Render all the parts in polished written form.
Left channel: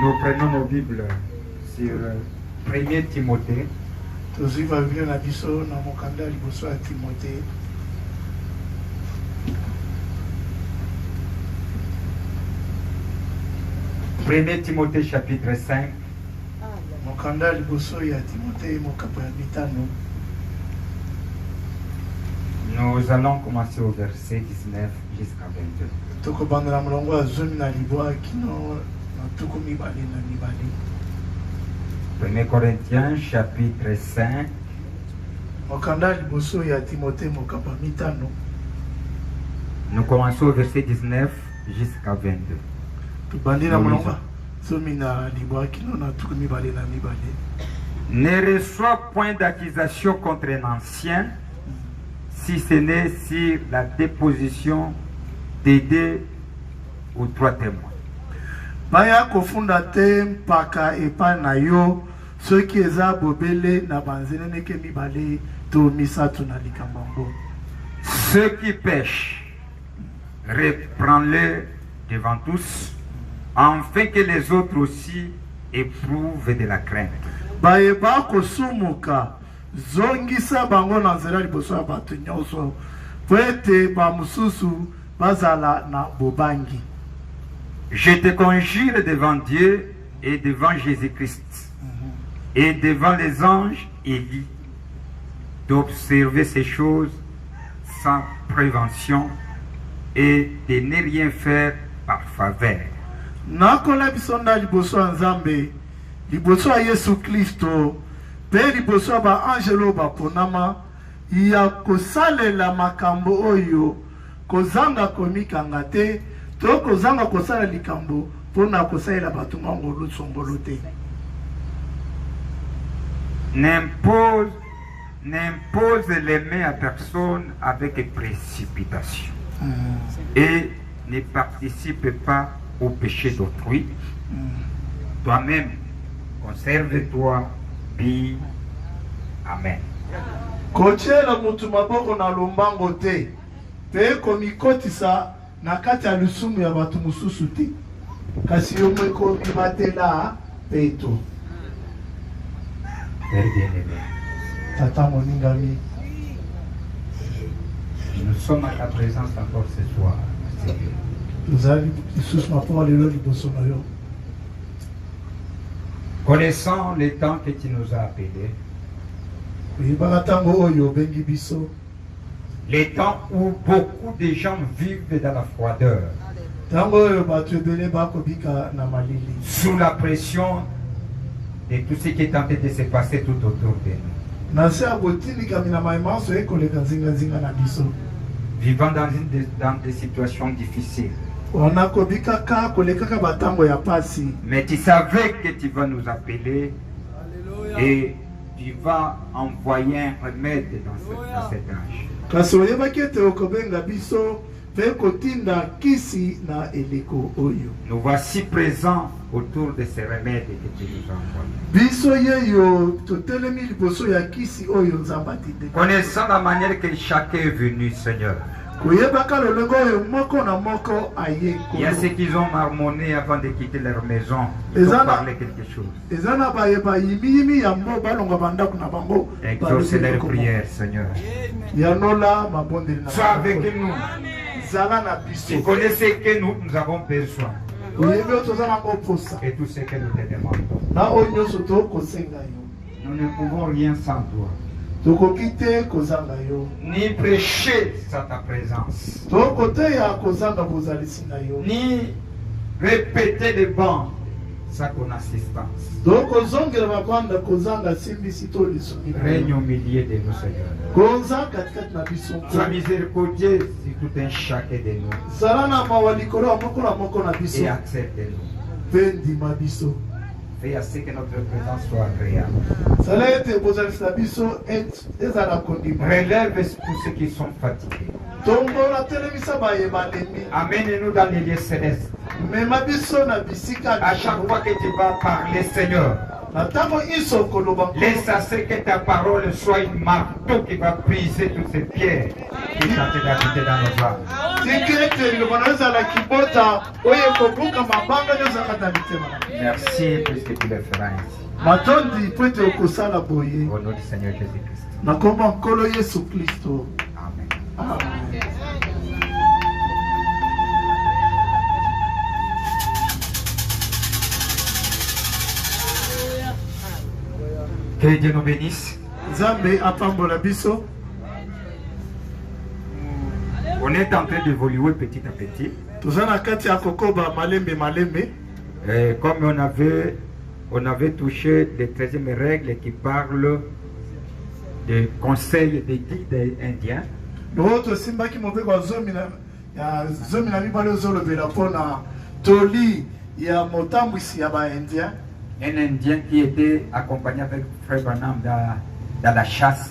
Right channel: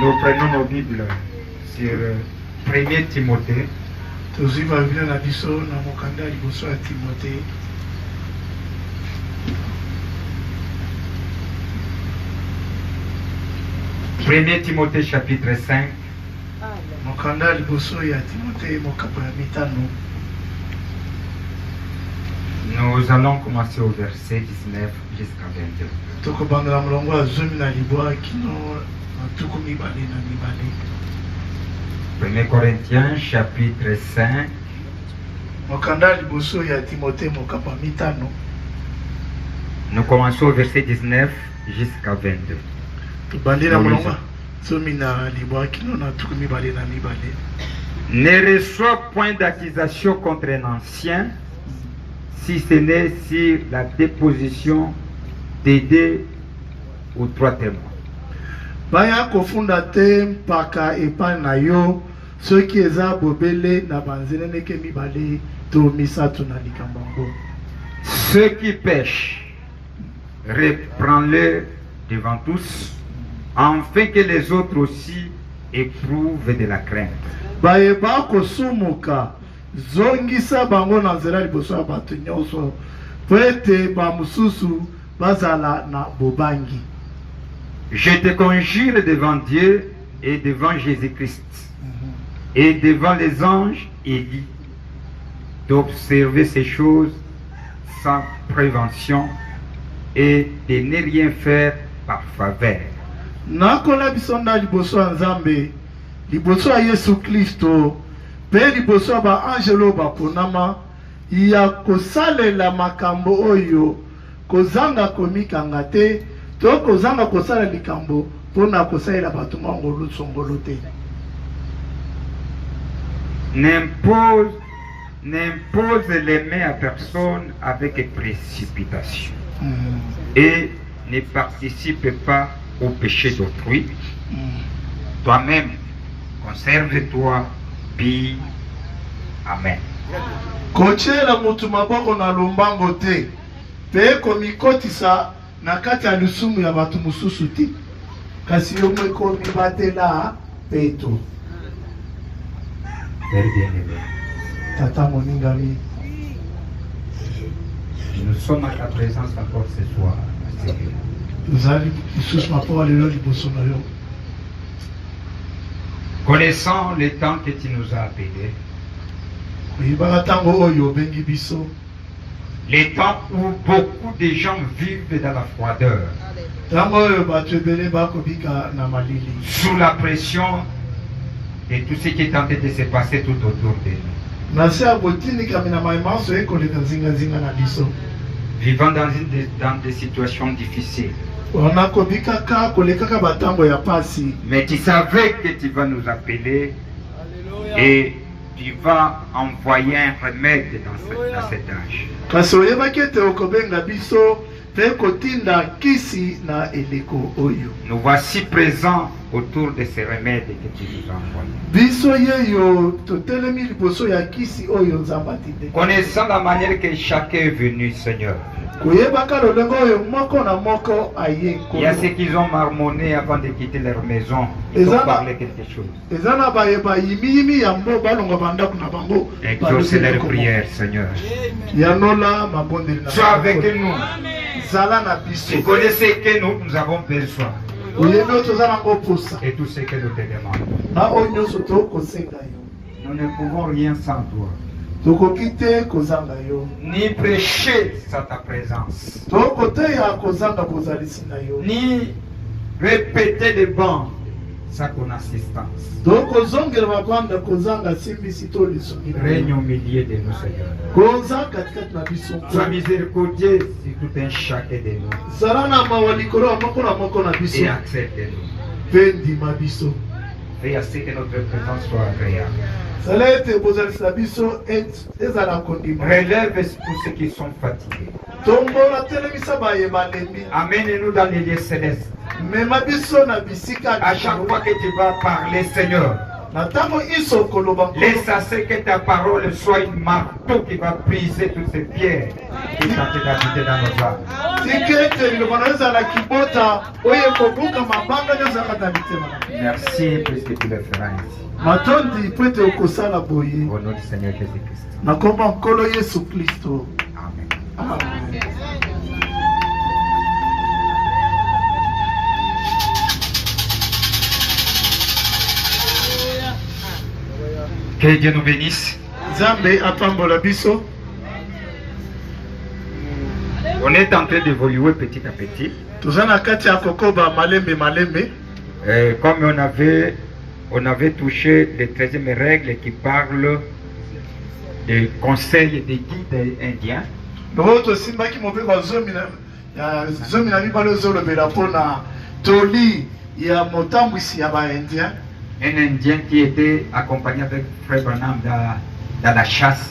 Nous prenons nos Bibles sur 1 Timothée. Toziva Biblia na biso na mokanda liboso ya Timothée. Premier Timothée chapitre 5. Mokanda liboso ya Timothée mokapo ya mitano. Nous allons commencer au verset 19 jusqu'à 22. Tokobandela molongo ya zomi na libwa kino na tuku mibale na mibale. 1 Corinthiens chapitre 5. Mokanda liboso ya Timothée mokapo ya mitano. Nous commençons au verset 19 jusqu'à 22. Tobandela molongo zomi na libwa kino na tuku mibale na mibale. Ne reçois point d'accusation contre un ancien, si ce n'est sur la déposition des deux ou trois témoins. Baya kofunda te mpaka epa na yo soki eza bobele na banzene neke mibale to misatu na likambango. Ceux qui pêchent, reprends-les devant tous, afin que les autres aussi éprouvent de la crainte. Bayeba kosumuka zongisa bango na nzela liboso ya bato nyonso po ete bamosusu bazala na bobangi. Je te conjure devant Dieu et devant Jésus-Christ et devant les anges élus d'observer ces choses sans prévention et de ne rien faire par faveur. Nakola biso na liboso ya Nzambe, liboso ya Yesu Kristo, pe liboso ya baangelo baponama ya kosalela makambo oyo kozanga komikanga te to kozanga kosala likambo mpona kosalela bato mangolu songolo te. N'impose les mains à personne avec précipitation et ne participe pas au péché d'autrui. Toi-même, conserve-toi, puis Amen. Kochela mutu maboko na lombango te pe komikotisa na kati ya lisumu ya bato mosusu te kasi yo moko mibatela peto. Père bien-aimé, Tata moningami, nous sommes à ta présence encore ce soir, Seigneur. tozali lisusu mapo lelo liboso na yo. Connaissant le temps que tu nous as appelés, Oyebaka ntango oyo obengi biso, les temps où beaucoup de gens vivent dans la froideur, ntango oyo bato ebele bakobika na malili sous la pression de tout ce qui est en train de se passer tout autour de nous. na se ya botinikami na mayemanso ekoleka zingazinga na biso, Vivant dans des situations difficiles. ona kobikaka kolekaka batango ya pasi. Mais tu savais que tu vas nous appeler et tu vas envoyer un remède dans cet âge. Kasi oyebaki ete okobenga biso pe kotinda kisi na eleko oyo. Nous voici présents autour de ces remèdes que tu nous as envoyés. Biso yeyo totelemi liboso ya kisi oyo Nzambe atinde. Connaissant la manière que chacun est venu, Seigneur. Koyebaka lolenge oyo moko na moko aye Il y a kolo. ceux qui ont marmonné avant de quitter leur maison. Et Ils ont ça- parlé quelque chose. Eza na bayeba yimiyimi ya mbo balonga bandako na bango. Exauce leur prière, Seigneur. Yanola mabondeli na Sois avec bango. nous. Zala na Tu biso. connais ce que nous avons besoin Oyebi oyo toza nango posa. et tout ce que nous te demandons. Na oyo nyonso tokosenga yo. Nous ne pouvons rien sans toi. tokoki te kozanga yo ni prêcher sans ta présence, tokoteya kozanga bozalisi na yo ni répéter les bancs sans ton assistance. tokozongela babanda kozanga simbisi to lisongi Règne au milieu de nous, Seigneur. koza katikati na biso Sois miséricordieux sur tout un chacun de nous zala na mawa likolo ya moko na moko na biso et accepte-nous. mpe ndima biso Fais à ce que notre présence soit agréable. zala ete bozalisi na biso ezala kondima Relève tous ceux qui sont fatigués. tombola telemisa bayeba lembi Amène-nous dans les lieux célestes. mema biso na bisika À chaque fois que tu vas parler, Seigneur, na ntango iso koloba laisse à ce que ta parole soit une marteau qui va briser toutes ces pierres qui sont habitées dans nos âmes. tiki ete liloba na yo ezala kibota oyo ekobuka mabanga nyo ezalaka na litema Merci puisque tu le feras ainsi. matondi po ete okosala boye Au nom du Seigneur Jésus-Christ. na kombo ya nkolo yesu kristo Amen. amen. Que Dieu nous bénisse. nzambe apambola biso On est en train d'évoluer petit à petit. toza na kati ya kokoba malembe malembe Comme on avait touché les 13e règles qui parlent des conseils et des guides indiens. loko tosimbaki mobeko ya zomi na mibale ozolobela mpona toli ya motambwisi ya baindien Un Indien qui était accompagné avec Frère Branham dans la chasse.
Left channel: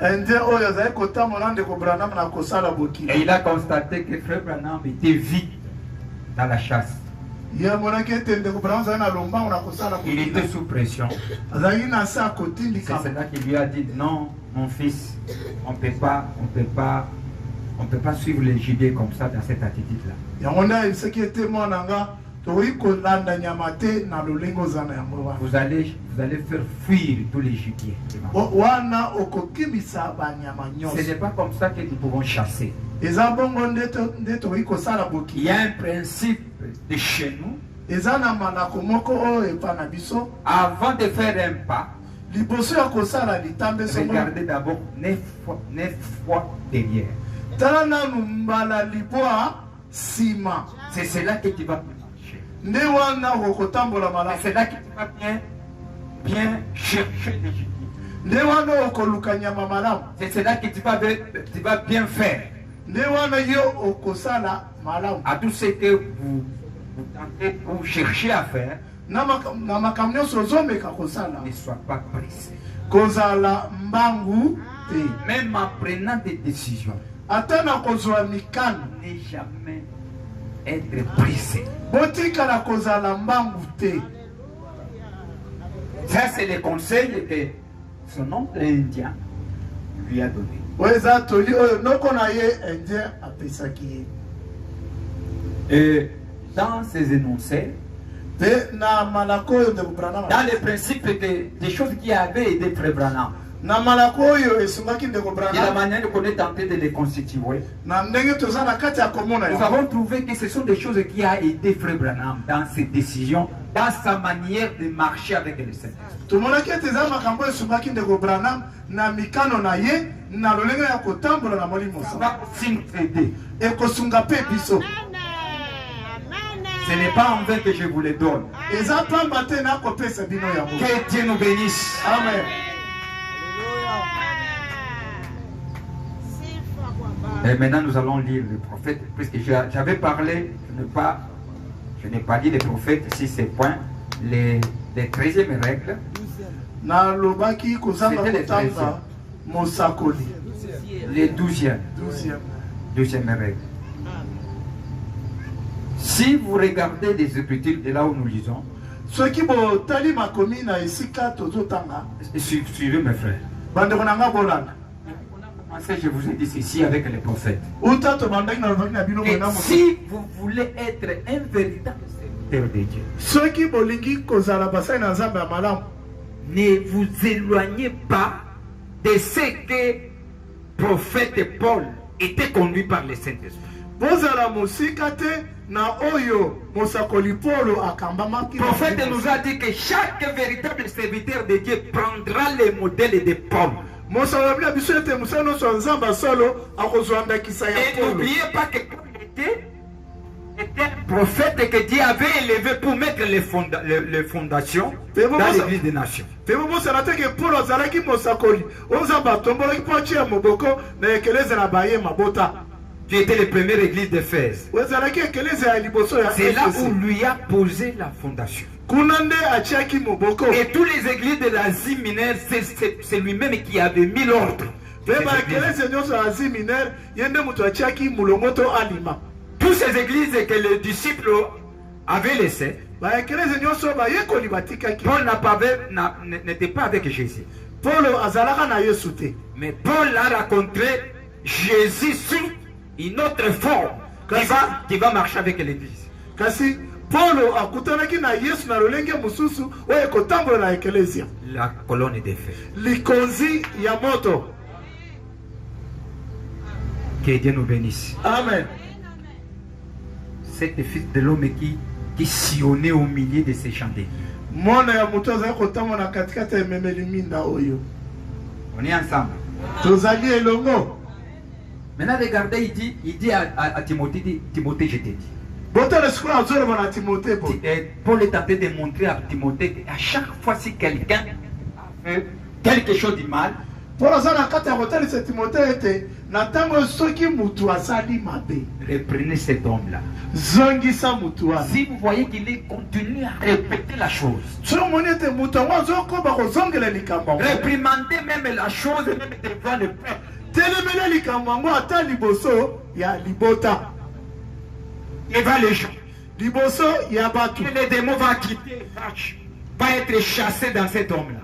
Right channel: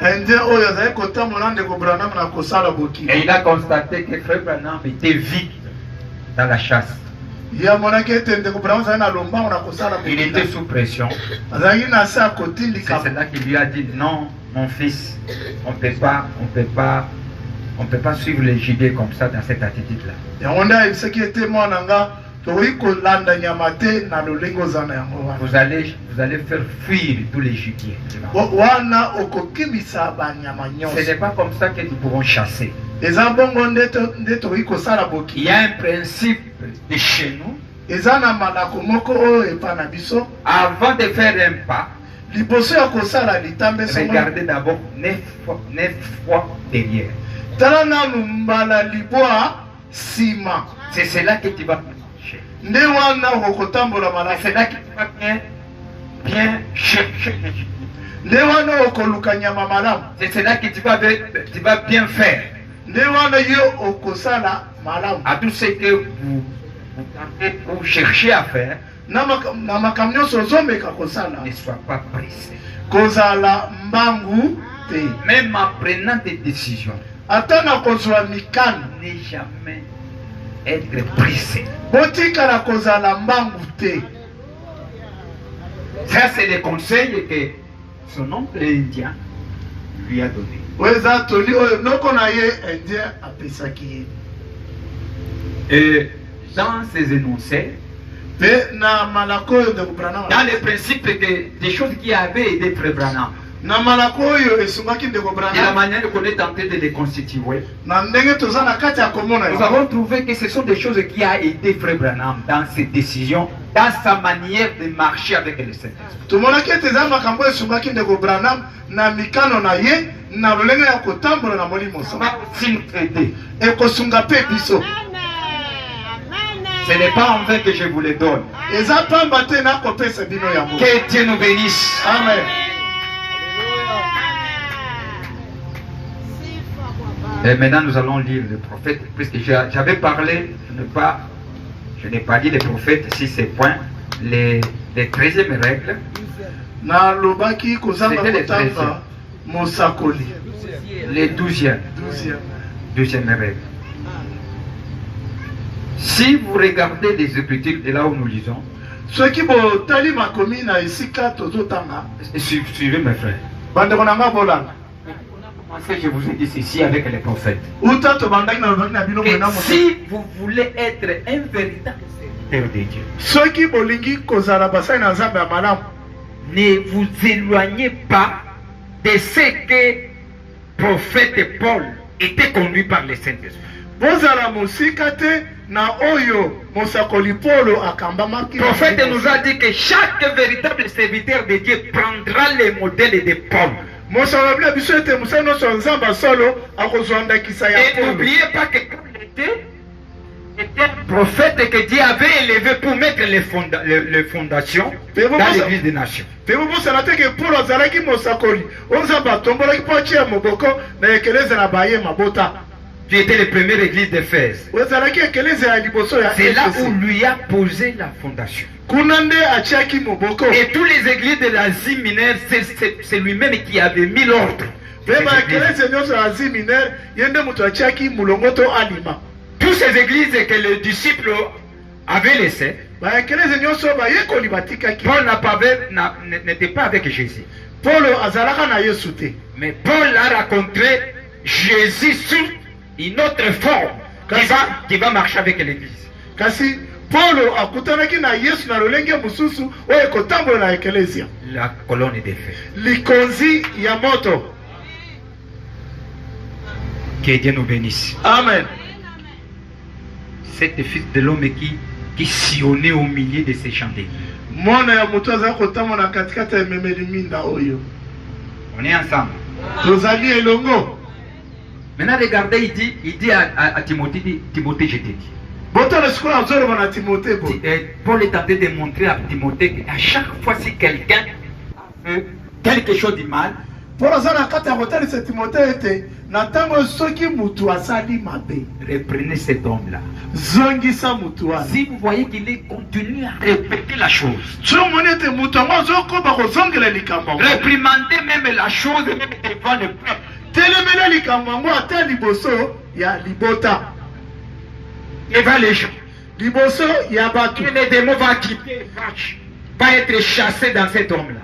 indien oyo azali kotambola ndeko branam na kosala bokili Et il a constaté que Frère Branham était vide dans la chasse. ye amonaki ete ndeko branam azali na lombango na kosala Il était bokili sous pression. azalaki na se C'est akotindika cela qui lui a dit non, mon fils, on peut pas suivre les JD comme ça dans cette attitude-là. yango nde ayebisaki ete mwana nga tokoki kolanda nyama te na lolenge oza na yango wana Vous allez faire fuir tous les gibiers. wana okokimisa banyama Ce nyonso n'est pas comme ça que nous pouvons chasser. eza bongo nde tokoki kosala Il bokili y a un principe de chez nous. eza na malako moko oyo epa na biso Avant de faire un pas, liboso ya kosala litambe regardez d'abord 9 fois derrière. tala nanu mbala libwa nsima C'est cela que tu vas marcher. nde wana okokotambola C'est malamu cela que tu vas bien chercher les gibiers. nde wana okoluka nyama malamu C'est cela que tu vas bien faire. nde wana yo okosala malamu À tout ce que vous tentez ou cherchez à faire, na makambo nyonso ozomeka kosala ne sois pas pressé. kozala mbangu te Même en prenant des décisions, ata na kozwa mikano ne jamais être pressé. botikala kozala mbangu te Ça, c'est les conseils que son oncle indien lui a donné. oyo eza toli oyo noko na ye indien apesaki ye Et dans ces énoncés, mpe na malako oyo ndeko branam dans les principes des choses qui avaient aidé Frère Branham, na malako oyo esungaki ndeko de la branam manière qu'on est tenté de les constituer, na ndenge toza na kati ya komona nous yango avons trouvé que ce sont des choses qui ont aidé Frère Branham dans ses décisions, dans sa manière de marcher avec le Saint-Esprit. tomonaki ete eza makambo oyo esungaki ndeko branam na mikano na ye na lolenge ya kotambola na molimo Ça sama va aussi nous aider. ekosunga mpe biso Ce n'est pas en vain que je vous le donne. eza pamba te nakopesa bino yango Que Dieu nous bénisse. amen Et maintenant, nous allons lire le prophète, puisque j'avais parlé, je n'ai pas dit les prophètes, si c'est point, les 13e règles, nalobaki kozanga C'était le kotanga mosakoli les 12e 12e règle. Si vous regardez les Écritures, de là où nous lisons, soki botali makomi na esika tozotanga suivez mes frères. bandeko na nga bolanda Je vous ai dit ceci avec les prophètes. uta tobandaki na lobaki na bino Et mwena moto si vous voulez être un véritable serviteur de Dieu, soki bolingi kozala basali na nzambe ya malamu ne vous éloignez pas de ce que prophète Paul était conduit par le Saint-Esprit. bozala mosika te na oyo mosakoli polo akambamaki Le prophète nous a dit que chaque véritable serviteur de Dieu prendra les modèles de Paul. mosala biso ete musano so nzamba solo akozwanda kisa ya Et n'oubliez pas que Paul était un prophète que Dieu avait élevé pour mettre les fondations dans l'église des nations. Pe mosala te ke Paul azalaki mosakoli onzamba tombolaki po atia moboko na ekeleza na baye mabota. Qui était la première église d'Éphèse. C'est là où lui a posé la fondation. Et toutes les églises de l'Asie mineure, c'est lui-même qui avait mis l'ordre. Toutes ces églises que les disciples avaient laissées, Paul n'était pas avec Jésus. Mais Paul a rencontré Jésus sous une autre forme qui va marcher avec l'église. Kasi Paulo akutanaki na Yesu na lolenge mususu oyo kotambola na ekelesia. La colonne des feux. Likonzi ya moto. Que Dieu nous bénisse. Amen. C'est le fils de l'homme qui sillonnait au milieu de ces chandeliers. Mona ya moto za kotambola katikati ya memeli minda oyo. On est ensemble. Tozali elongo. Maintenant, regardez, il dit à Timothée, Timothée, je t'ai dit. Paul est en train de montrer à Timothée qu'à chaque fois si quelqu'un fait quelque chose de mal, reprenez cet homme-là. Si vous voyez qu'il continue à répéter la chose, réprimandez même la chose, même devant le peuple. Devant les gens. Et les démons vont quitter, pas être chassés dans cet homme-là.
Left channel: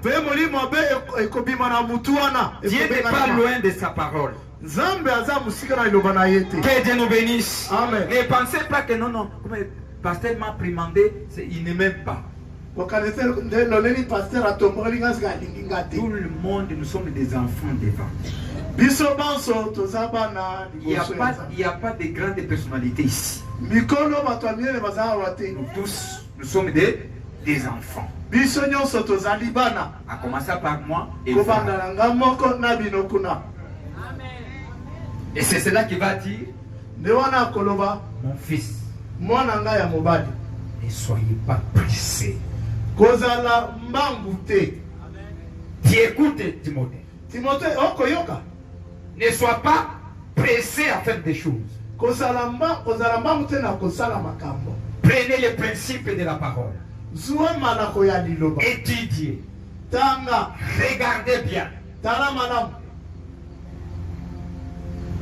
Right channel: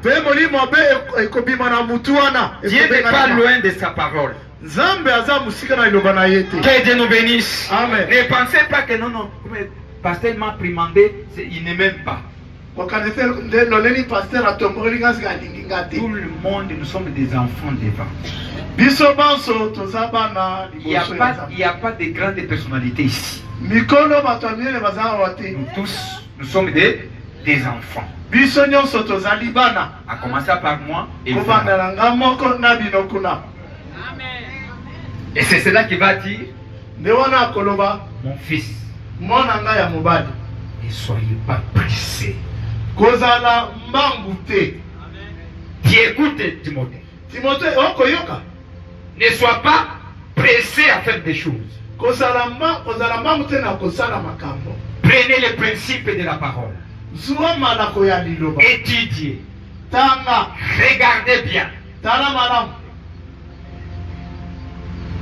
Dieu n'est pas loin de sa parole. Que Dieu nous bénisse. Amen. Ne pensez pas que non, le pasteur m'a primandé, il ne m'aime pas. Tout le monde, nous sommes des enfants devant. Il n'y a pas de grandes personnalités ici. Nous tous, nous sommes des enfants. À commencer par moi et vous. Et c'est cela qui va dire, mon fils, ne soyez pas pressés. Tu écoutes Timothée. Ne sois pas pressé à faire des choses. Prenez les principes de la parole. Étudiez. Regardez bien.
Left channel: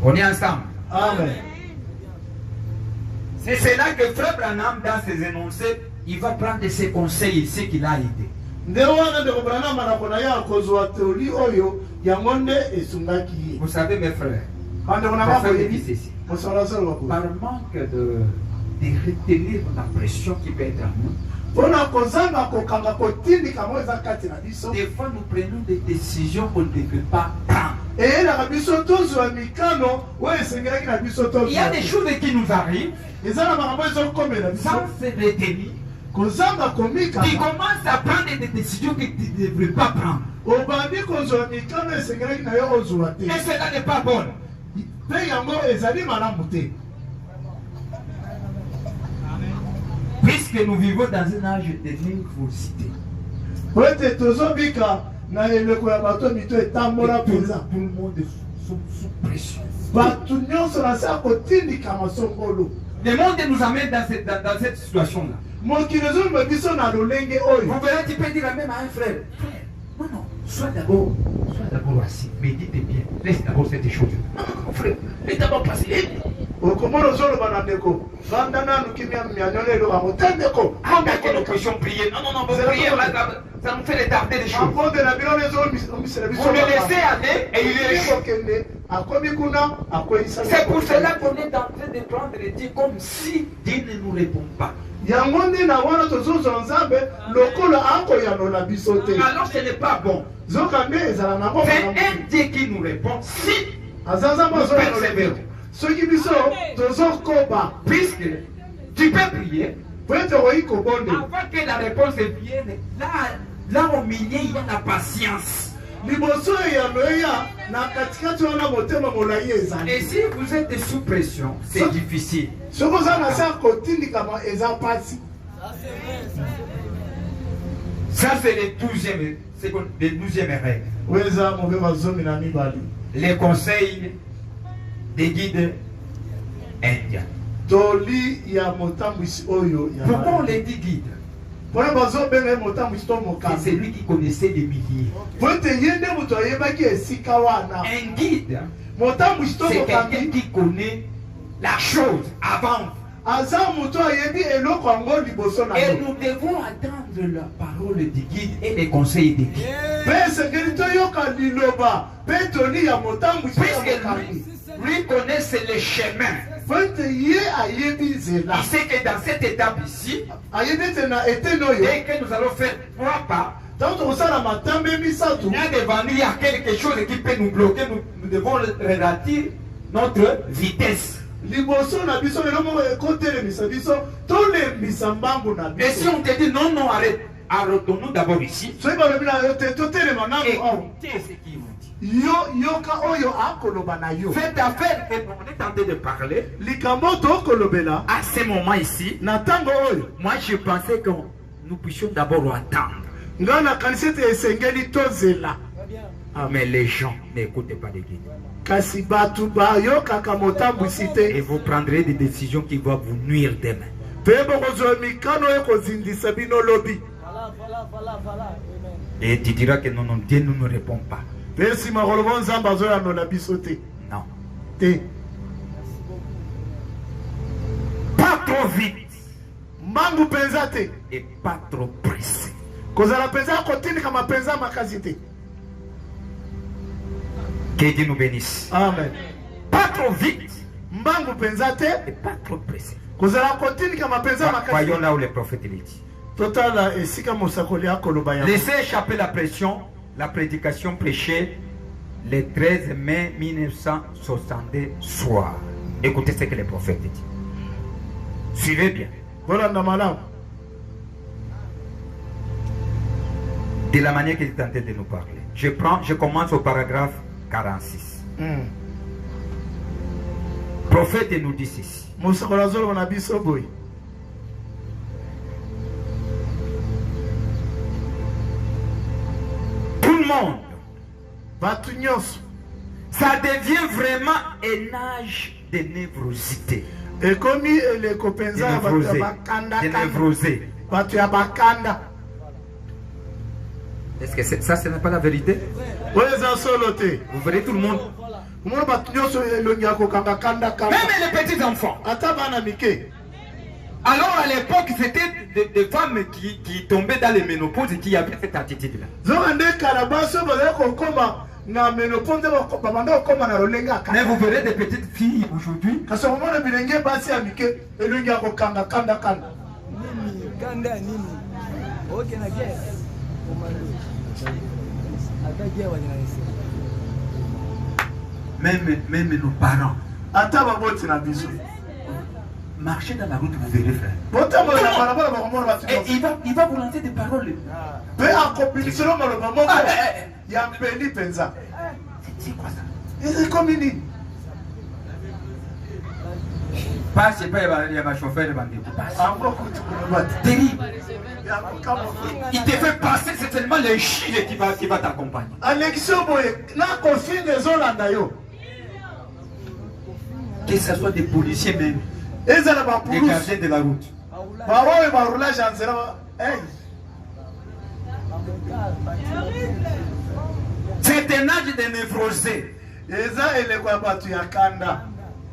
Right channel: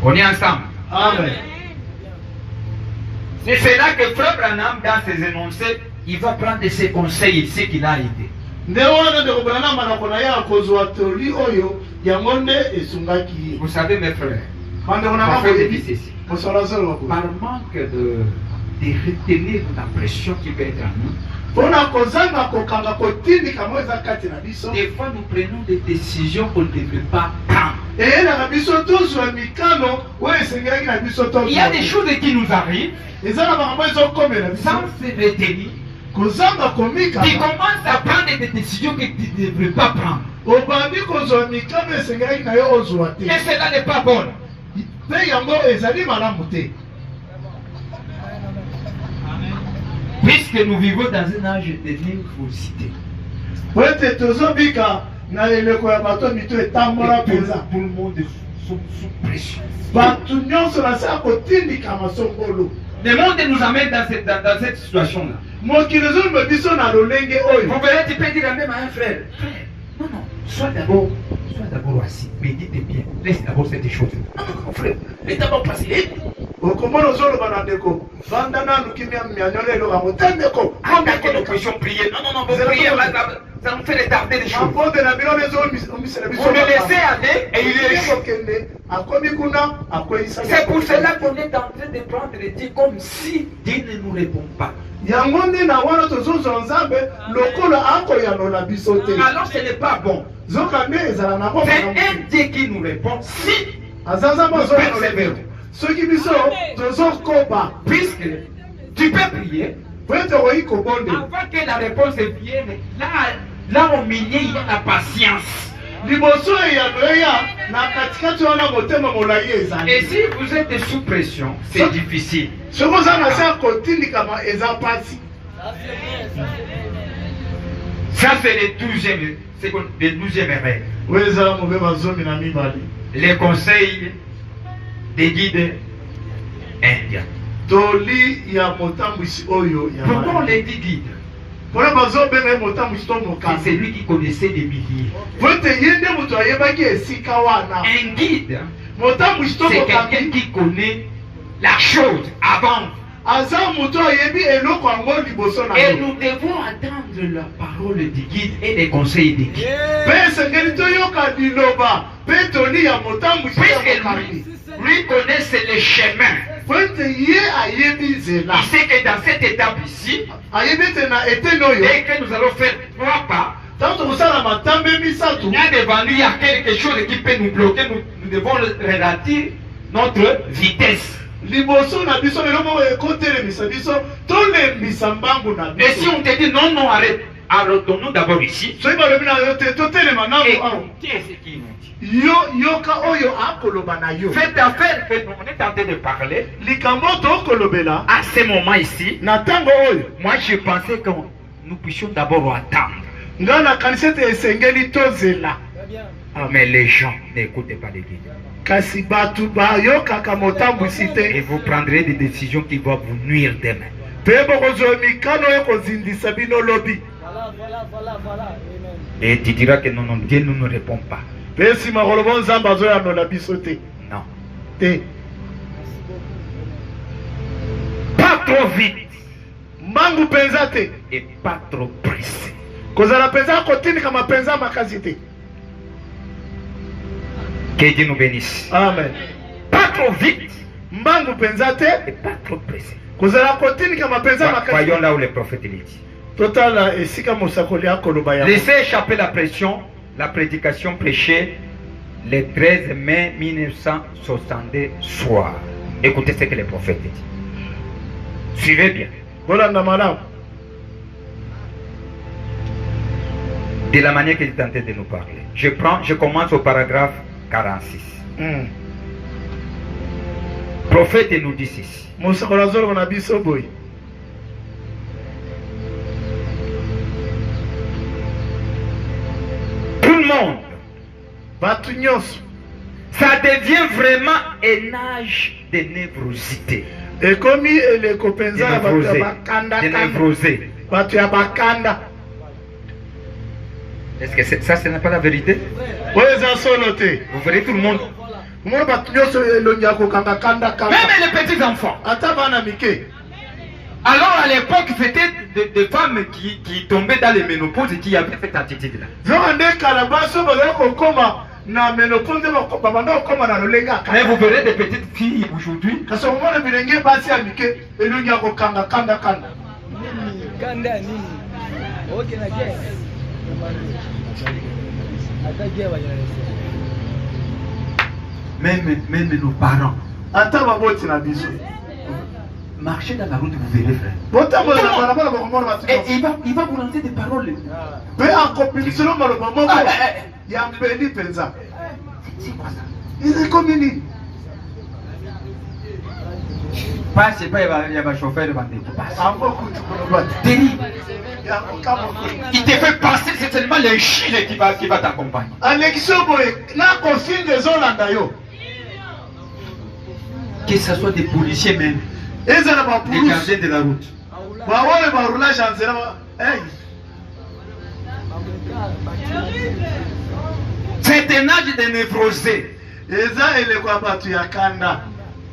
On est ensemble. Amen. C'est cela que Frère Branham, dans ses énoncés, il va prendre ses conseils ici qu'il a aidé. Vous savez, mes frères, par manque de retenir la pression qui peut être en nous, des fois nous prenons des décisions qu'on ne devrait pas prendre. Il y a des choses qui nous arrivent sans se retenir. Tu commences à prendre des décisions que tu ne devrais pas prendre. Et cela n'est pas bon. Puisque nous vivons dans un âge de nervosité. Tout le monde est sous pression. Le monde nous amène dans cette situation-là. Vous verrez, tu peux dire même à un frère, non, sois d'abord assis, médite bien, laisse d'abord cette chose. Non, mon frère, laisse d'abord passer. Prier. Non, vous priez, ça nous fait retarder les choses. Vous le laissez aller et il est C'est pour cela qu'on est en train de prendre les Dieu comme si Dieu ne nous répond pas. Alors ce n'est pas bon. C'est un Dieu qui nous répond si nous persévérons. Puisque tu peux prier avant que la réponse vienne, là au milieu il y a la patience. liboso ya loya na katikati wana motema molai ezali. Et si vous êtes sous pression, c'est difficile. Soki oza na sa kotindikama eza pasi. Ça c'est le 12e règle. Weza mobe bazomi na mibali. Les conseils des guides indiens. Toli ya motambwisi oyo ya. Pourquoi on les dit guides? Pona bazo benga motambwisi to mokambi. C'est lui qui connaissait des milliers. Pote yende muto ayebaki esika wana. Un guide, Motambwisi to c'est mokambi. quelqu'un qui connaît la chose avant. Aza muto ayebi eloko yango liboso na Et yo. nous devons attendre la parole du guide et les conseils des guides. Pe sengeli toyoka liloba. Pe toli ya motambwisi to Puisque mokambi. lui connaît les chemins. Pote ye ayebi zela. Il sait que dans cette étape ici, Ayebi te na eteno yo. dès que nous allons faire 3 pas, Tanto kosala matambe misatu. là devant nous, il y a quelque chose qui peut nous bloquer. Nous devons ralentir notre vitesse. Liboso na biso lelo moko ekotelemisa biso tolembisa mbangu na Et si biso. on te dit non, non, arrête, arrêtons-nous d'abord ici. Soki balobi na yo te totelema nabo awa. Écoutez ce qu'il vous dit. Yoka oyo akoloba na yo. Faites affaire que nous on est en train de parler. Likambo tokolobela À ce moment ici, na tango oyo. moi je pensais que nous puissions d'abord attendre. Nga na kanisa ete esengeli tozela. Mais les gens n'écoutez pas les guides. Kasi batu bayokaka motambwisi Et te. vous prendrez des décisions qui vont vous nuire demain. Mpe bokozwa mikano ekozindisa bino lobi. Et tu diras que non, non, Dieu ne nous répond pas. Mpe nsima koloba nzambe azoyanola biso te. Non. Te. Pas trop vite Mbangu mpenza te. et pas trop pressé. Kozala mpenza kotindika mapenza makasi te. Que Dieu nous bénisse. Amen. Pas trop vite Mbangu mpenza te. et pas trop pressé. Kozala kotindika mapenza makasi. Voyons là où le prophète il dit. Totala esika mosakoli akoloba ya. Laissez échapper la pression, la prédication prêchée le 13 mai 1962 soir. Écoutez ce que le prophète dit. Suivez bien. Bolanda malamu. De la manière qu'il est en train de nous parler. Je commence au paragraphe 46. Prophète nous dit ceci. Mosakoli azoloba na biso boy. Tout le monde, Batu nyonso. ça devient vraiment un âge de névrosité. Ekomi eleko penza ya batu ya bakanda De kanda. névrosé. Batu ya bakanda. Est-ce que ça, ce n'est pas la vérité? Oyo eza solo te. Vous verrez tout le monde. Omona batu nyonso elongi ya kokanga kanda kanda. Même les petits enfants. Ata bana mike. Alors à l'époque, c'était des femmes qui tombaient dans les ménopauses et qui avaient cette attitude-là. Zongo nde kala baso bazali kokoma na menopause babanda kokoma na lolenga Mais kanda. vous verrez des petites filles aujourd'hui. Kasi omona bilenge basi ya mike elongi ya kokanga kanda kanda. Kanda nini? Okay na gay. Ata gay Même nos parents. Ata baboti na biso. Marchez dans la route, vous verrez, frère. Botambola na balabala bakomona batu. Et il va vous lancer des paroles. Pe akopiliselo maloba moko ya mpeli penza. C'est quoi ça? Ekomi nini? Passez pas, il y a ma chauffeur devant des passes. Ango kutu kulubati. Terrible. Ya kokamo. Il te fait passer, c'est seulement les Chili qui va t'accompagner. Alexio boye na consigne ezolanda yo. Que ce soit des policiers même, Ezala des bapulusu. gardiens de la route. Baoyo barulage ya nzela. Hey. C'est un âge de névrosé. Eza eleko ya batu ya kanda.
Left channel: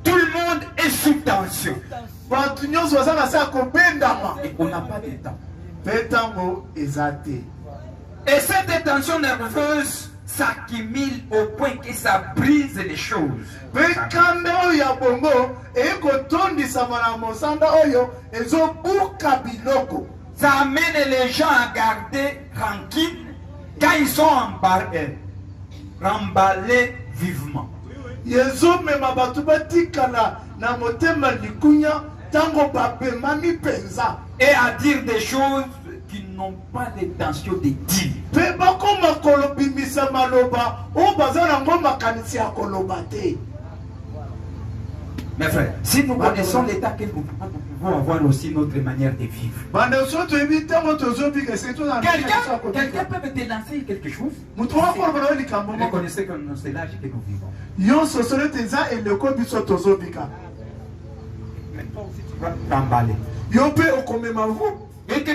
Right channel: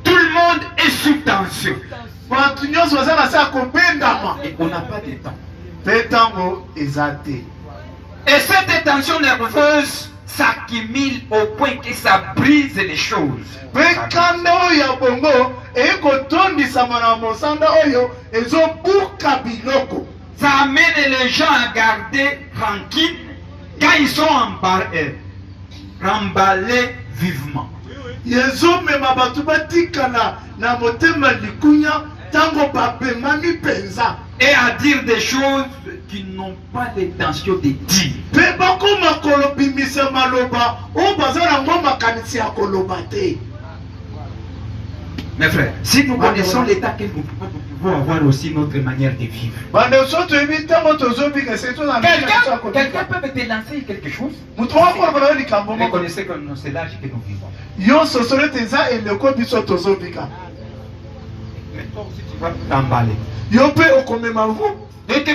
Tout le monde est sous tension. Batu nyonso baza na se ya kobendama. Et on n'a pas de temps. Mpe ntango eza te. Et cette tension nerveuse s'accumule au point que ça brise les choses. Mpe kanda oyo ya bongo ekotondisama na mosanda oyo ezobuka biloko. Ça amène les gens à garder tranquille quand ils sont remballés vivement. Ezomema batu batikala na motema likunya tango bapemani penza. Et à dire des choses qui n'ont pas l'intention de dire. Pe bakoma kolobimisa maloba o bazala ngoma kanisi ya koloba te. Mes frères, si nous connaissons l'état que nous pouvons avoir aussi notre manière de vivre. Quelqu'un peut te lancer quelque chose. Vous connaissez que c'est l'âge que nous vivons. Mais toi aussi tu vas t'emballer. Et tu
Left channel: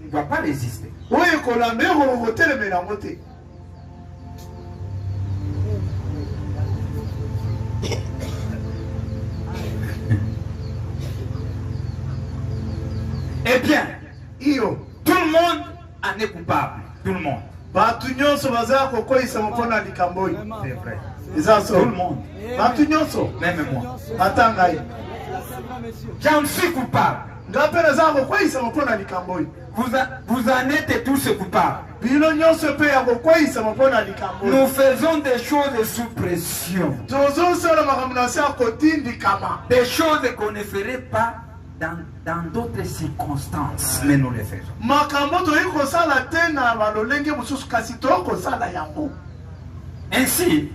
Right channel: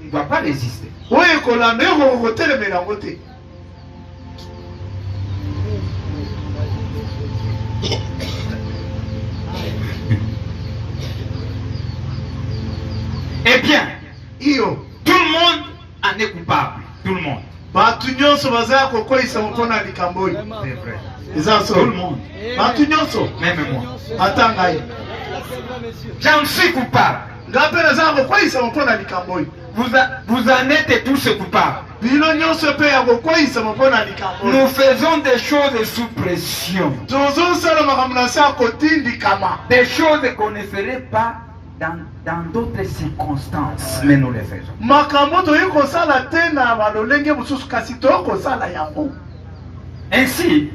ne dois pas résister. Eh bien, tout le monde en est coupable. Tout le monde. C'est vrai. Tout le monde. Même moi. J'en suis coupable. Vous en êtes tous coupables. Nous faisons des choses sous pression. Des choses qu'on ne ferait pas dans d'autres circonstances, mais nous les faisons. Ainsi,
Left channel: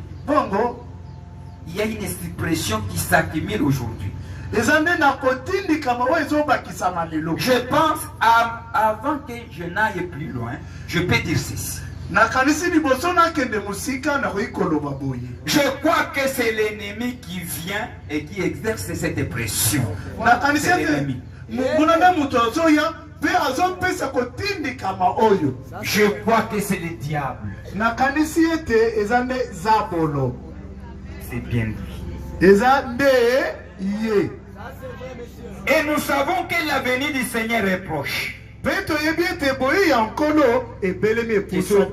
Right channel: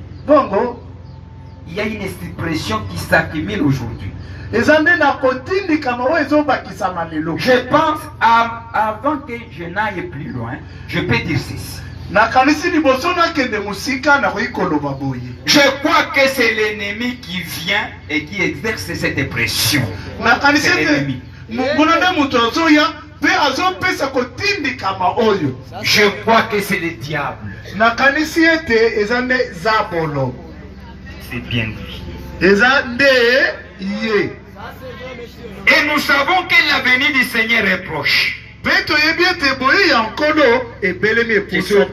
il y a une expression qui s'accumule aujourd'hui. Je pense, avant que je n'aille plus loin, je peux dire ceci. Je crois que c'est l'ennemi qui vient et qui exerce cette pression. C'est l'ennemi. Je crois que c'est le diable. C'est bien lui. Et nous savons que l'avenir du Seigneur est proche.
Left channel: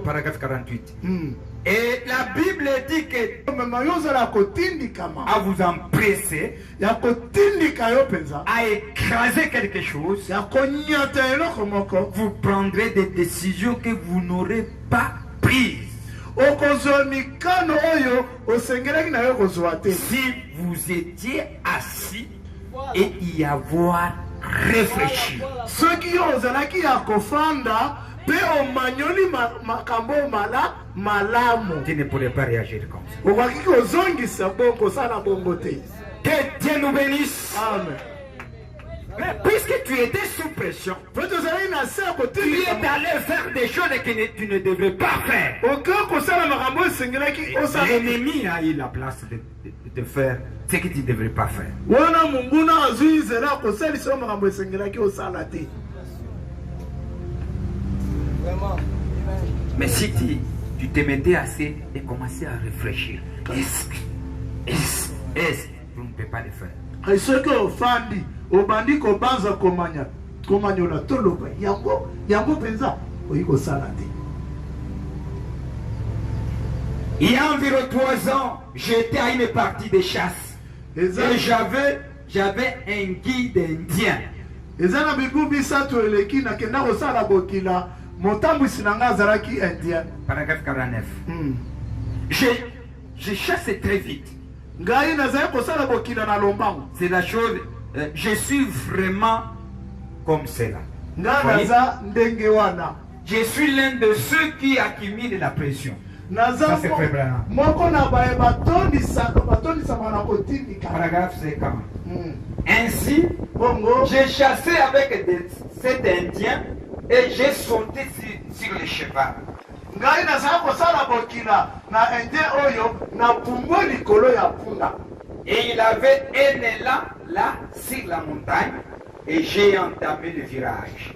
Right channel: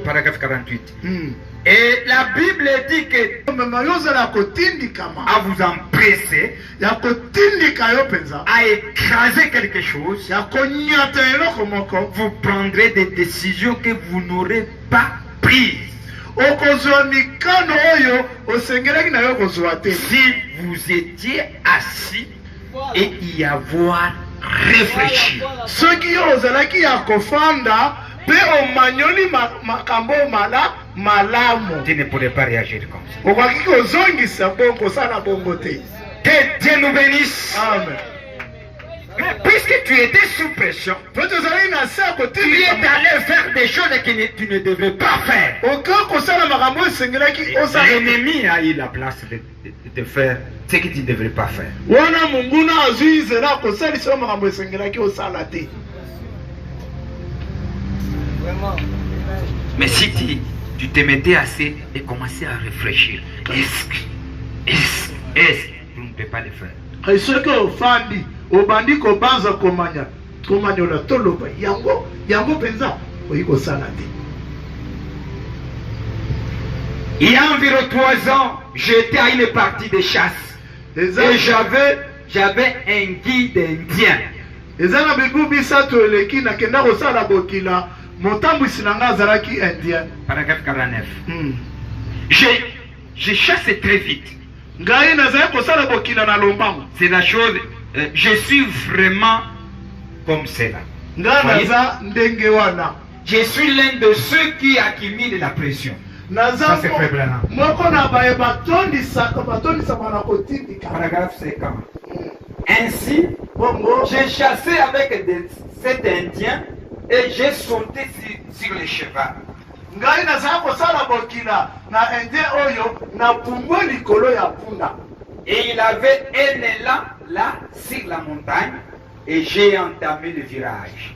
Paragraphe 48. Et la Bible dit que à vous empresser, à écraser quelque chose, vous prendrez des décisions que vous n'aurez pas prises. Si vous étiez assis et y avoir réfléchi. Tu ne pourrais pas réagir comme ça. Que Dieu nous bénisse. Amen. Mais puisque tu étais sous pression, tu es allé faire des choses que tu ne devrais pas faire. L'ennemi a eu la place de faire ce que tu ne devrais pas faire. Mais si tu te mettais assez et commençais à réfléchir, est-ce que tu ne peux pas le faire? Il y a environ 3 ans, j'étais à une partie de chasse et j'avais un guide indien. Paragraphe 49. Je chasse très vite. C'est la chose, je suis vraiment comme cela. Je suis l'un de ceux qui accumulent la pression. Ça c'est très bien. Paragraphe 50. Ainsi, j'ai chassé avec cet Indien et j'ai sauté sur le cheval. Et il avait un élan là sur la montagne et j'ai entamé le virage.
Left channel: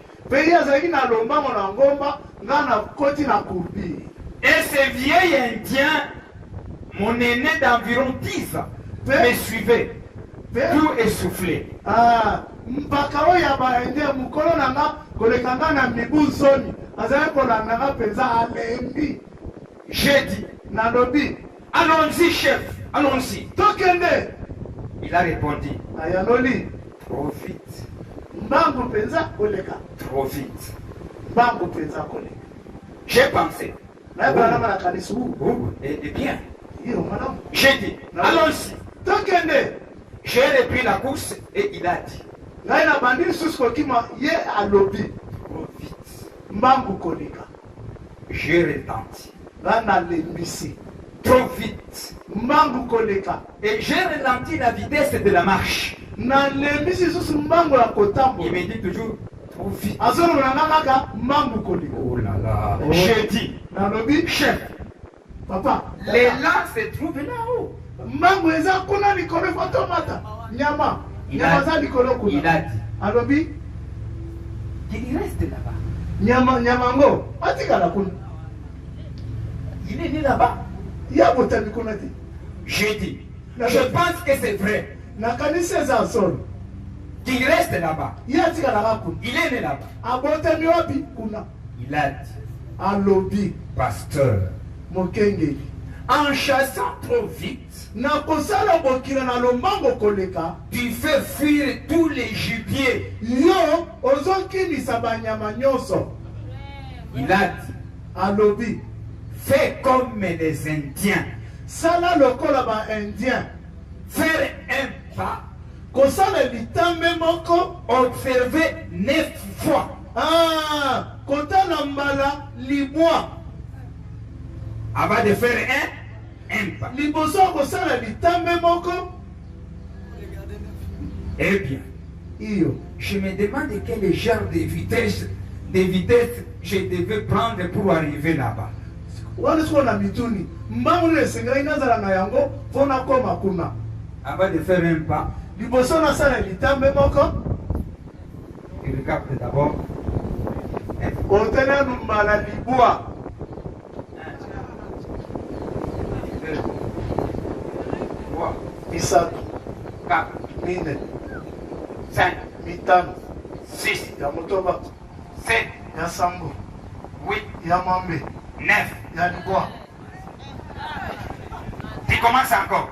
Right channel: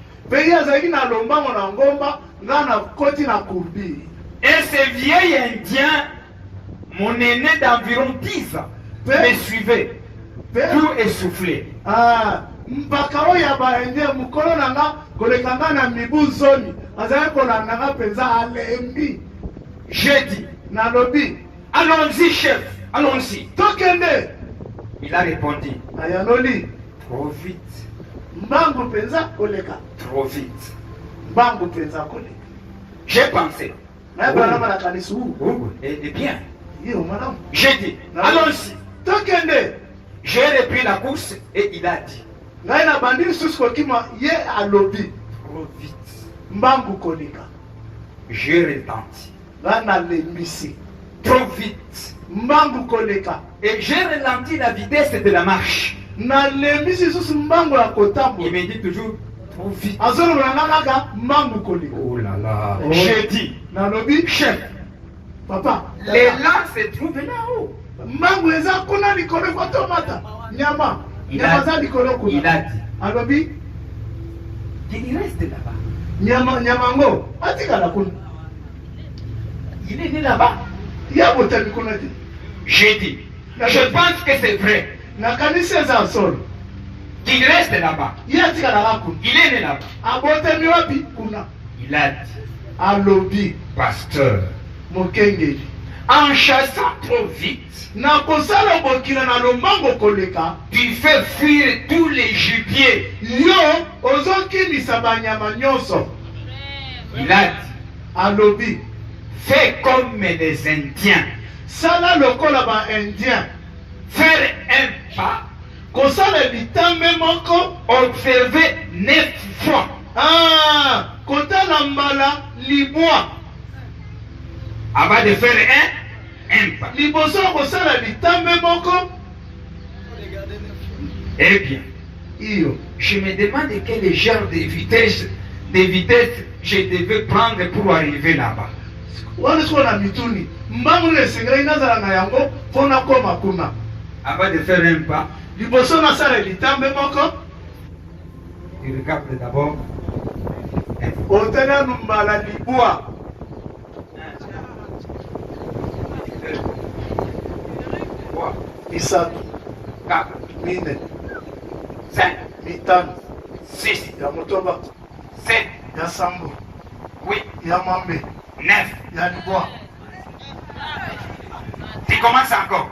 Et ce vieil Indien, mon aîné d'environ 10 ans, me suivait, tout essoufflé. J'ai dit, allons-y chef, allons-y. Il a répondu, trop vite. Trop vite. J'ai pensé, et bien, j'ai dit, allons-y. J'ai repris la course et il a dit, ngai na bandi lisusu kokima ye alobi trop vite. mbangu koleka J'ai retenti. ngai nalembisi Trop vite. mbangu koleka Et j'ai ralenti la vitesse de la marche. nalembisi lisusu mbangu ya Il kotambola me dit toujours trop vite. azolobela nga kaka mbangu koleka Oh là là. Oh. J'ai dit, nalobi chef, papa l'élan se trouve là-haut. mbangu eza kuna likolo ekotomata nyama nyama za likolo Il kuna a dit alobi qu'il reste là-bas. nyama ngo atikala kuna Il est né là-bas. ya botami kuna te J'ai dit, je pense que c'est vrai nakanisi eza solo qu'il reste là-bas. ye atikalaka kuna Il est né là-bas. abotami wapi kuna Il a dit, alobi pasteur, mokengeli en chassant trop vite, na kosala bokila na lombango koleka tu fais fuir tous les gibiers. yo ozokimisa banyama nyonso Il a dit, alobi fais comme les Indiens. sala lokola baindien Faire un pas, kosala litambe moko observer 9 fois. kotala mbala libwa Avant de faire un pas. liboso ya kosala litambe moko Eh bien, iyo je me demande quel genre de vitesse je devais prendre pour arriver là-bas. wana siko na mituni mbangu nini esengelaki nazala na yango mpo nakoma kuna Avant de faire un pas, liboso nasala litambe moko tu regardes d'abord. otali anu mbala libwa 3, misatu 4, mine 5, mitano 6, ya motoba 7, ya sambo 8, ya mwambe 9. ya libwa Tu commences encore.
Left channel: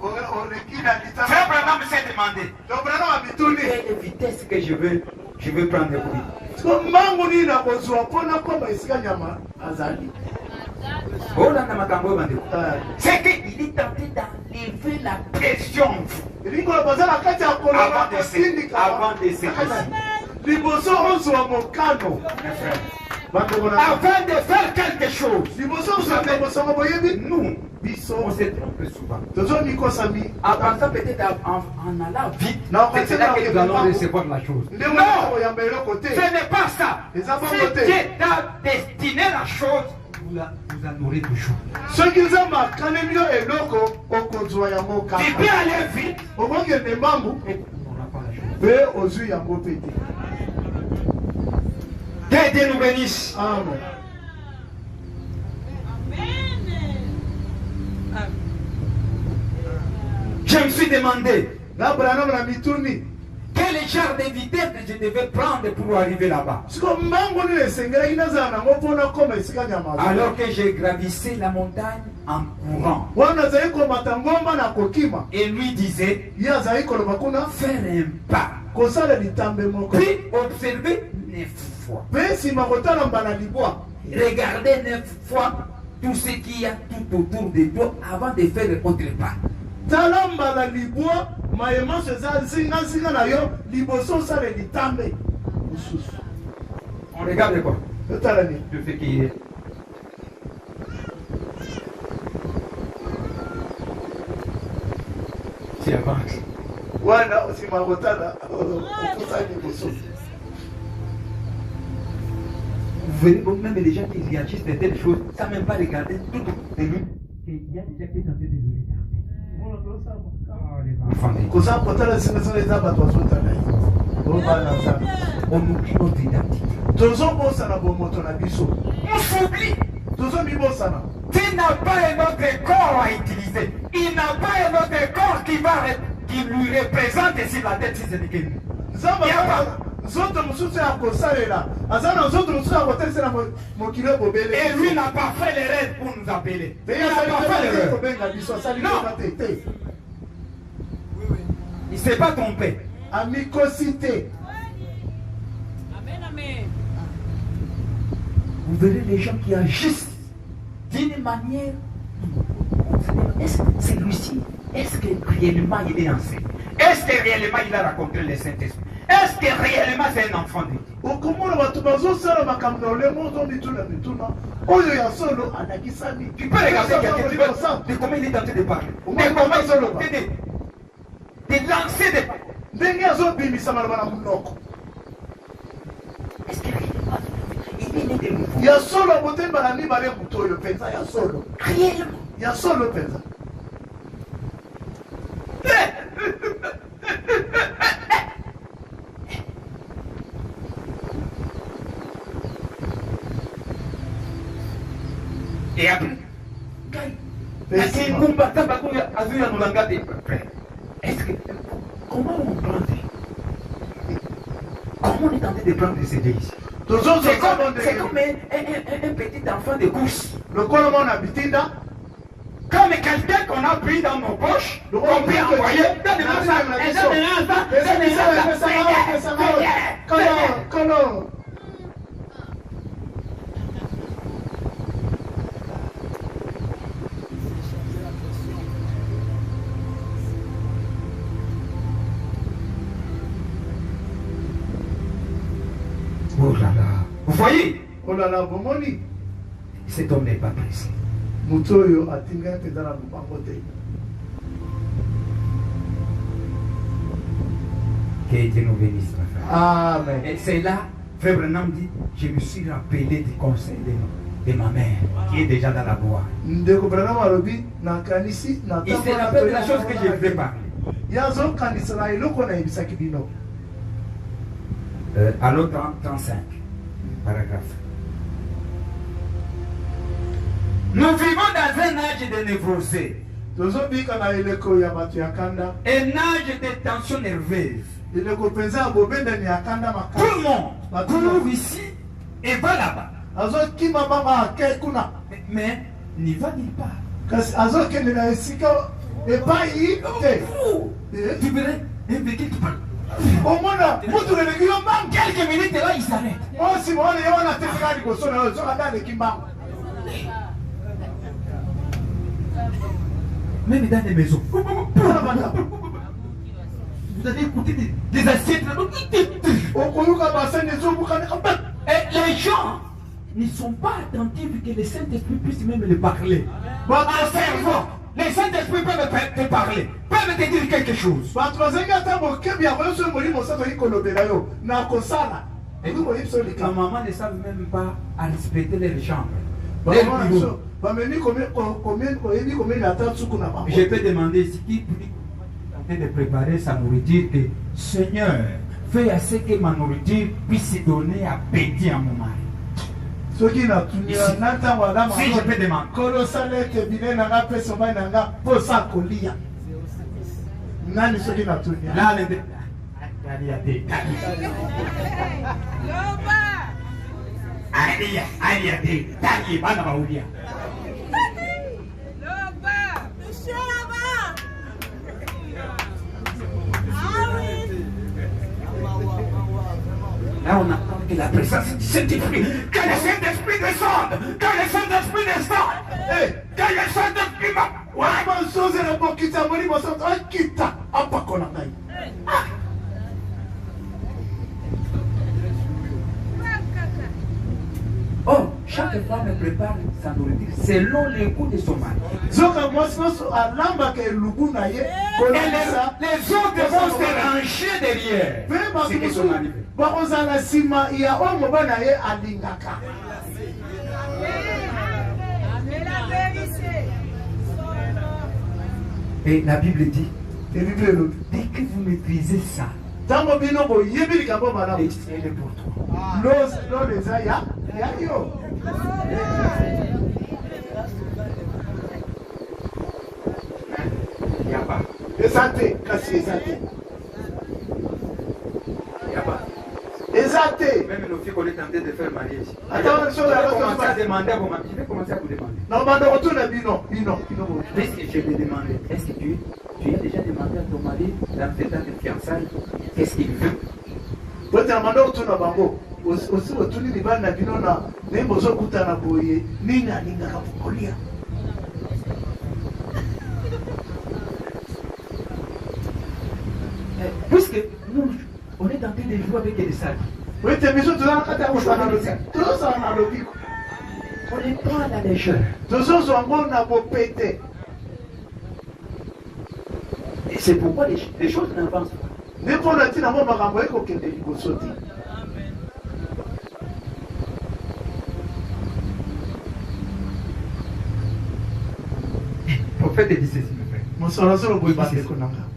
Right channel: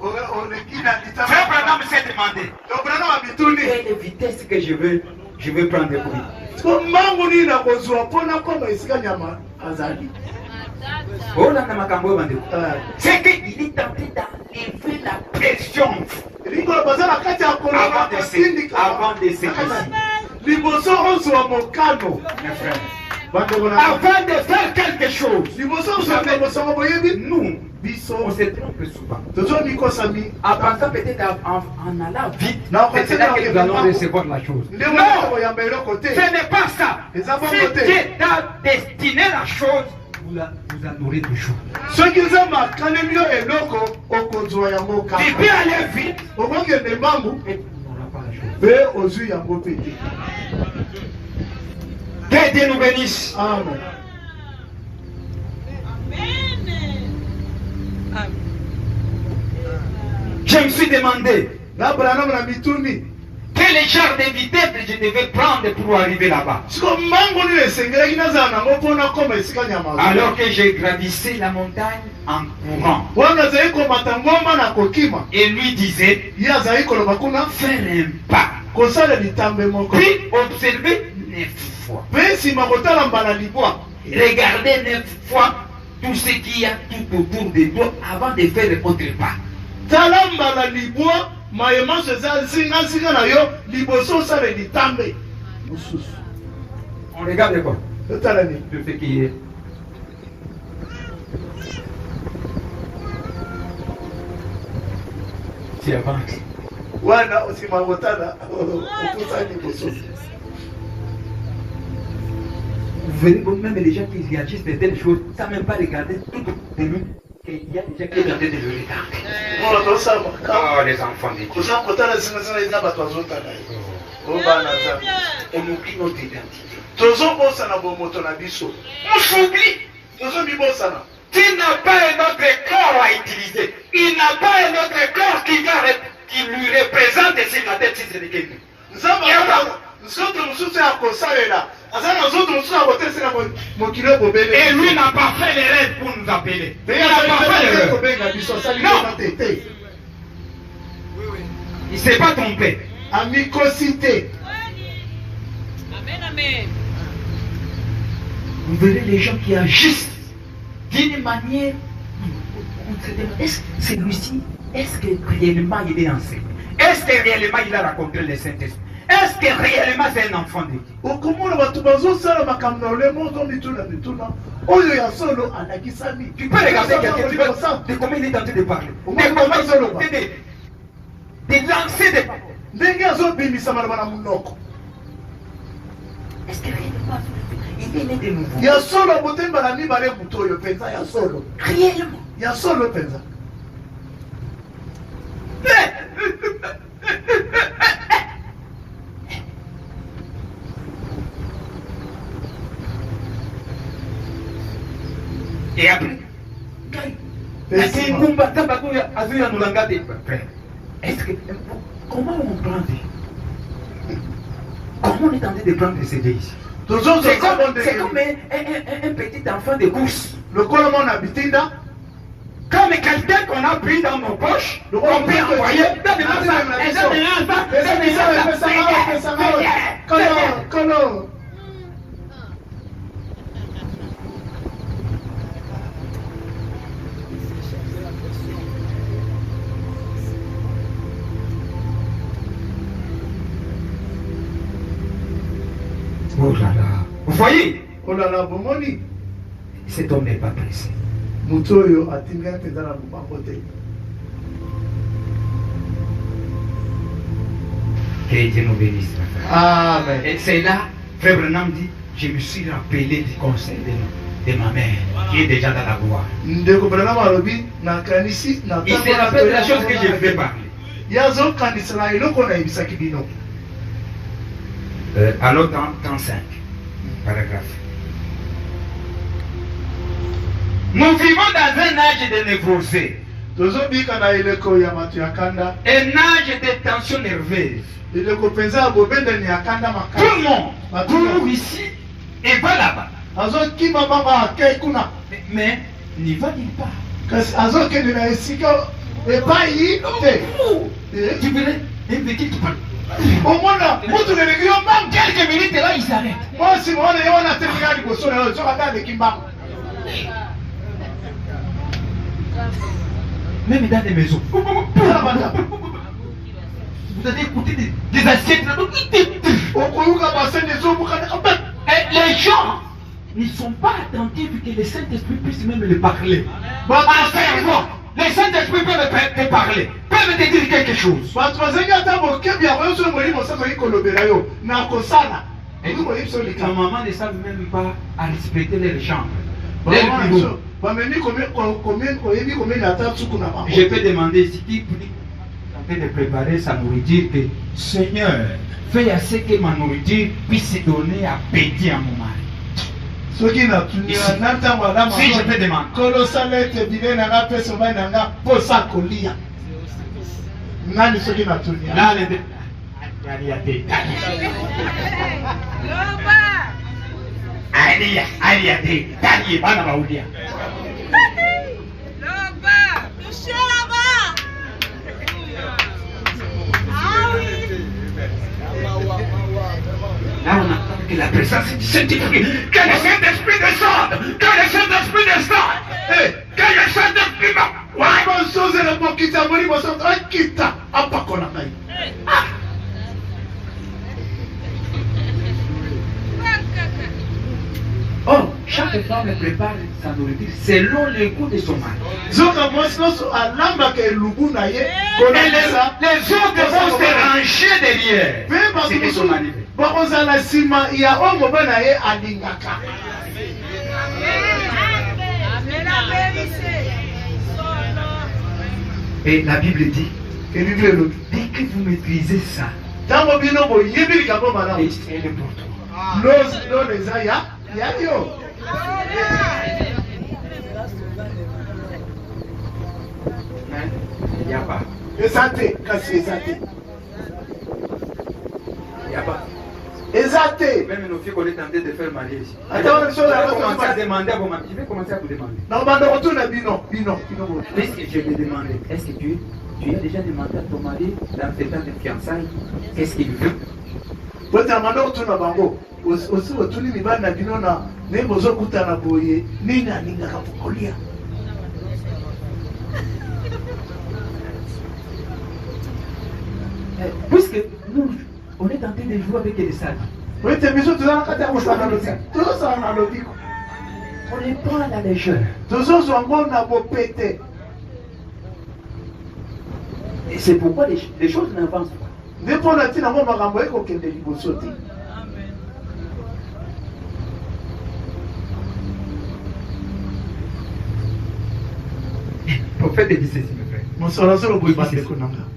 oleki na litambe Frère Branham s'est demandé obrana wa mituni quelle vitesse que je veux prendre pour lui. siko mbangu nini nakozwa mpo nakoma esika nyama azali Olanda makambo oyo bandeko. C'est qu'il est tenté d'enlever la pression. likolo baza na kati ya koloba kasindika Avant de se casser. liboso ozwa mokano Mes frères. bandeko na Avant de faire quelque chose, liboso ozwa ndekosanga boyebi nous, biso on se trompe souvent. tozonikosami En pensant peut-être en allant vite, Non, c'est là que nous allons recevoir la chose. nde Non, mwana koyamba eloko te ce n'est pas ça. Et ça va Si voter. Dieu t'a destiné la chose, vous en aurez toujours. soki nzambe akanemi yo eloko okozwa yango Tu peux kaka aller vite, okokende mbangu mais tu n'auras pas la chose. mpe ozwi yango mpe te Que Dieu nous bénisse. amen Je me suis demandé na branam na mituni quel genre de vitesse je devais prendre pour arriver là-bas. siko mbangu nini esengelaki nazala nango mpo nakoma esika nyama azali. Alors que j'ai gravissé la montagne en courant. wana azali komata ngomba na kokima Et lui disait, ye azali koloba kuna faire un pas, kosala litambe moko puis observer 9 fois. mpe nsima kotala mbala libwa Regardez 9 fois tout ce qu'il y a tout autour de toi avant de faire autre pas. tala mbala libwa mayemaso eza nzingazinga na yo liboso osala litambe mosusu On regarde quoi? otala nini Tout ce qui est. Tu avances. wana nsima kotala okuta liboso Vous verrez donc même les gens qui réagissent de telles choses, sans même pas regarder tout autour de nous, qu'il y a des gens qui sont en train de le regarder. mpona tosala Oh, les enfants de Dieu. koza kotala zingazinga eza bato azotala ye obana nzambe On oublie notre identité. tozobosana bomoto na biso On s'oublie. tozomibosana Tu n'as pas un autre corps à utiliser. Il n'a pas un autre corps qui lui représente sur la tête si ce n'est que lui. nzambe nzoto mosusu ya kosalela aza na nzoto mosusu ya kotelesela mokili ebobele Et lui n'a pas fait l'erreur pour nous appeler. Il n'a pas fait l'erreur. kobenga biso asali Non. kona te te Il ne s'est pas trompé. amikosi te Amen, amen. Vous verrez les gens qui agissent d'une manière. On se demande, est-ce que celui-ci, est-ce que réellement il est enseigné? Est-ce que réellement il a rencontré le Saint-Esprit? Est-ce que réellement c'est un enfant de Dieu? Tu peux regarder quelqu'un, tu vois de comment il est en train de parler. De comment il est en train de lancer des paroles. Est-ce que réellement il est né de nouveau? Il y a solo motema na mibale muto yo penza ya solo. Réellement. Il y a solo penza. Et après, est-ce que comment on prend vie? Comment on est en train de prendre ces deux ici? C'est comme un petit enfant de course. Le colomon habitinda. Comme quelqu'un qu'on a pris dans nos poches, on peut envoyer. Comment? Oh là là. Vous voyez? Oh là là, bomoni. Cet homme n'est pas pressé. Mutoyo atinga penda na mubango te. Que Dieu nous bénisse. Amen. Et c'est là, Frère Branham dit, je me suis rappelé du conseil de ma mère, qui est déjà dans la gloire. Ndeko Branham alobi na kanisi na. Il se rappelle de la chose que je vais parler. Yazo kanisa na iloko na ibisaki bino. Alors 35, paragraphe. Nous vivons dans un âge de névrosé. Un âge de tension nerveuse. Tout le monde court ici et va là-bas. Mais n'y va nulle part. Tu verrais un petit qui parle. Quelques minutes là, il s'arrête. Même dans les maisons. Vous avez écouté des assiettes là. Et les gens ne sont pas attentifs que le Saint-Esprit puisse même les parler. Le Saint-Esprit peut te parler, peut me te dire quelque chose. Ma maman ne savent même pas à respecter les chambres. Je peux demander si qui est en train de préparer sa nourriture que Seigneur, fais assez que ma nourriture puisse donner appétit à mon mari. Si je peux demander. Là, on attend que la présence du Saint-Esprit, que le Saint-Esprit descende, que le Saint-Esprit descende, que le Saint-Esprit va. Oh, chaque femme prépare sa nourriture selon les goûts de son mari. Et les autres vont se ranger derrière. C'est que son mari fait. Et la Bible dit, dès que vous maîtrisez ça, et c'est le pour toi. Il n'y a pas. Il n'y a pas. Même nos filles qu'on est tenté de faire marier ici. Je vais commencer à demander à vos maris. Je vais commencer à vous demander. Est-ce que je vais te demander, est-ce que tu as déjà demandé à ton mari dans tes temps de fiançailles, qu'est-ce qu'il veut? Puisque nous, on est en train de jouer avec les sages. Oui, tu es besoin de faire un logique. Tu dois faire un logique. On est pas à la légère. Tu dois faire un logique. Et c'est pourquoi les choses n'avancent pas. Ne pas la tine à moi, ma ramboye, qu'on ait du sauter. Le prophète dit ceci, mes frères. Mon soeur,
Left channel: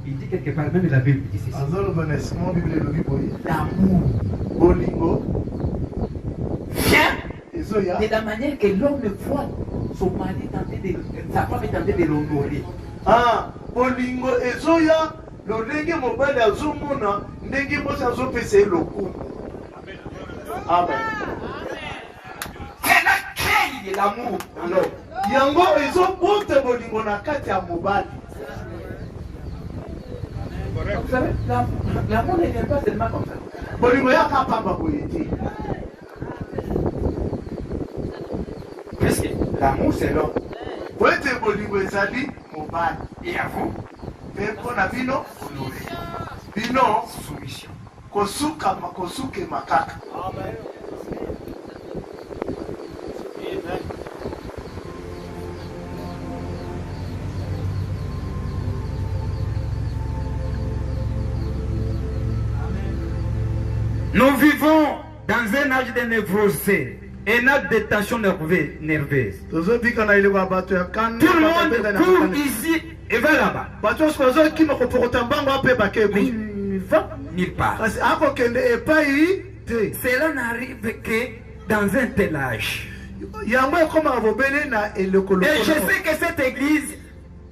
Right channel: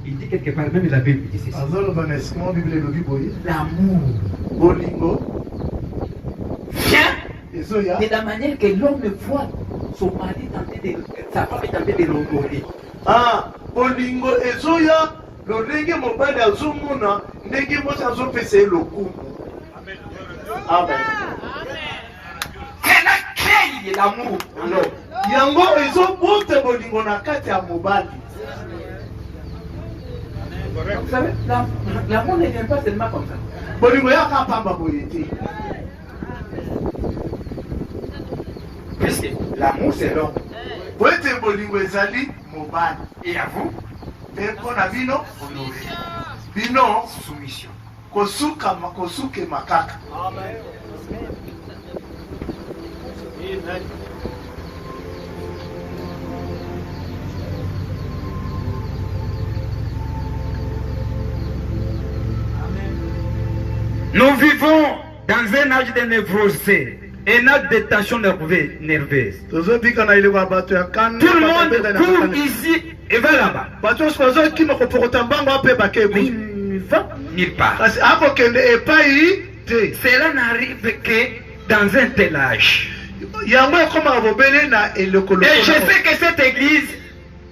Il dit quelque part, même la Bible dit ceci. L'amour Bolingo vient de la manière que l'homme voit son mari tenter de, sa femme est tentée de l'honorer. Ah, Bolingo ezoya lolenge mobali azomona ndenge mwasi azopesa ye lokumu. Amen. C'est la clé de l'amour. Yango ezobute bolingo na kati ya mobali. Vous savez, l'amour ne vient pas seulement comme ça. Bolingo yaka pamba boyete. Puisque l'amour c'est l'homme. Boyete bolingo ezali mobali. Et à vous, Pepo na bino honorer. bino Soumission. kosuke makaka. Nous vivons dans un âge de névrosé, un âge de tension nerveuse. Tout le monde court ici et va là-bas. Il ne va nulle part. Cela n'arrive que dans un tel âge. Et je sais que cette église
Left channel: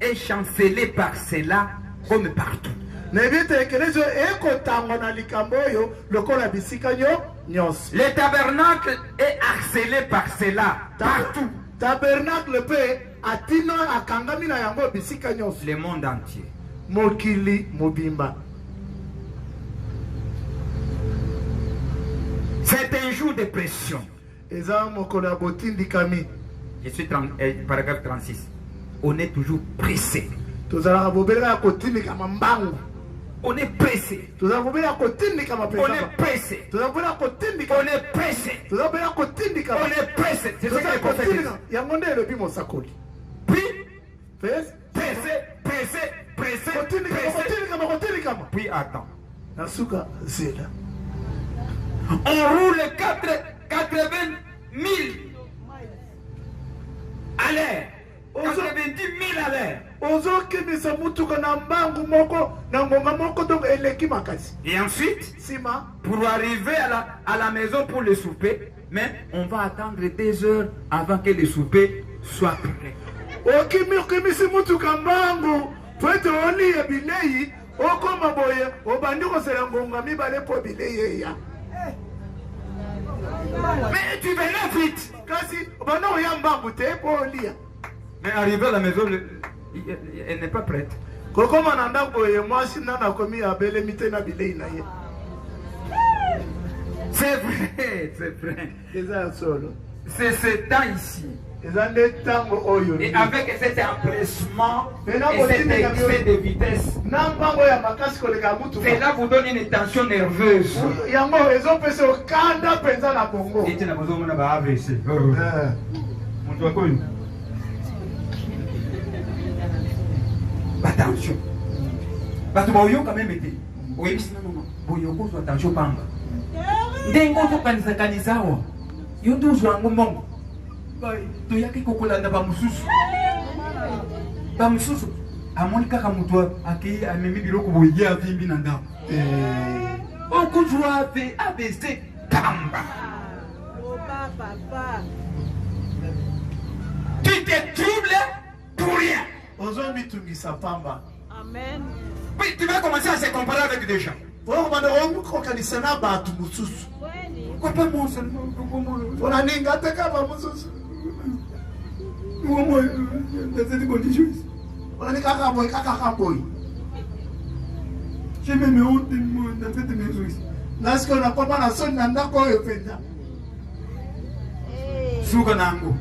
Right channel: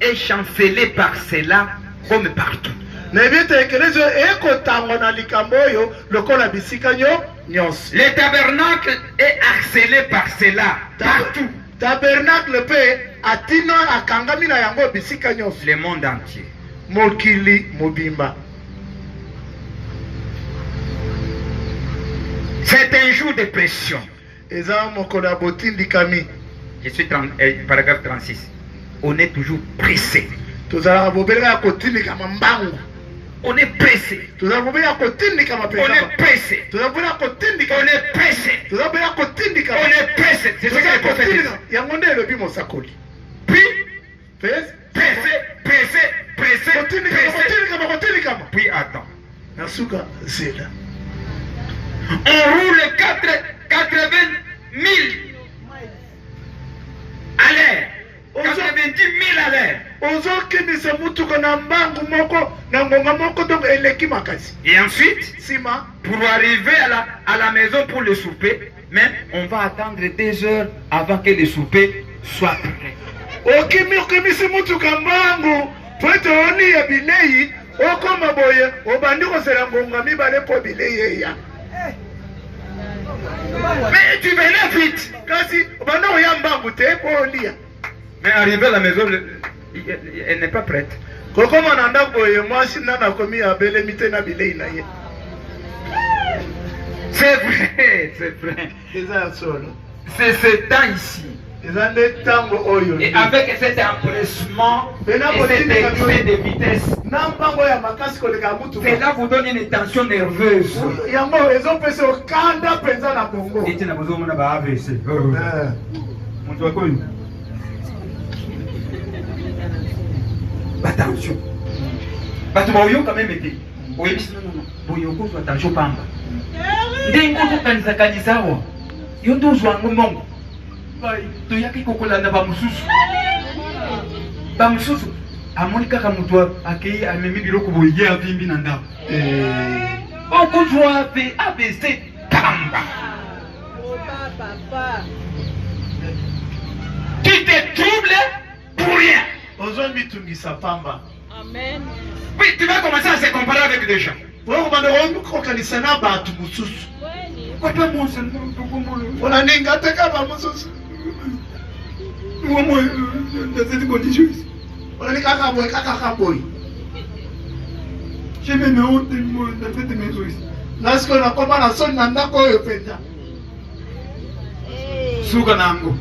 est chancelée par cela comme partout. Le tabernacle est harcelé par cela partout. Le monde entier. C'est un jour de pression. Je suis paragraphe 36. On est toujours pressé. On est pressé. On est pressé. On est pressé. On est pressé. C'est ce que le prophète dit. Puis, pressé. Puis attends. On roule 80 000 à l'air. 90 000 à l'air. Et ensuite, pour arriver à la maison pour le souper, mais on va attendre 2 heures avant que le souper soit prêt. Mais tu venais vite. Mais arrivé à la maison, elle n'est pas prête. C'est vrai, c'est vrai. C'est ce temps ici. Et avec cet empressement et cet excès de vitesse, cela vous donne une tension nerveuse. Attention. Attention quand même été. Oui, non. Attention pamba. Ndengo kanisa yondo zwangu mongo. To yaki kokolanda ba mususu amoni kaka mutu akei amemi biloko boye avimbi na ndako okuzwa ave ABC pamba. Tu te troubles pour rien. Amen. Oui, tu vas commencer à se comparer avec des gens. Moi, dans cette condition, j'ai même honte de moi dans cette maison. Souganango.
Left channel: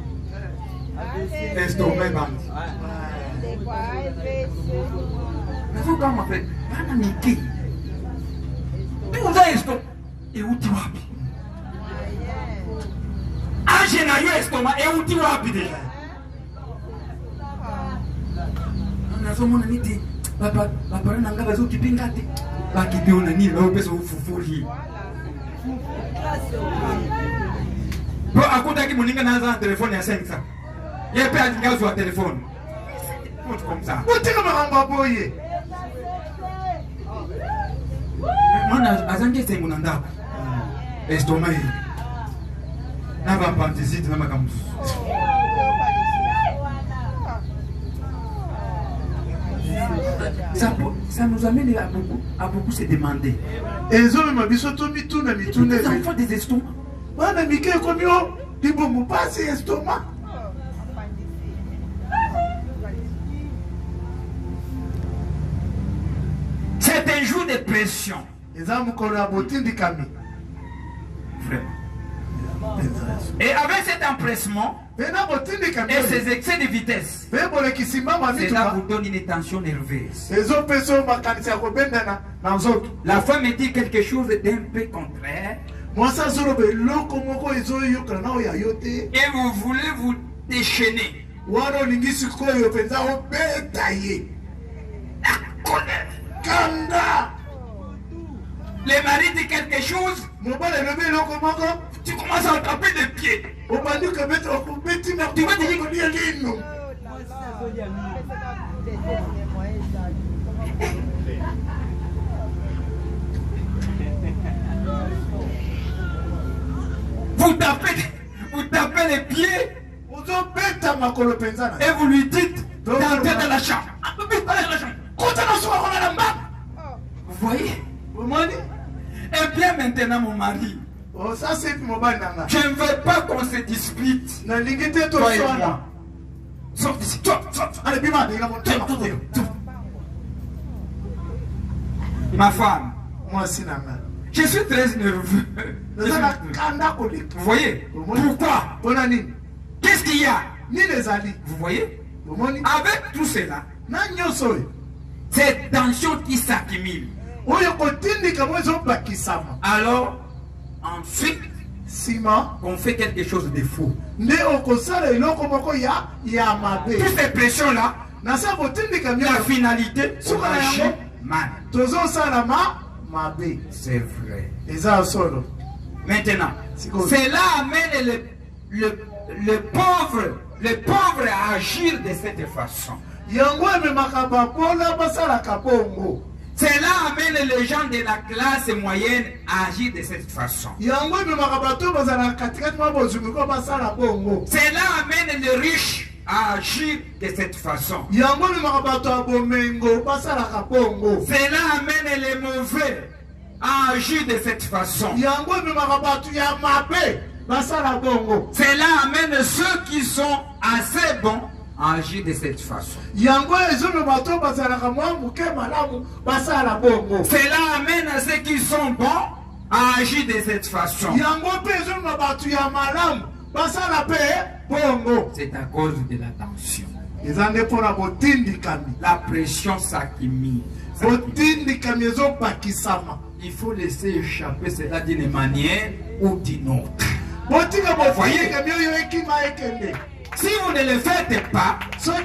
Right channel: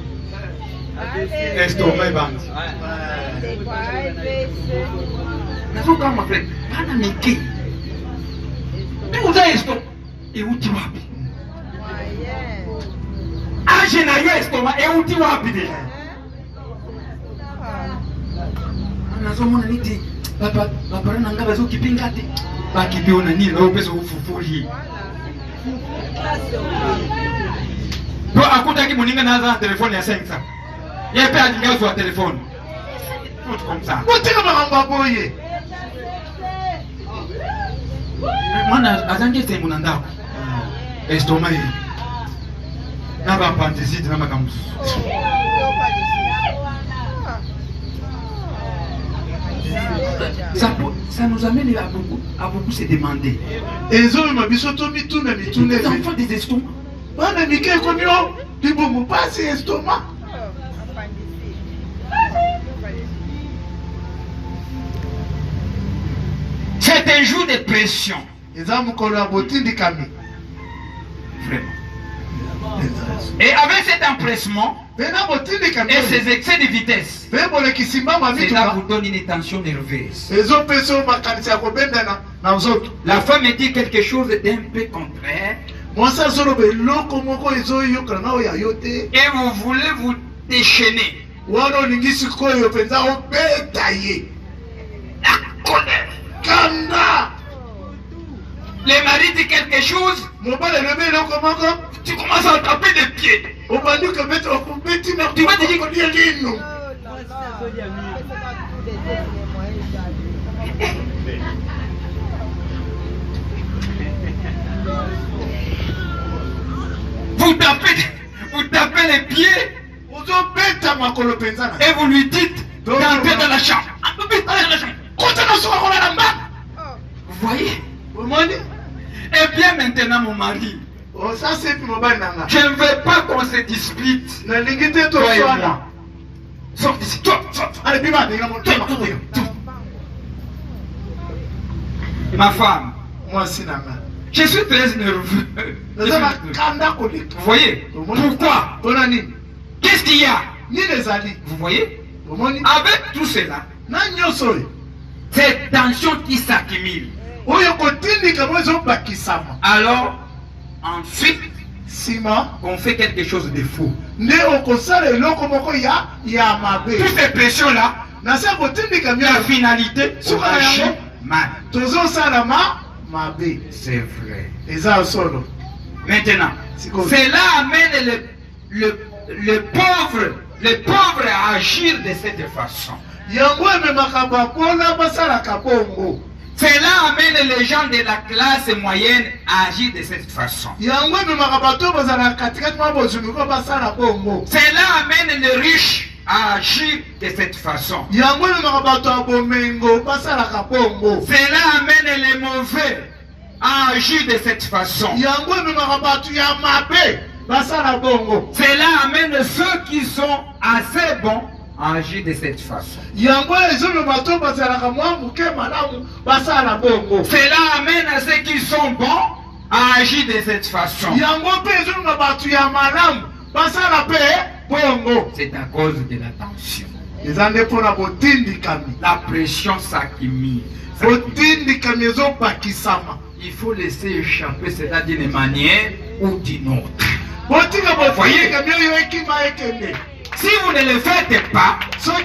Estomac band. Nazo kama frère, bana miki. Uza esto. Euti wapi. Age na yo estoma. Euti wapi deja. Nazomona niti. Papa na nga bazo kipinga te. Bakibiona ni lo bezo ufufuri. Bo akutaki moninga naza telefone ya 500. Yepe atingazo wa telefone. Tout comme ça. Botika makamba boye. Mwana azange sembu na ndako. Estoma hii. Na ba pantisite na makambusu. Ça nous amène à beaucoup se demander. Les enfants des estomacs. C'est un jour de pression. Vraiment. Et avec cet empressement et ces excès de vitesse, cela vous donne une tension nerveuse. La femme dit quelque chose d'un peu contraire. Et vous voulez vous déchaîner. La colère. Le mari dit quelque chose. Tu commences à taper des pieds. Tu vas te dire vous tapez les pieds et vous lui dites d'entrer dans la chambre. Vous voyez? Et bien maintenant mon mari, je ne veux pas qu'on se dispute. Toi et moi. Sors d'ici. Ma femme, je suis très nerveux. Vous voyez? Pourquoi? Qu'est-ce qu'il y a? Vous voyez? Avec tout cela, cette tension qui s'accumule. Alors, ensuite, on fait quelque chose de faux. Toutes ces pressions-là, la finalité, on agit mal. C'est vrai. Maintenant, cela amène le pauvre à agir de cette façon. Cela amène les gens de la classe moyenne à agir de cette façon. Cela amène les riches à agir de cette façon. Cela amène les mauvais à agir de cette façon. Cela amène ceux qui sont assez bons à agir de cette façon. Cela amène à ceux qui sont bons à agir de cette façon. C'est à cause de la tension. La pression s'accumule. Il faut laisser échapper cela d'une manière ou d'une autre. Vous voyez? Si vous ne le faites pas, vous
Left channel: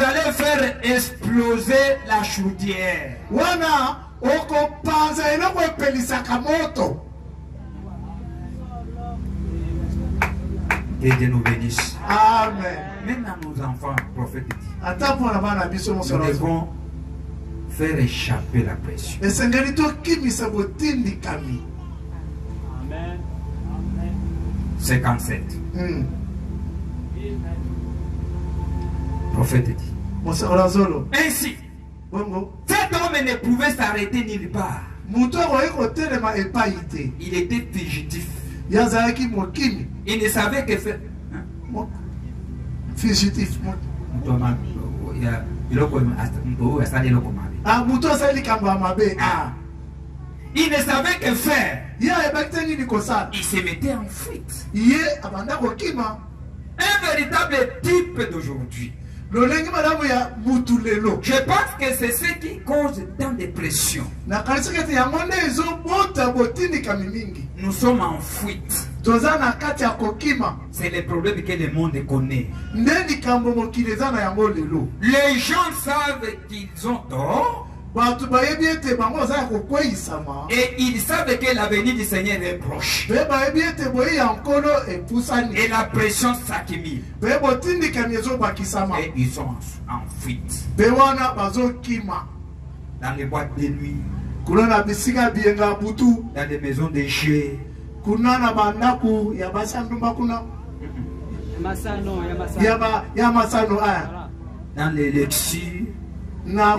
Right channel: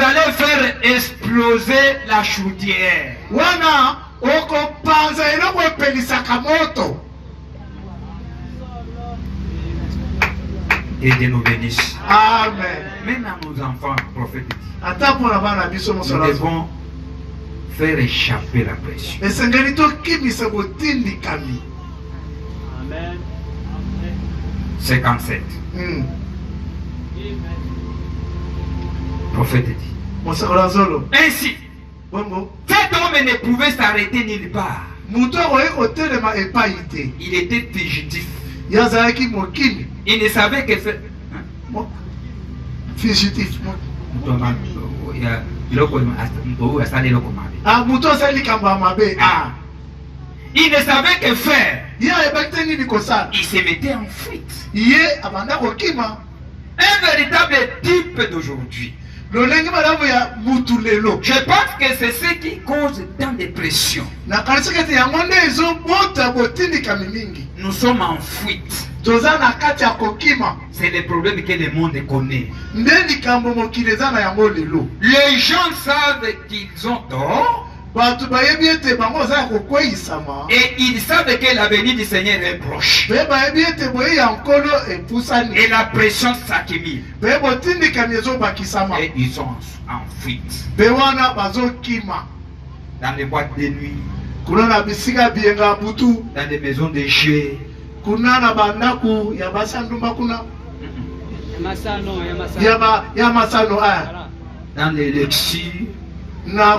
allez faire exploser la chaudière. Et Dieu nous bénisse. Amen. Même à nos enfants, prophète dit, nous devons faire échapper la pression. Amen. 57. Prophète dit. Ainsi, cet homme ne pouvait s'arrêter nulle part. Il était fugitif. Il ne savait que faire. Fugitif. Il ne savait que faire. Il se mettait en fuite. Un véritable type d'aujourd'hui. lolenge malamu ya mutu lelo. Je pense que c'est ce qui cause tant de pression. Na kanisa kati yango nde ezobota botindikami mingi. Nous sommes en fuite. Toza na kati ya kokima. C'est le problème que le monde connaît. Nde likambo mokili eza na yango lelo. Les gens savent qu'ils ont tort. Batu bayebi ete bango baza ya kokweyisama. Et ils savent que l'avenir du Seigneur est proche. Pe bayebi ete boye ya nkolo epusani. Et la pression s'accumule. Pe botindikami ezobakisama. Et ils sont en fuite. Pe wana bazokima. Dans les boîtes de nuit. Kuna na bisika bienga butu. Dans les maisons de jeux. Kuna na bandaku ya basandumba kuna. Ya masano aya. Dans les lectures. Na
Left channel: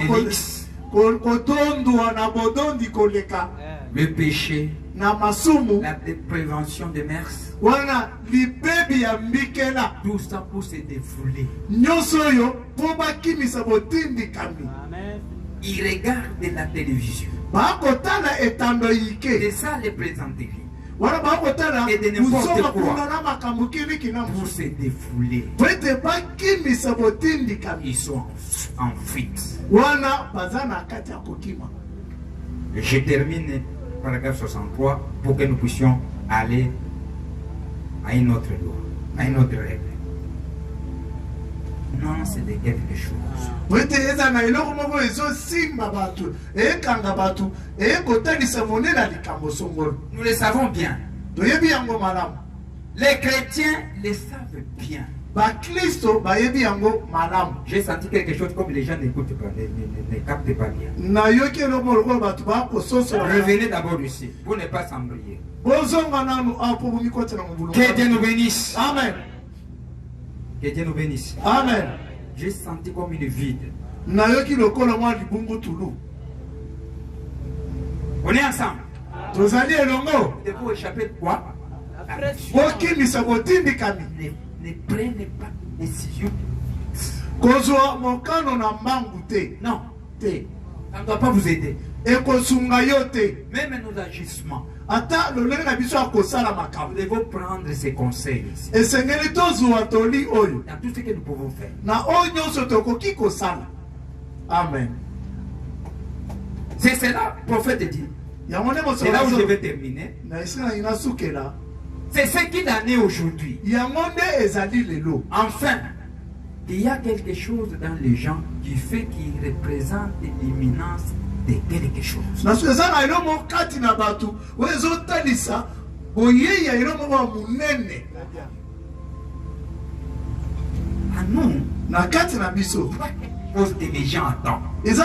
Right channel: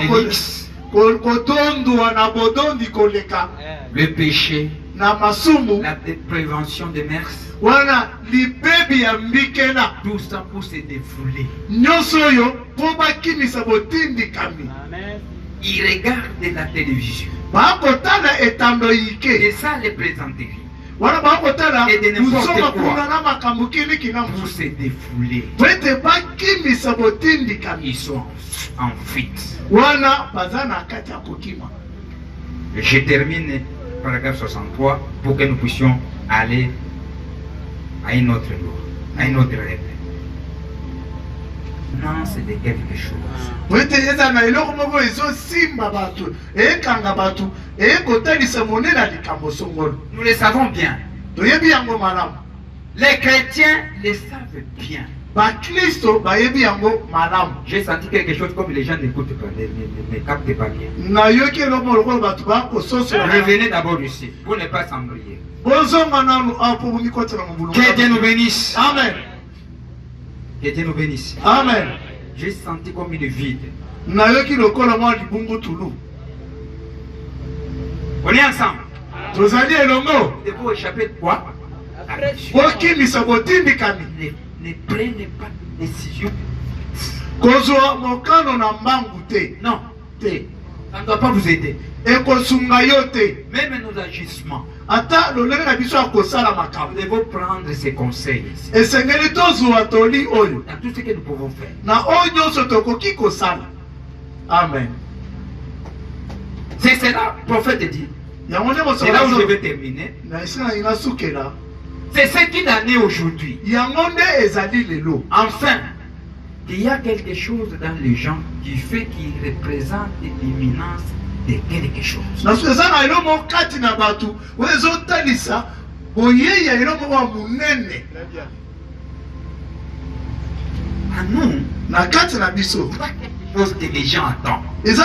kodondwa na bodondi koleka. Le péché. Na masumu. La prévention de mers. Wana libebi ya mbikela. Tout ça pour se défouler. Nyonso yo po bakimisa botindikami. Ils regardent la télévision. Bakotala etando yike. Et ça les présenterie. Wana bakotala et de n'importe quoi na makambo kini kinamu. Pour se défouler. Pwete bakimisa botindikami. Ils sont en fuite. Wana bazana kati ya kokima. Je termine paragraphe 63 pour que nous puissions aller à une autre loi, à une autre règle. Non, c'est de quelque chose. Pwete eza na eloko moko ezo simba batu, ekanga batu, ekotalisa monena likambo songolo. Nous le savons bien. Toyebi yango malamu. Les chrétiens le savent bien. Bakristo bayebi yango malamu. J'ai senti quelque chose comme les gens n'écoutent pas, ne captent pas bien. Na yoki eloko moko batu ba kososo. Revenez d'abord ici pour ne pas s'embrouiller. Bozonga nanu apo bumikoti na mbulu. Que Dieu nous bénisse. Amen. Que Dieu nous bénisse. Amen. J'ai senti comme une vide. Na yoki lokola mwa libungu tulu. On est ensemble. Tozali elongo. Vous devez échapper de quoi? Bokimisa botindikami. Ne prenez pas de décision. Kozwa mokano na mbangu te. Non, te. Ça ne doit pas vous aider. Ekosunga yo te. Même nos agissements. Ata lolenge na biso akosala makambo. Nous devons prendre ces conseils ici. Esengeli tozwa toli oyo. Dans tout ce que nous pouvons faire. Na oyo nyonso tokoki kosala. Amen. C'est cela, le prophète dit. C'est là où je vais terminer. C'est ce qu'il en est aujourd'hui. Enfin, il y a quelque chose dans les gens qui fait qu'ils représentent l'imminence de quelque chose. À nous, pas quelque chose que les gens attendent. Il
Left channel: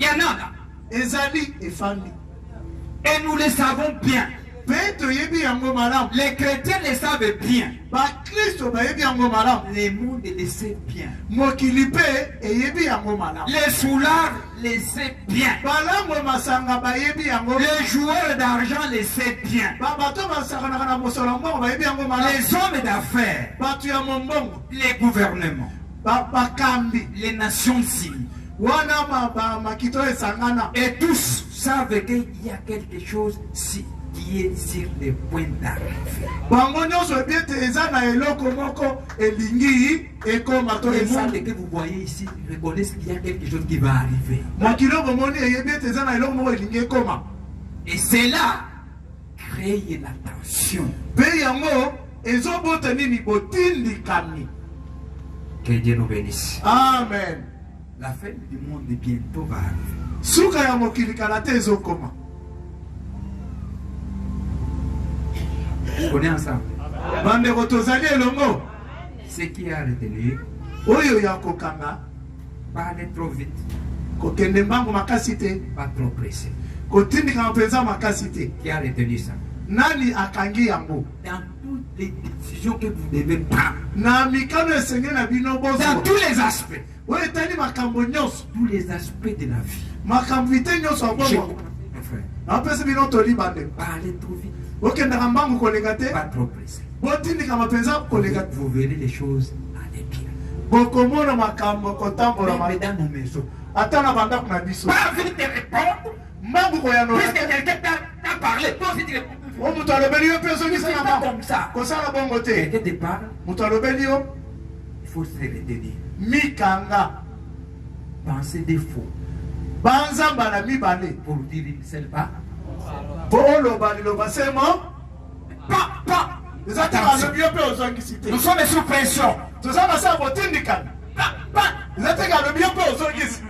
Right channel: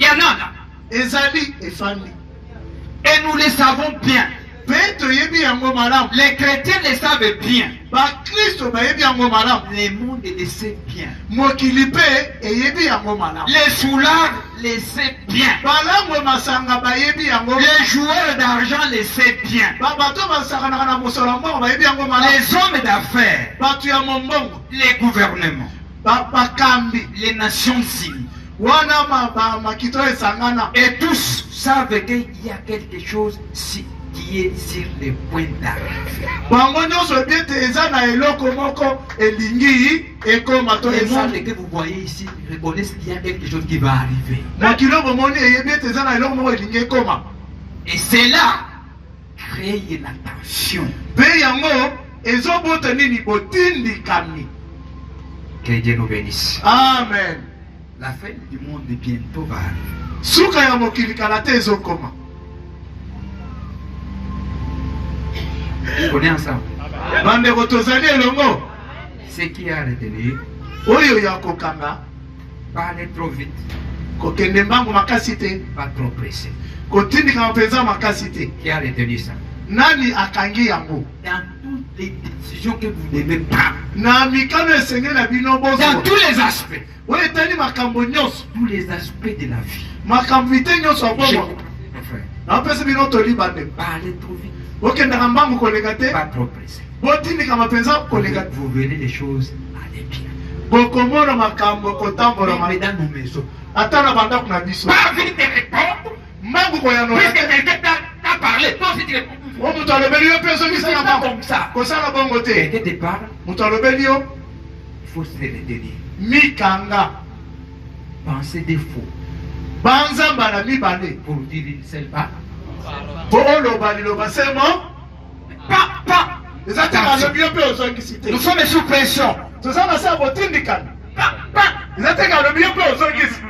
y en a là. Et nous le savons bien. Les chrétiens le savent bien. Le monde le sait bien. Les soulards le savent bien. Les joueurs d'argent le savent bien. Les hommes d'affaires, les gouvernements, les nations civiles. Et tous savent qu'il y a quelque chose qui est sur le point d'arriver. Les mondes que vous voyez ici reconnaissent qu'il y a quelque chose qui va arriver. Et c'est là créer la tension. Que Dieu nous bénisse. Amen. La fin du monde bientôt va arriver. On est ensemble. Ce qui a retenu, pas aller trop vite, pas trop pressé. Qui a retenu ça? Dans toutes les décisions que vous devez prendre, dans tous les aspects, tous les aspects de la vie. Pas aller trop vite, pas trop pressé. Vous verrez les choses aller bien. Même dans nos maisons. Pas vite de répondre. Puisque quelqu'un t'a parlé, toi aussi tu réponds. o moto alobeli yo mpe ozongisa C'est na pas bango comme ça. kosala bongo te Quelqu'un te parle, moto alobeli yo il faut se retenir. mikanga Penser des faux banzamba na mibale pour dire une seule part. mpo oloba liloba semo Pas. eza te alobi yo mpe ozongisi te Nous sommes sous pression. toza na sa botindikana eza te alobi yo mpe ozongisi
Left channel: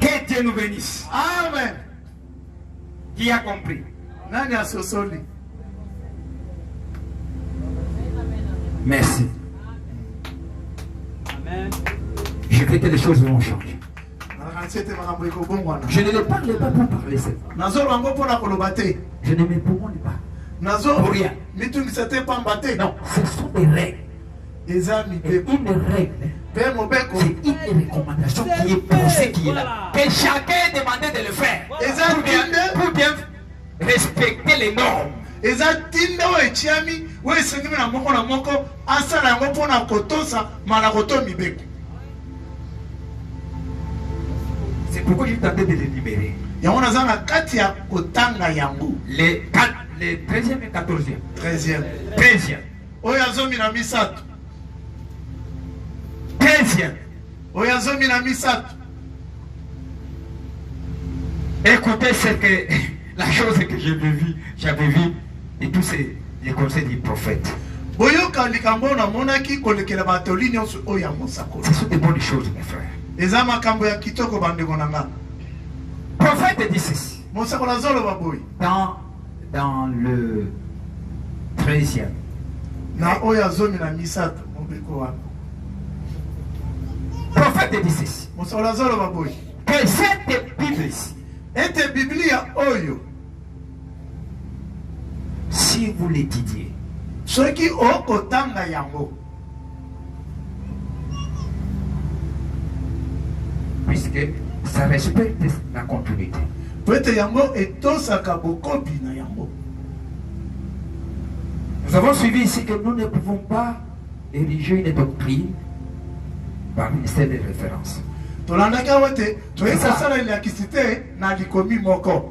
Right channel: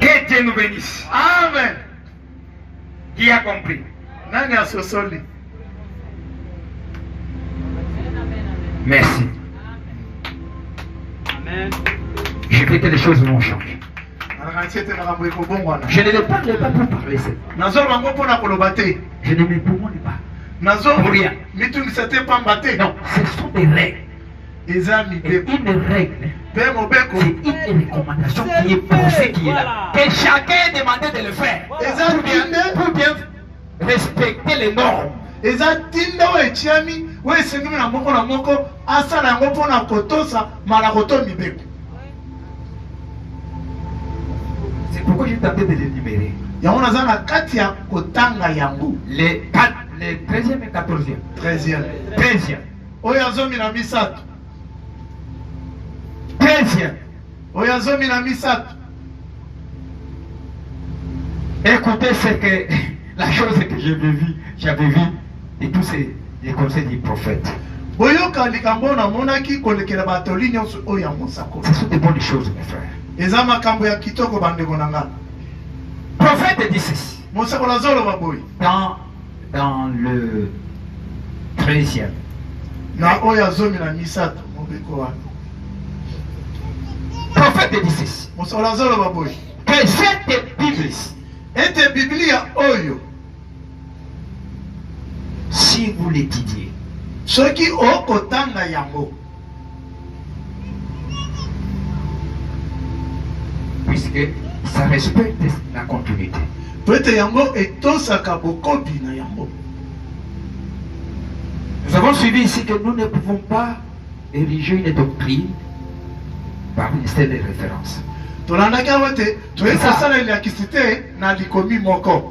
Que Dieu nous bénisse. amen Qui a compris? nani asosoli Merci. Amen. Je veux que les choses vont changer. alaka nti ete makambo ekobongwana Je ne le parle pas pour parler seul. nazoloba ngo mpona koloba te Je ne me pomone pas. nazo Pour rien. mitungisa te pamba te Non, ce sont des règles. eza Et mibeko une règle, mpe mobeko c'est une recommandation qui est posée, qui est là. Que chacun est demandé de le faire. eza tinde Pour bien respecter les normes. eza tinde oyo etiami oyo esengemi na moko asala yango mpona kotosa malako to mibeko C'est pourquoi j'ai tenté de les libérer. yango naza na kati ya kotanga yango Les 13e et 14e. 13e 13e. oyo azomi na misato 13e. oyo azomi na misato Écoutez ce que la chose que j'avais vu et tous les conseils du prophète. boyoka likambo oyo namonaki kolekela batoli nyonso oyo ya mosako Ce sont des bonnes choses, mes frères. eza makambo ya kitoko bandeko na nga Le prophète dit ceci. mosako nazoloba boye Dans le 13e. na oyo azomi na misato mobeko wana Le prophète dit ceci. mosako nazoloba boye Que cette Bible, ete biblia oyo si vous l'étudiez, soki okotanga yango puisque ça respecte la continuité. po ete yango etosaka bokobi na yango Nous avons suivi ici que nous ne pouvons pas ériger une doctrine par une seule référence. tolandaki yango ete toyei kosala elakisi te na likomi moko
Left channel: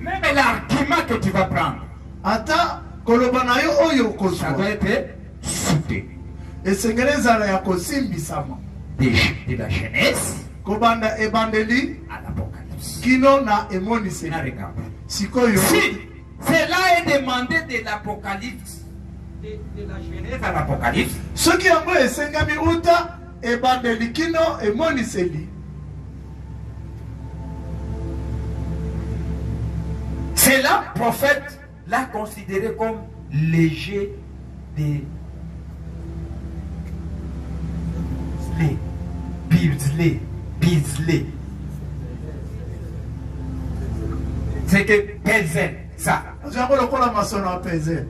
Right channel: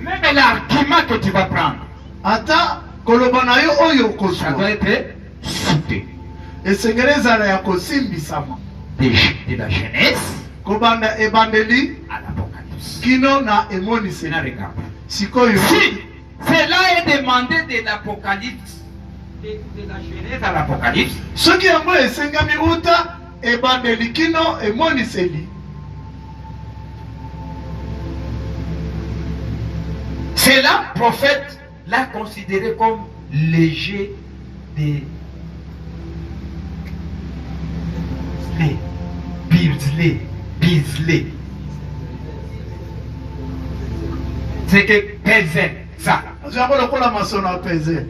Même l'argument que tu vas prendre, ata koloba na yo oyo ça okozwa doit être soutenu. esengeli ezala ya kosimbisama De la Genèse kobanda ebandeli à l'Apocalypse. kino na C'est emoniseli un regard. sikoyo Si cela est demandé de l'Apocalypse, de la Genèse à l'Apocalypse, soki yango esengami uta ebandeli kino emoniseli cela, prophète l'a considéré comme léger des bislé. C'est que Pézel, ça, azwi yango lokola masono ya pezel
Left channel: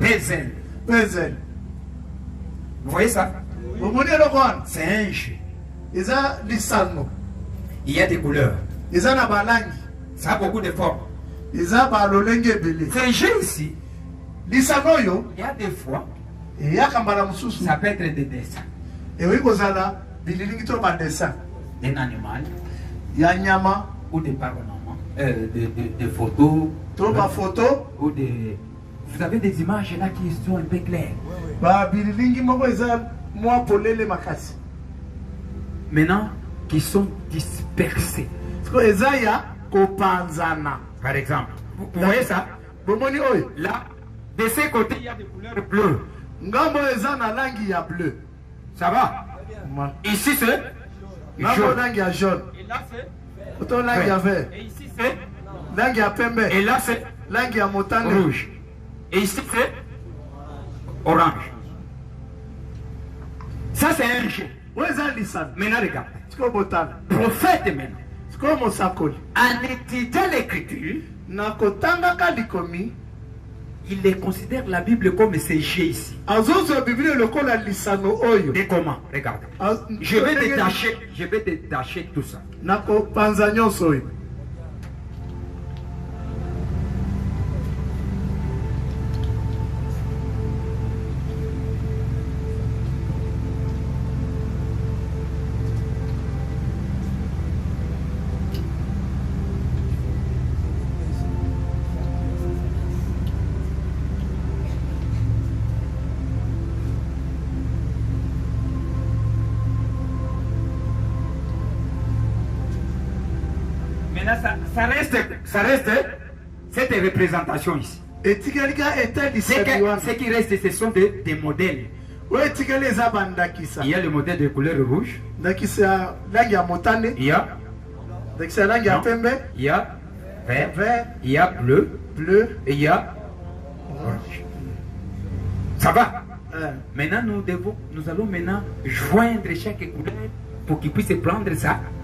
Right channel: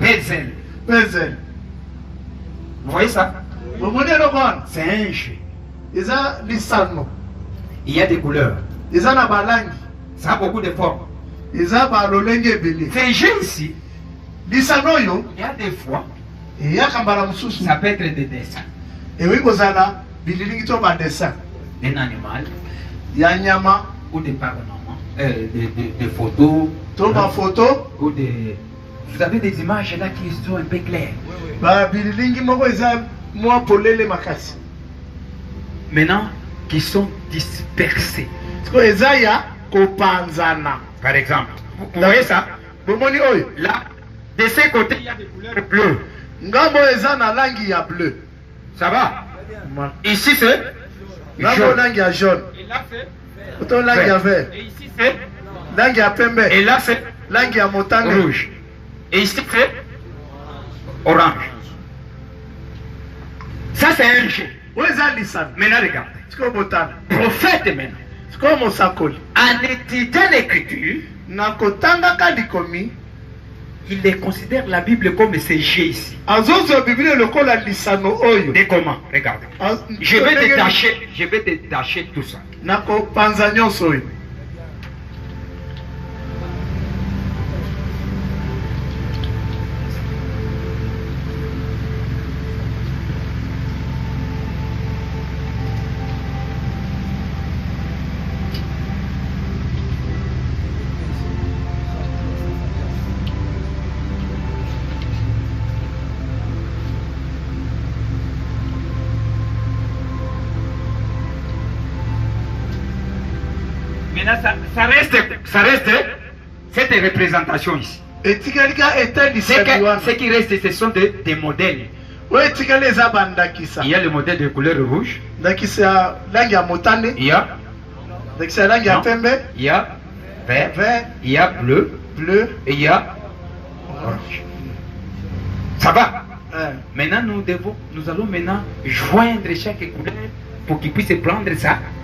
Pézel. pezel Vous voyez ça? bomoni eloko wana C'est un jeu. eza lisano Il y a des couleurs. eza na balangi Ça a beaucoup de formes. eza balolenge ebele C'est un jeu ici. lisano oyo Il y a des fois, eyaka mbala mosusu ça peut être des dessins ekoki kozala bililingi to badessin d'un animal ya nyama ou des panorama, des photos, to bafoto ou des... Vous avez des images là qui sont un peu claires. babililingi moko eza mwa polele makasi Maintenant, qui sont dispersées. siko eza ya kopanzana Par exemple, vous voyez ça? bomoni oyo Là, de ces côtés, il y a des couleurs bleues. ngambo eza na langi ya bleu Ça va? Ma- Ici, c'est ngambo jaune. langi ya jaune Et là, c'est oto langi ya vert Et ici, c'est... langi ya pembe Et là, c'est langi ya motane rouge. Et ici, c'est orange. Ça, c'est un jeu. oyo eza lisano Maintenant, regarde. siko botana Prophète, maintenant, siko mosakoli en étudiant l'écriture, na kotangaka likomi il les considère la Bible comme ce jeu ici. azozwa biblia lokola lisano oyo Et comment? Regarde. Je vais détacher tout ça. na kopanza nyonso oyo Maintenant, ça reste cette représentation ici. etikali ka etalisaki wana Ce qui reste, ce sont des modèles. oyo etikali eza bandakisa Il y a le modèle de couleur rouge. ndakisa ya langi ya motane Il y a, ndakisa ya langi ya non, pembe il y a vert, vert il y a bleu bleu et il y a orange. Ça va? eh. Maintenant, nous allons maintenant joindre chaque couleur pour qu'il puisse prendre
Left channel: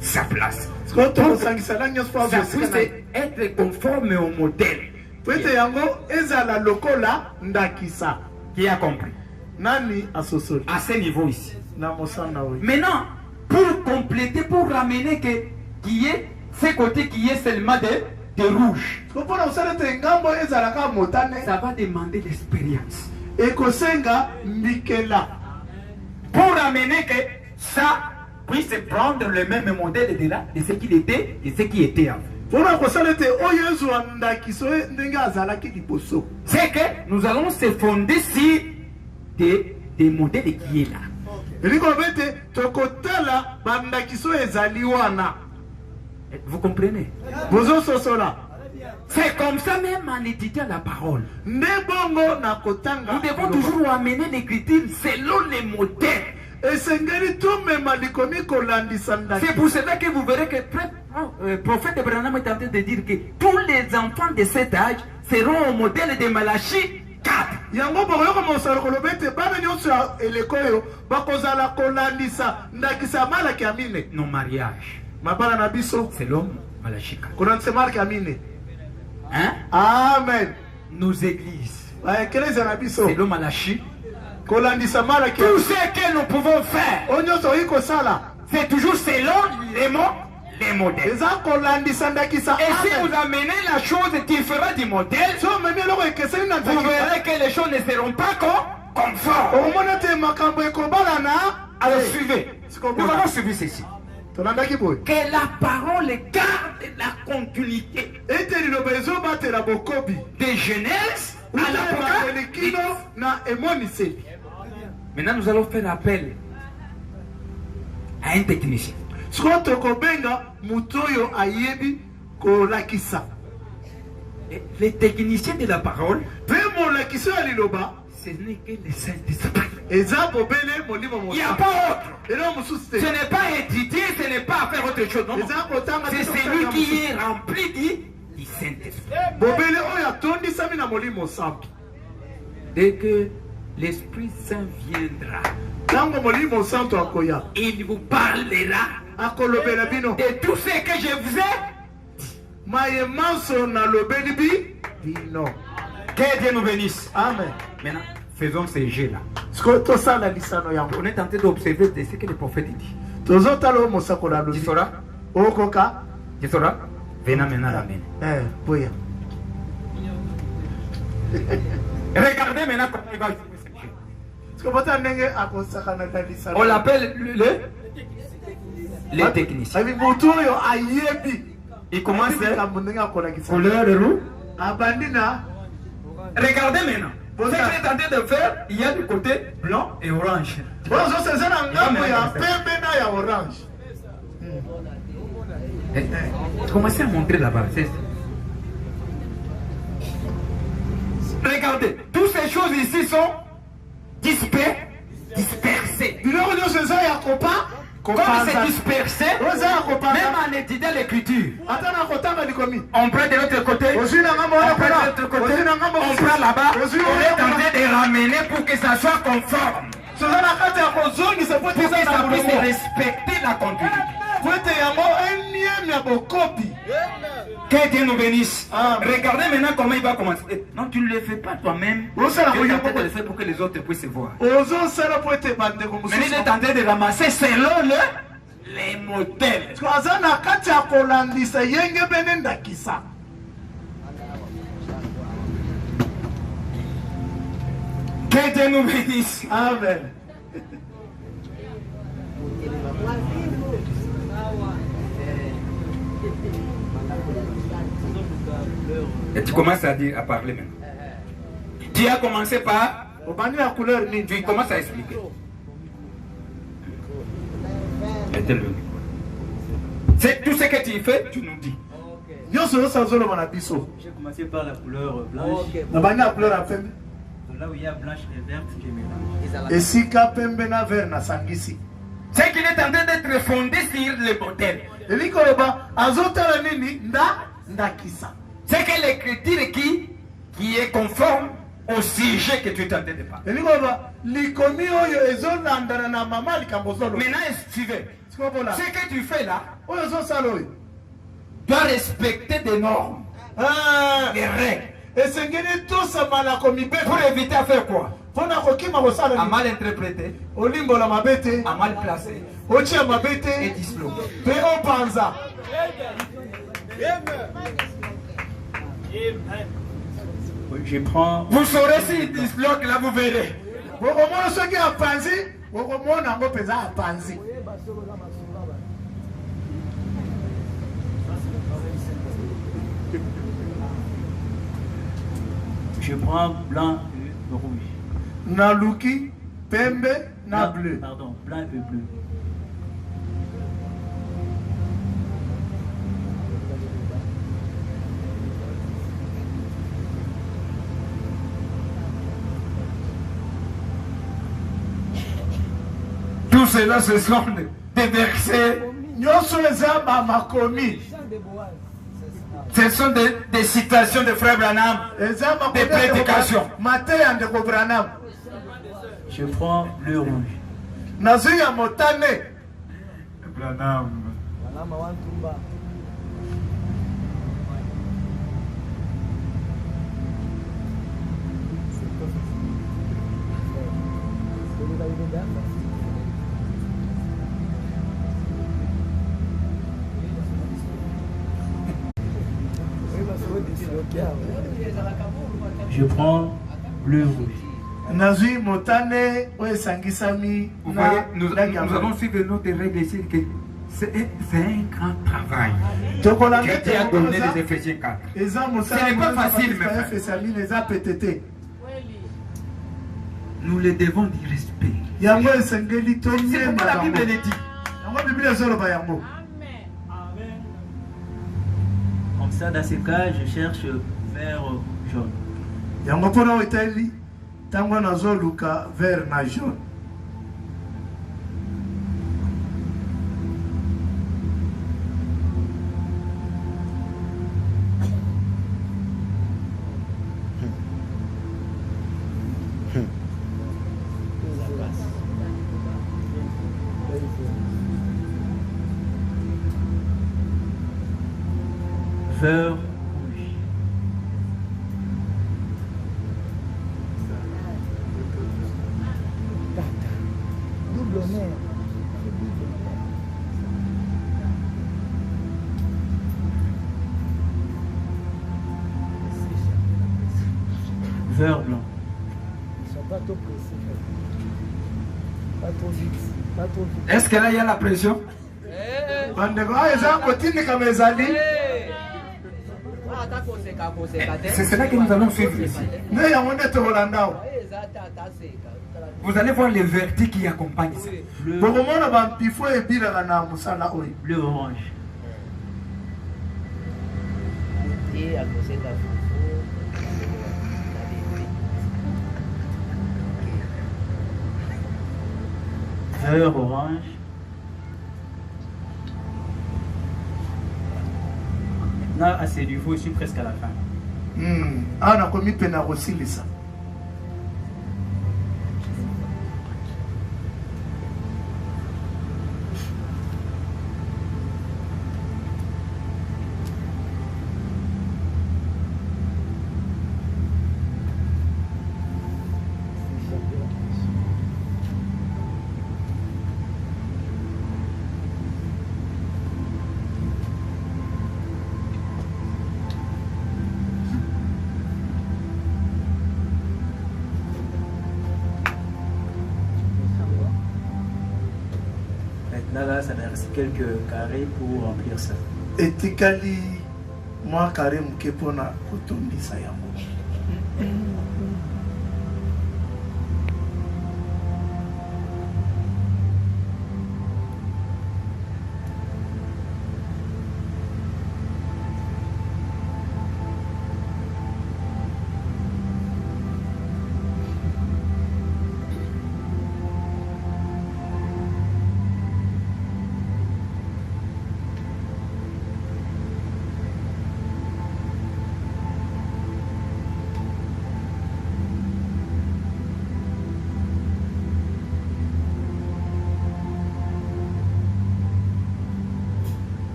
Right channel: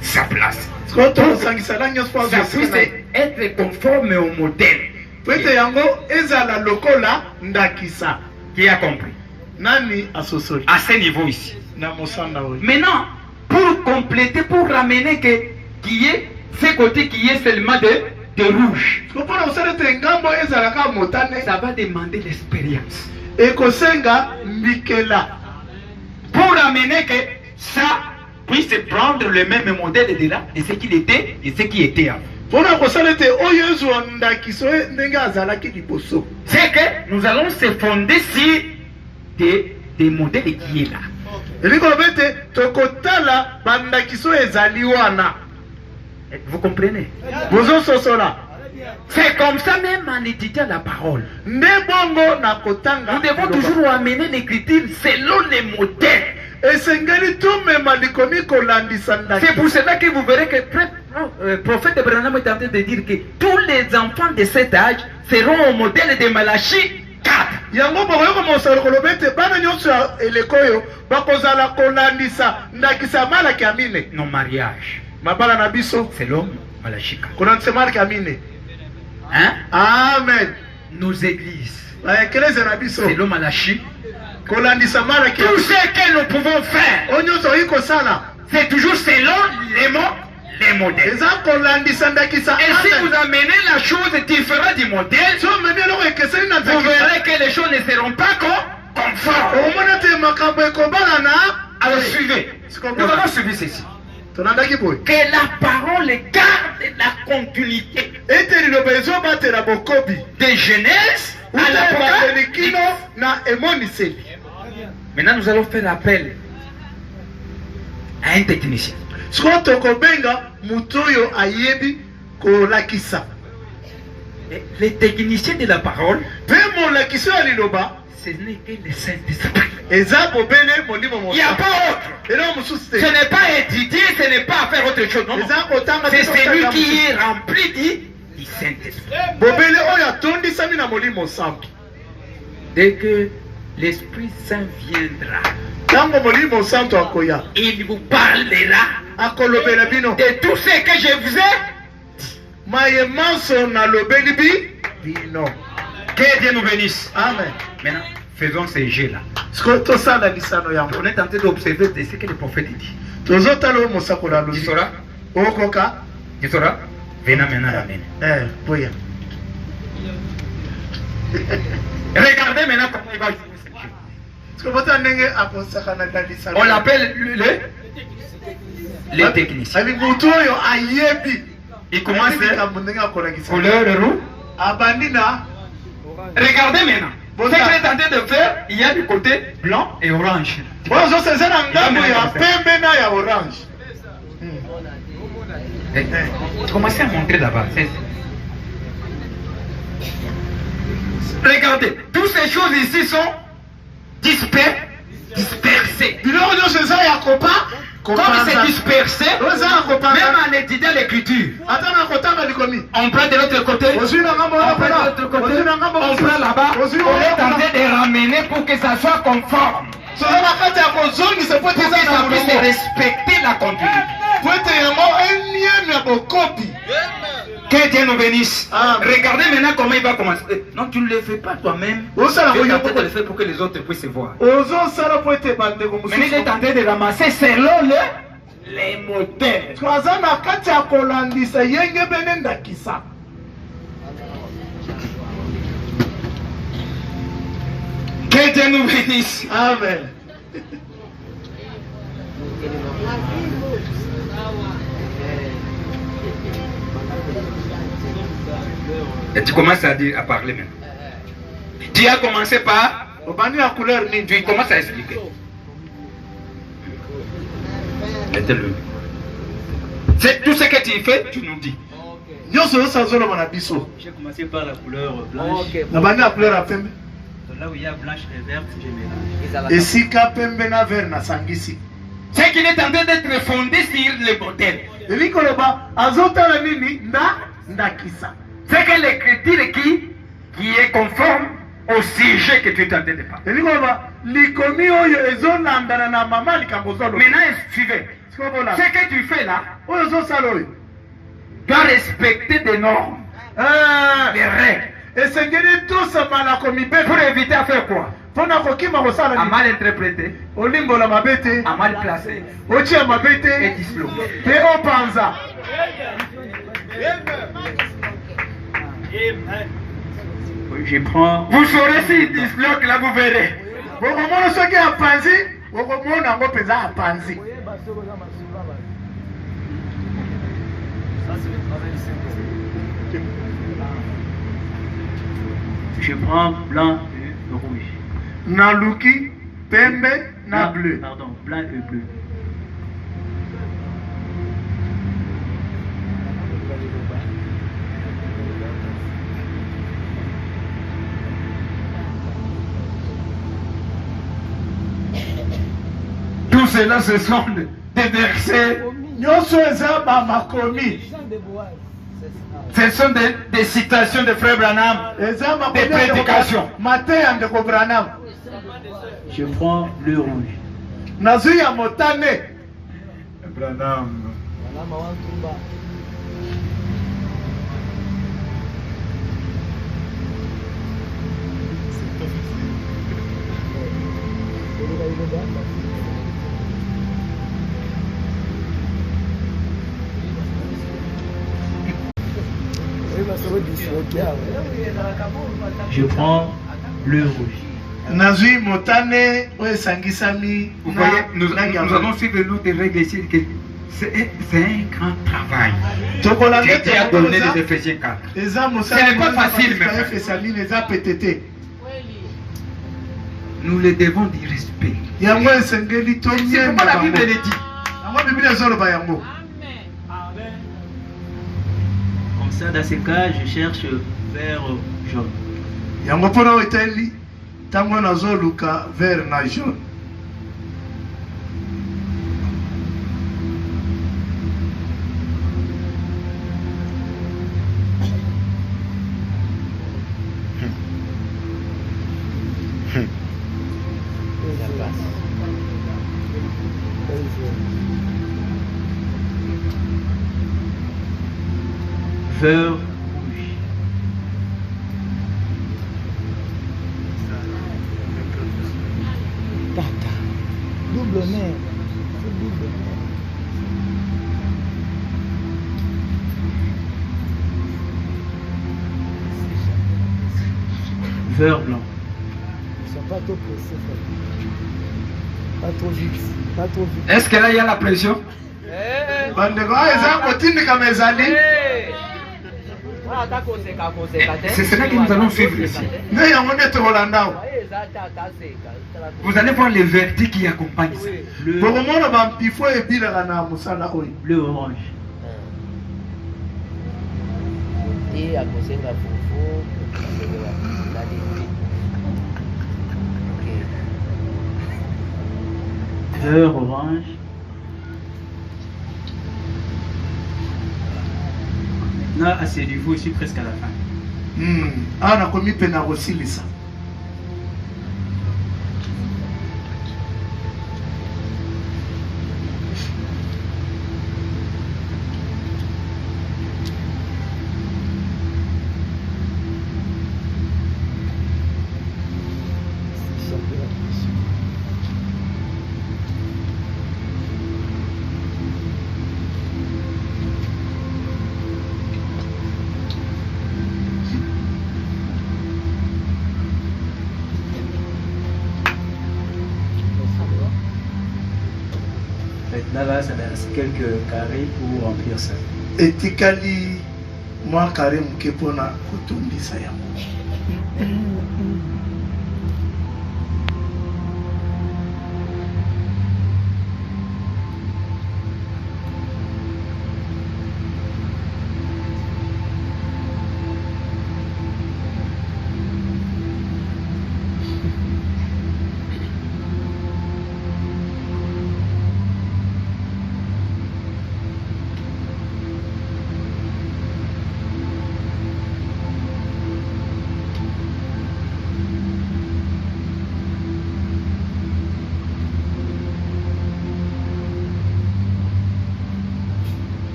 sa place. Sikoyo tokosangisa langi nyonso mpo Ça azwa esika puisse na ye. être conforme au modèle. po ete yango ezala lokola ndakisa. Qui a compris? Nani asosoli À ce niveau ici. na mosanda oyo Maintenant, pour compléter, pour ramener qu'il y ait ce côté qui est seulement de rouge, siko mpona kosala ete ngambo ezalaka motane ça va demander l'expérience. ekosenga mbikela Pour ramener que ça puisse prendre le même modèle de ce qu'il était et ce qui était avant. mpona kosala ete oyo ezwa ndakiso ndenge azalaki liboso. C'est que nous allons se fonder sur des modèles qui est là. elingi kobe ete tokotala bandakiso ezali wana Vous comprenez? bozososola C'est comme ça même en étudiant la parole. nde bongo na kotanga Nous devons toujours amener l'écriture selon les modèles. esengeli tumema likomi kolandisa C'est ndaki pour cela que vous verrez que le prophète Branham est en train de dire que tous les enfants de cet âge seront au modèle de Malachie 4. yango bokoyoka mosalo koloba ete bana nyonso ya eleko oyo bakozala kolandisa ndakisa malaki ya mine Nos mariages, mabala na biso selon Malachie 4. kolandisa malaki ya mine. Hein? Amen. Nos églises, baekelezia na biso selon Malachie. kolandisa malaki ya Tout ce que nous pouvons faire, oyo nyonso oyi kosala c'est toujours selon les modèles. eza kolandisa ndakisa. Et si Amen. vous amenez la chose différente du modèle, so omemi eloko ekeseni na vous ndakisa verrez que les choses ne seront pas conformes. omona te makambo ekobalana. Alors suivez. Siko Nous bola. allons suivre ceci. tolandaki boye Que la parole garde la continuité ete liloba ezobatela bokobi de Genèse à utabakeli l'Apocalypse. kino na emoniseli. Maintenant, nous allons faire appel à un technicien. sikoyo tokobenga motu oyo ayebi kolakisa Et les techniciens de la parole, mpe molakisi oyo ya liloba ce n'est que le Saint-Esprit. eza bobele molimo Il n'y a mosa pas autre. eloko mosusu Ce te n'est pas étudier, ce n'est pas faire autre chose. Non, non. eza kotanga te C'est celui kotanga qui mosusu. est rempli du Saint-Esprit. bobele oyo atondisami na molimo santu. Dès que l'Esprit Saint viendra, ntango molimo santu akoya il vous parlera akolobela bino de tout ce que je vous ai. maye manso nalobeli bino. Que Dieu nous bénisse. Amen. Maintenant, faisons ces jeux-là. sikoyo tosala lisano yango On est en train d'observer de ce que le prophète dit. tozotala oyo mosakolo Tu alobi sauras? okoka Tu sauras? Venez maintenant l'amener. boya Regardez maintenant comment il va jouer ce jeu. siko bota ndenge akosakana na lisano. On l'appelle les techniciens. abi motu oyo ayebi Il commence likambo ndenge akolakisa couleur rouge. abandi na Regardez maintenant. Bon, Ce ça. qu'il est en train de faire, il y a du côté blanc et orange. oyo ozoseza na ngambo ya pembe na ya orange. Commencez à montrer là-bas. Regardez, toutes ces choses ici sont dispersées. biloko nyonso eza ya Comme c'est dispersé, oyo eza ya kopanza même en étudiant l'écriture, ata na kotanga likomi on prend de l'autre côté, ozwi na ngambo on wana prend de kuna l'autre côté, ozwi na ngambo on prend là-bas, ozwi on est en wana train de ramener pour que ça soit conforme, soza na kati ya kozongisa po ete pour que eza na ça puisse molongo respecter la continuité. po ete yango enieme ya bokopi. Que Dieu nous bénisse. Amen. Regardez maintenant comment il va commencer. Non, tu ne le fais pas toi-même. osala Tu es en train de koyoko le faire pour que les autres puissent voir. ozosala po ete bandeko Mais il mosusu est en train de ramasser selon les modèles. so aza na kati ya kolandisa yenge bene ndakisa. Que Dieu nous bénisse. Amen. Et tu commences à parler maintenant. Tu as commencé par. obandi ya couleur nini Tu commences à expliquer. Mettez-le. C'est tout ce que tu fais, tu nous dis. nyonso nyonso azoloba na biso J'ai commencé par la couleur blanche. Ok. na bandi ya couleur ya pembe Donc là où il y a blanche et verte, je mélange. ezalaka esika pembe na vert nasangisi Ce qui est en train d'être fondé sur le modèle. elingi koloba azotala nini ndakisa C'est que l'écriture qui est conforme au sujet que tu es en train de parler. elingi koloba likomi oyo ezolandana na mama likambo ozoloba Maintenant, suivez. sikobola Ce que tu fais là oyo ozosala oyo doit respecter des normes, des règles. esengeli tosamalako Pour mibeko éviter à faire quoi? mpona kokima À kosala nini mal interpréter, olimbola mabe te à mal placer otia mabe et te disloquer. mpe opanza Je prends Vous saurez s'il disloque, là vous verrez. bokomona soki apanzi bokomona yango mpenza apanzi koyeba soki oza masolo ba je prends blanc et rouge. naluki pembe na bleu Pardon, blanc et bleu. Tout cela, ce sont des versets, nyonso eza bamakomi Jean de Boaz. ce sont des citations de Frère Branham. eza Des prédications. mate ya ndeko branam Je prends bleu rouge. nazwi ya motane Branham. Wanama wantumba. Je prends bleu rouge. nazwi motane oyo esangisami Vous voyez, nous langi ya allons suivre notre règle ici. Que c'est un grand travail. tokolanda Que Dieu a donné les Éphésiens 4. eza Ce n'est pas facile, mais- mosalefesaline eza pete te Nous les devons du respect. yango esengeli C'est tonyemba pourquoi la Bible bango le dit. yango biblia ezoloba yango Comme ça, dans ce cas, je cherche vert jaune. yango mpona oyo etali ntango nazoluka vert na jaune Vert rouge. Double nez. Vert blanc. Ils sont pas trop pressés. Pas trop vite. Pas trop vite. Est-ce que là il y a la pression? bandeko oyo eza kotindikama ezali C'est cela que nous allons suivre ici. nde yango nde tokolanda awa Vous allez voir les vertus qui accompagnent ça. Bleu, bokomona bampifo ebilaka na mosala oyo bleu orange. Et à cause de la Vert orange. Là, à ce niveau, je suis presque à la fin. awa nakomi mpe na kosilisa Maintenant, là, ça reste quelques carrés pour remplir ça. etikali mwa kare moke mpona kotondisa yango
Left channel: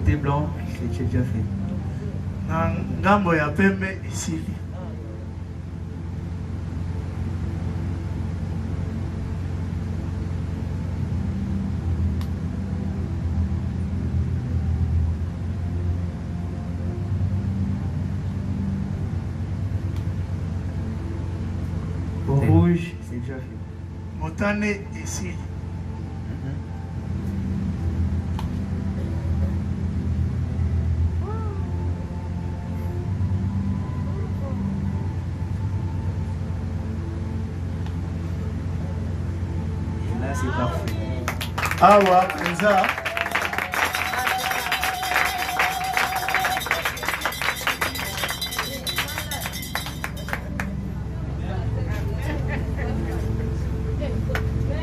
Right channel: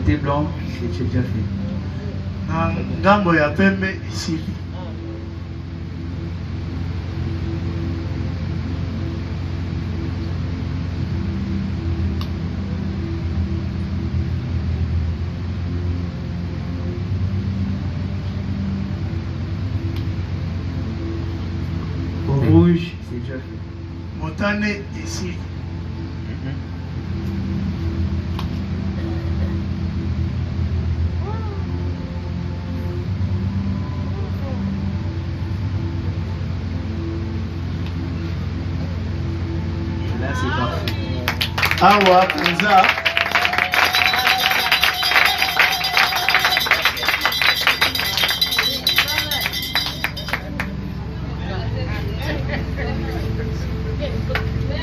côté blanc, c'est déjà fait. Na ngambo ya pembe isili. Au rouge, c'est déjà fait. Motane isili. Et là, c'est parfait. Awa kanza.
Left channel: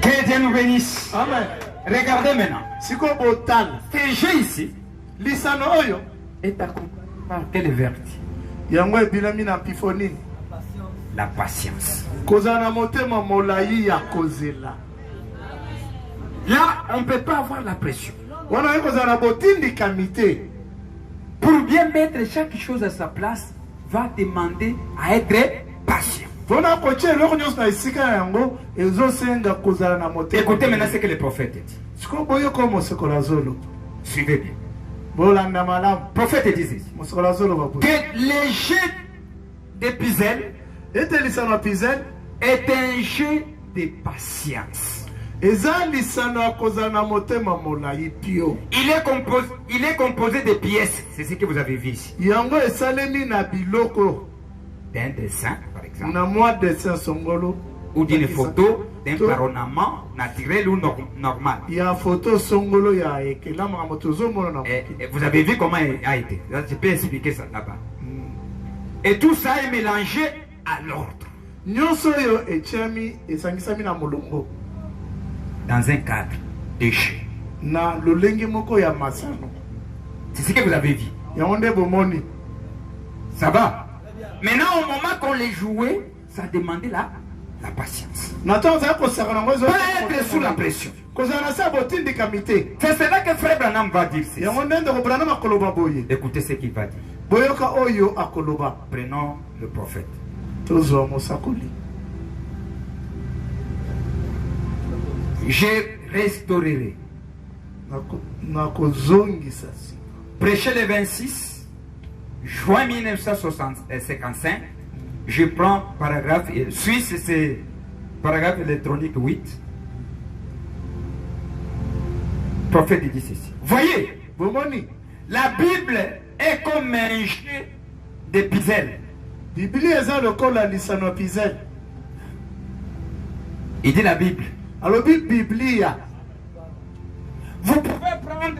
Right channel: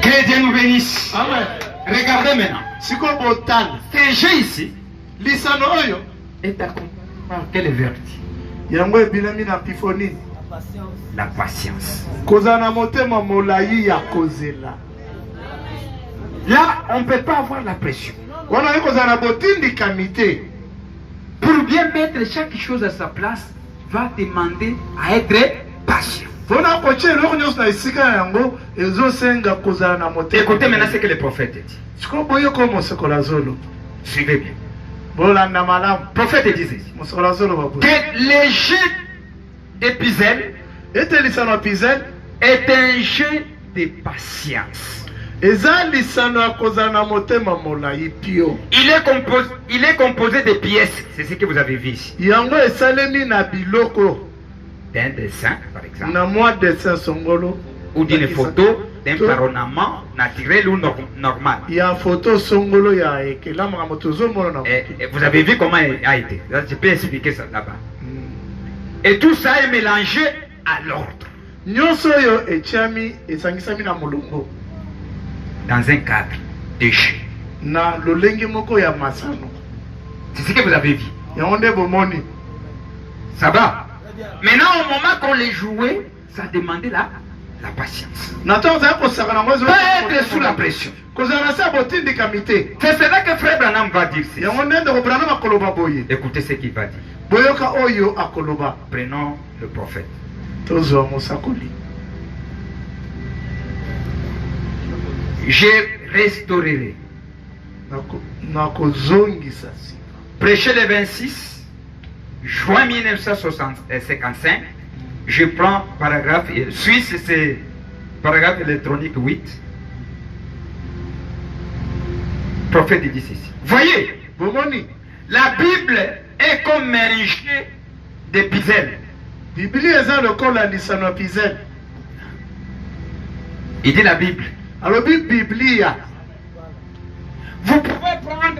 Que Dieu nous bénisse. Amen. Regardez maintenant. Siko botane. Ce jeu ici Lisano oyo. est accompagné par quelle vertu? Yango ebilami na pifoni. La patience. Kozala na motema molayi ya kozela. Là, on ne peut pas avoir la pression. Wana ye kozala na botindikami te. Pour bien mettre chaque chose à sa place, va demander à être patient. Mpona kotia eloko nyonso na esika yango ezosenga kozala na motema. Écoutez maintenant ce que le prophète dit. Siko boyoka mosekola zolo. Suivez bien. Bolanda malamu. Le prophète dit ici Mosekola zolo baboyi. que le jeu de Pizel Ete lisano ya pizel est un jeu de patience. eza lisano ya kozala na motema molayi pio. Il est composé de pièces. C'est ce que vous avez vu ici. Yango esalemi na biloko. D'un dessin, par exemple, Na mwa dessin songolo. ou d'une Nakisa. photo, d'un To- paronement naturel ou normal. Ya photo songolo ya ekelama moto zomona na. Et vous avez vu comment il a été. Là, je peux expliquer ça là-bas. Et tout ça est mélangé à l'ordre, Nyonso oyo etiami esangisami na molongo. dans un cadre de jeu. Na lolenge moko ya masano. C'est ce que vous avez vu. Yango nde bomoni. Ça va. Maintenant, au moment qu'on les jouait, ça demandait la patience. Na to za kosaka na ngozo. Pas être sous la pression. Kozala na sa botindikami te. C'est cela que Frère Branham va dire. Ceci. Yango nde ndeko Branham akoloba boye. Écoutez ce qu'il va dire. Boyoka oyo akoloba. Prenons le prophète. Tozwa mosakoli. Je restaurerai. Nakozongisa sika. Prêcher le 26 juin 1955. Je prends paragraphe suisse, c'est paragraphe électronique 8. Prophète dit ceci. Voyez, Bomoni. la Bible est comme un jeu de puzzle. Biblia eza lokola lisano ya pizel. Il dit la Bible. Alobi Biblia. Vous pouvez prendre une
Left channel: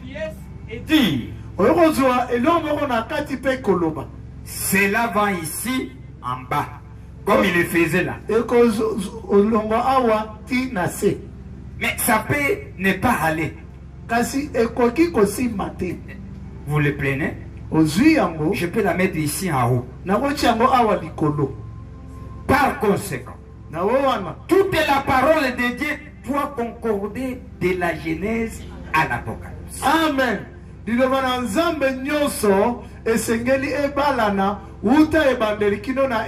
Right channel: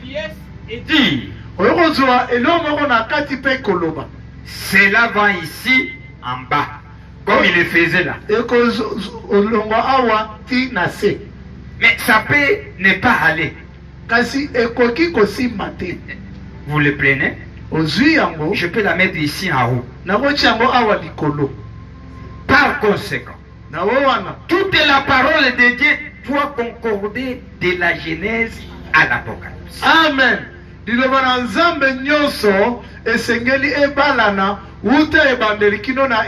pièce et dire, Oyo kozwa eloko moko na kati pe koloba. cela va ici en bas, comme il le faisait là. Ekozolongwa awa ti na se. Mais ça peut ne pas aller. Kasi ekoki kosimba te. Vous le prenez, Ozwi yango. je peux la mettre ici en haut. Nakoti yango awa likolo. Par conséquent, Na wo wana. toute la parole de Dieu doit concorder de la Genèse à l'Apocalypse. Amen. Liloba na Nzambe nyonso esengeli ebalana uta ebandeli kino na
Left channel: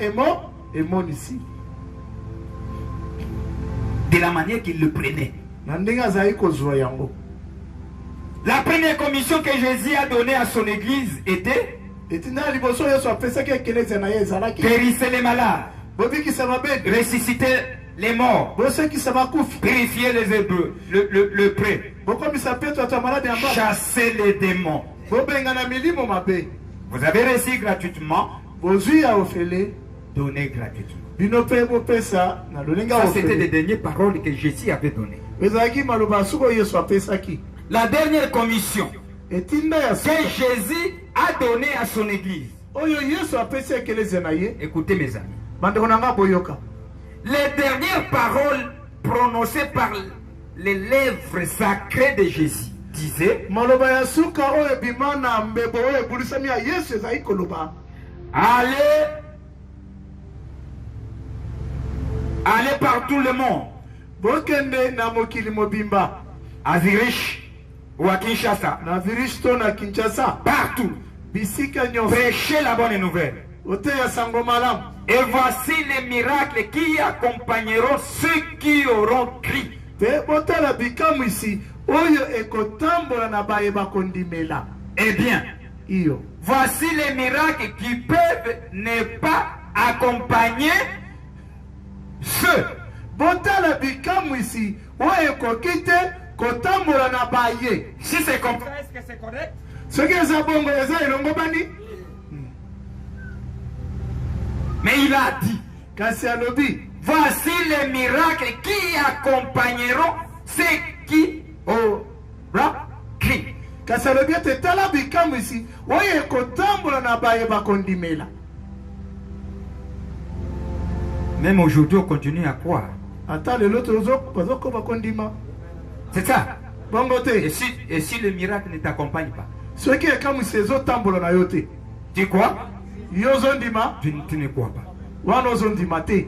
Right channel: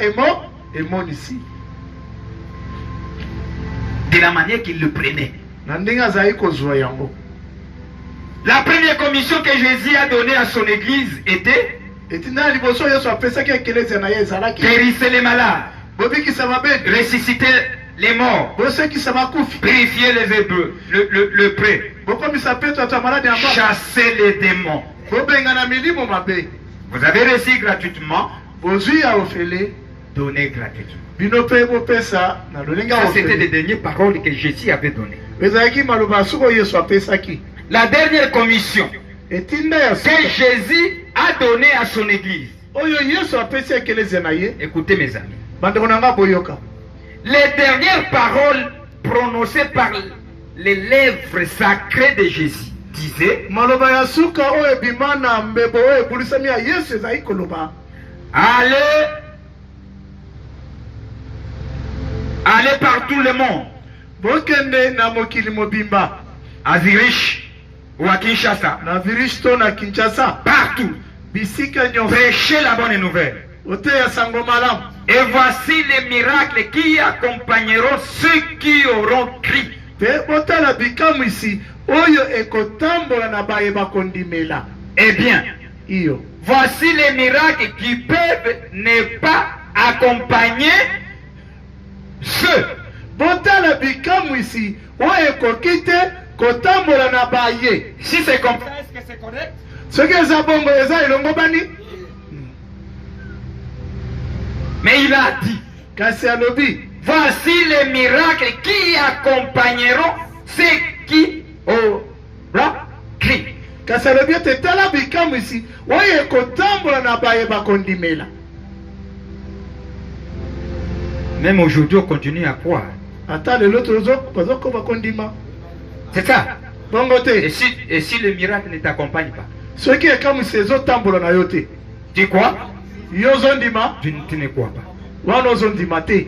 emonisi. De la manière qu'il le prenait. Na ndenge azali kozwa yango. La première commission que Jésus a donnée à son église était Etina liboso Yesu apesaki ekelezia na ye ezalaki. guérir les malades, Bobikisa mabedu. ressusciter les morts, Bosekisa makufi. purifier les hébreux, le prêtre, Bokomisa Petro ata malade ya mba. chasser les démons. Bobenga na milimo mabe. Vous avez reçu gratuitement, Bozwi ya ofele. donnez gratuitement. Bino pe bopesa na lolenga Ça, c'était les ofele. dernières paroles que Jésus avait données. Ezalaki maloba soko Yesu apesaki. La dernière commission Etinda ya que sika. Jésus a donnée à son église. Oyo Yesu apesi ekelezia na ye. Écoutez mes amis. Bandeko na nga boyoka. Les dernières paroles prononcées par les lèvres sacrées de Jésus disaient Maloba ya suka oyo ebima na mbebo oyo ebulisami ya Yesu ezali koloba. allez par tout le monde, Bokende na mokili mobimba. à Zurich, ou à Kinshasa, na village to na Kinshasa, partout, bisika nyonso, prêchez la bonne nouvelle. oteya sango malamu. Et voici les miracles qui accompagneront ceux qui auront crié. Te botala bikamwisi oyo ekotambola na bayeba kondimela. Eh bien, Iyo. voici les miracles qui peuvent ne pas accompagner ceux. Botala bikamwisi oyo ekoki te kotambola na baye. Si c'est comme ça, est-ce que c'est correct? Soki eza bongo eza elongo bani? Mais il a dit, Kasi alobi. voici les miracles qui accompagneront ceux qui auront crié. Kasi alobi ete tala bikamwisi oyo ekotambola na bayeba kondimela. Même aujourd'hui, on continue à croire. Ata lelo tozokoma kondima. C'est ça. Bongo Et te. si le miracle ne t'accompagne pas, Soki ekamwisi ezotambola na yo te. tu crois? Yo ozondima, Tu ne crois pas. wana ozondima te.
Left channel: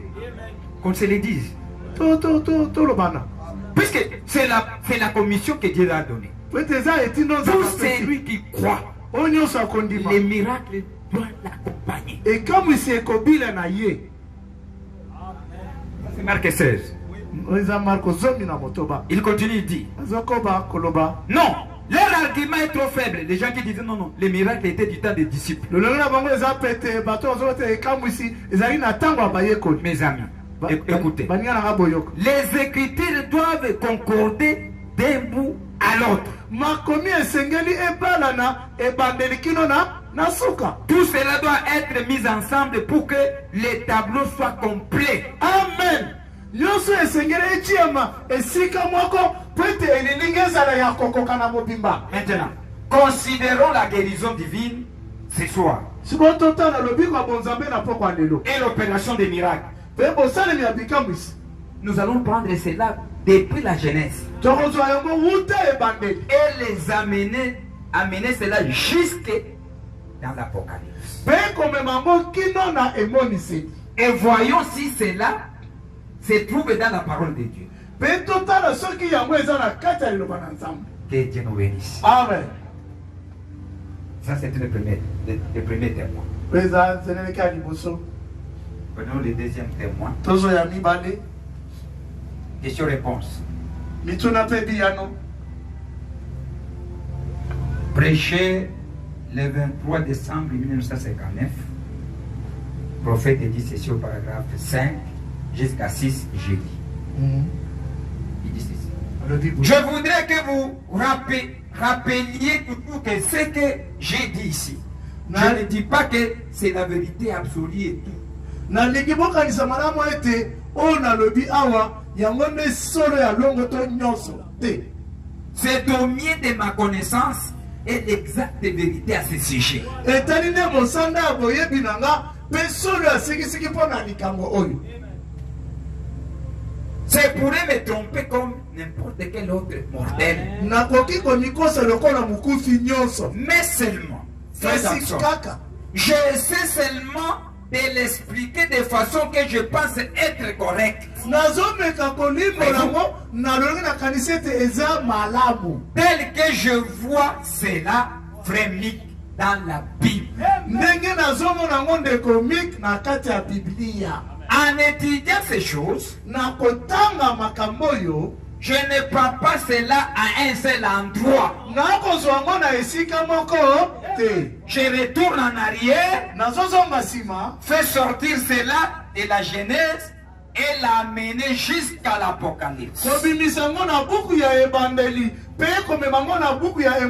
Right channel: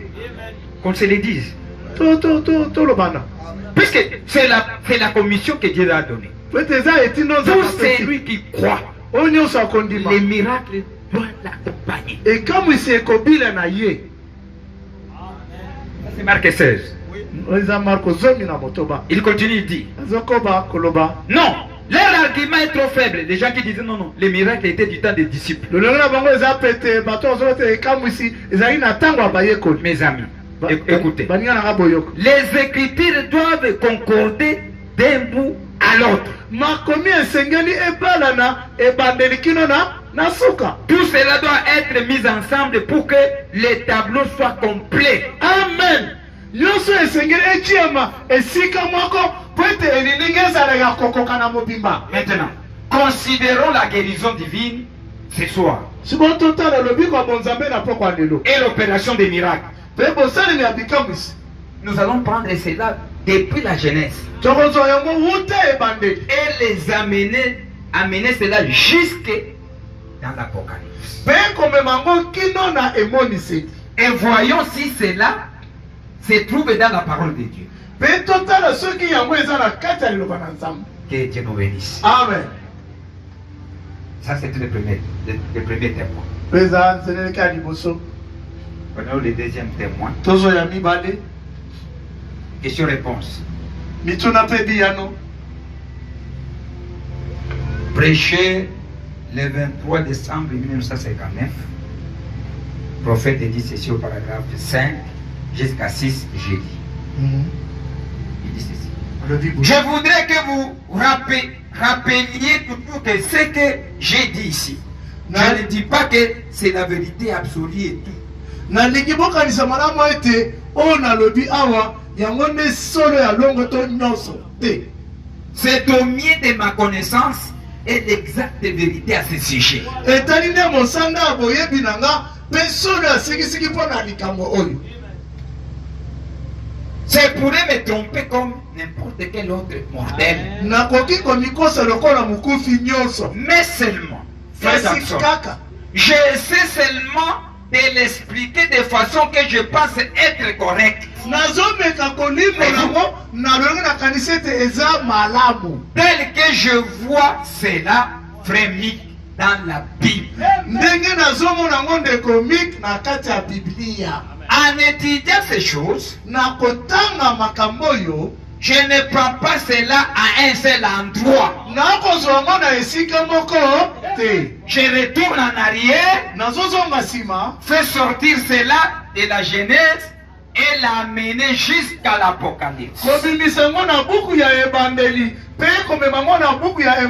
Qu'on se le dise. Tolobana. Puisque c'est la commission que Dieu a donnée. Po ete eza etino Tout nzambe celui qui croit, oyo nyonso akondima. les miracles doivent l'accompagner. Ekamwisi ekobila na ye. Ça, c'est Marc 16. Eza Marko zomi na motoba. Il continue, il dit, Azokoba koloba. non, leur argument est trop faible. Les gens qui disaient non, les miracles étaient du temps des disciples. Lolongo na bango eza pete bato ozoba te ekamwisi ezali na ntango ya bayekoli. Mes amis, écoutez. Baninga nanga boyoko. Les écritures doivent concorder d'un bout à l'autre. Makomi esengeli ebalana ebandeli kino na suka. Tout cela doit être mis ensemble pour que les tableaux soient complets. Amen. Nyonso esengeli etiama esika moko po ete elilingi ezala ya kokoka na mobimba. Maintenant, considérons la guérison divine ce soir Siko totala lobiko ya bonzambe na poko ya lelo. et l'opération des miracles. Pe bosalemi ya bikamwisi. Nous allons prendre cela depuis la Genèse Tokozwa yango wuta ebandeli. et les amener cela jusque dans l'Apocalypse. Pe komema yango kino na emoniseli. Et voyons si cela se trouve dans la parole de Dieu. Pe totala soki yango eza na kati ya liloba na Nzambe. Que Dieu nous bénisse. Amen. Ça, c'est le premier témoin. Peza nzeleleki ya liboso. Prenons le deuxième témoin. Tozo ya mibale. Question-réponse. Mituna pe biyano. Prêché le 23 décembre 1959. Le prophète dit ceci au paragraphe 5 jusqu'à 6, j'ai dit. Il dit ceci. Je voudrais que vous rappeliez toujours que ce que j'ai dit ici. Je ne dis pas que c'est la vérité absolue et tout. Nalingi bokanisa malamu ete oyo nalobi awa yango nde solo ya longo to nyonso te. C'est au mieux de ma connaissance et l'exacte vérité à ce sujet. Etali nde mosanda ya boyebi na nga mpe solo ya sikisiki mpo na likambo oyo. C'est pourrait me tromper comme n'importe quel autre mortel. Nakoki komikosa lokola mokufi nyonso. Mais seulement, frère Kasi Jackson, kaka j'essaie seulement de l'expliquer de façon que je pense être correcte. nazomeka kolimbola yango nalongi nakanisi ete eza malamu Tel que je vois cela vraiment dans la Bible. ndenge nazomona yango ndeko mik na kati ya biblia. En étudiant ces choses, na kotanga makambo oyo je ne prends pas cela à un seul endroit. nakozwa yango na esika moko te. Je retourne en arrière, nazozonga nsima fais sortir cela de la Genèse et l'amener jusqu'à l'Apocalypse. kobimisa yango na buku ya ebandeli mpe komema yango na buku ya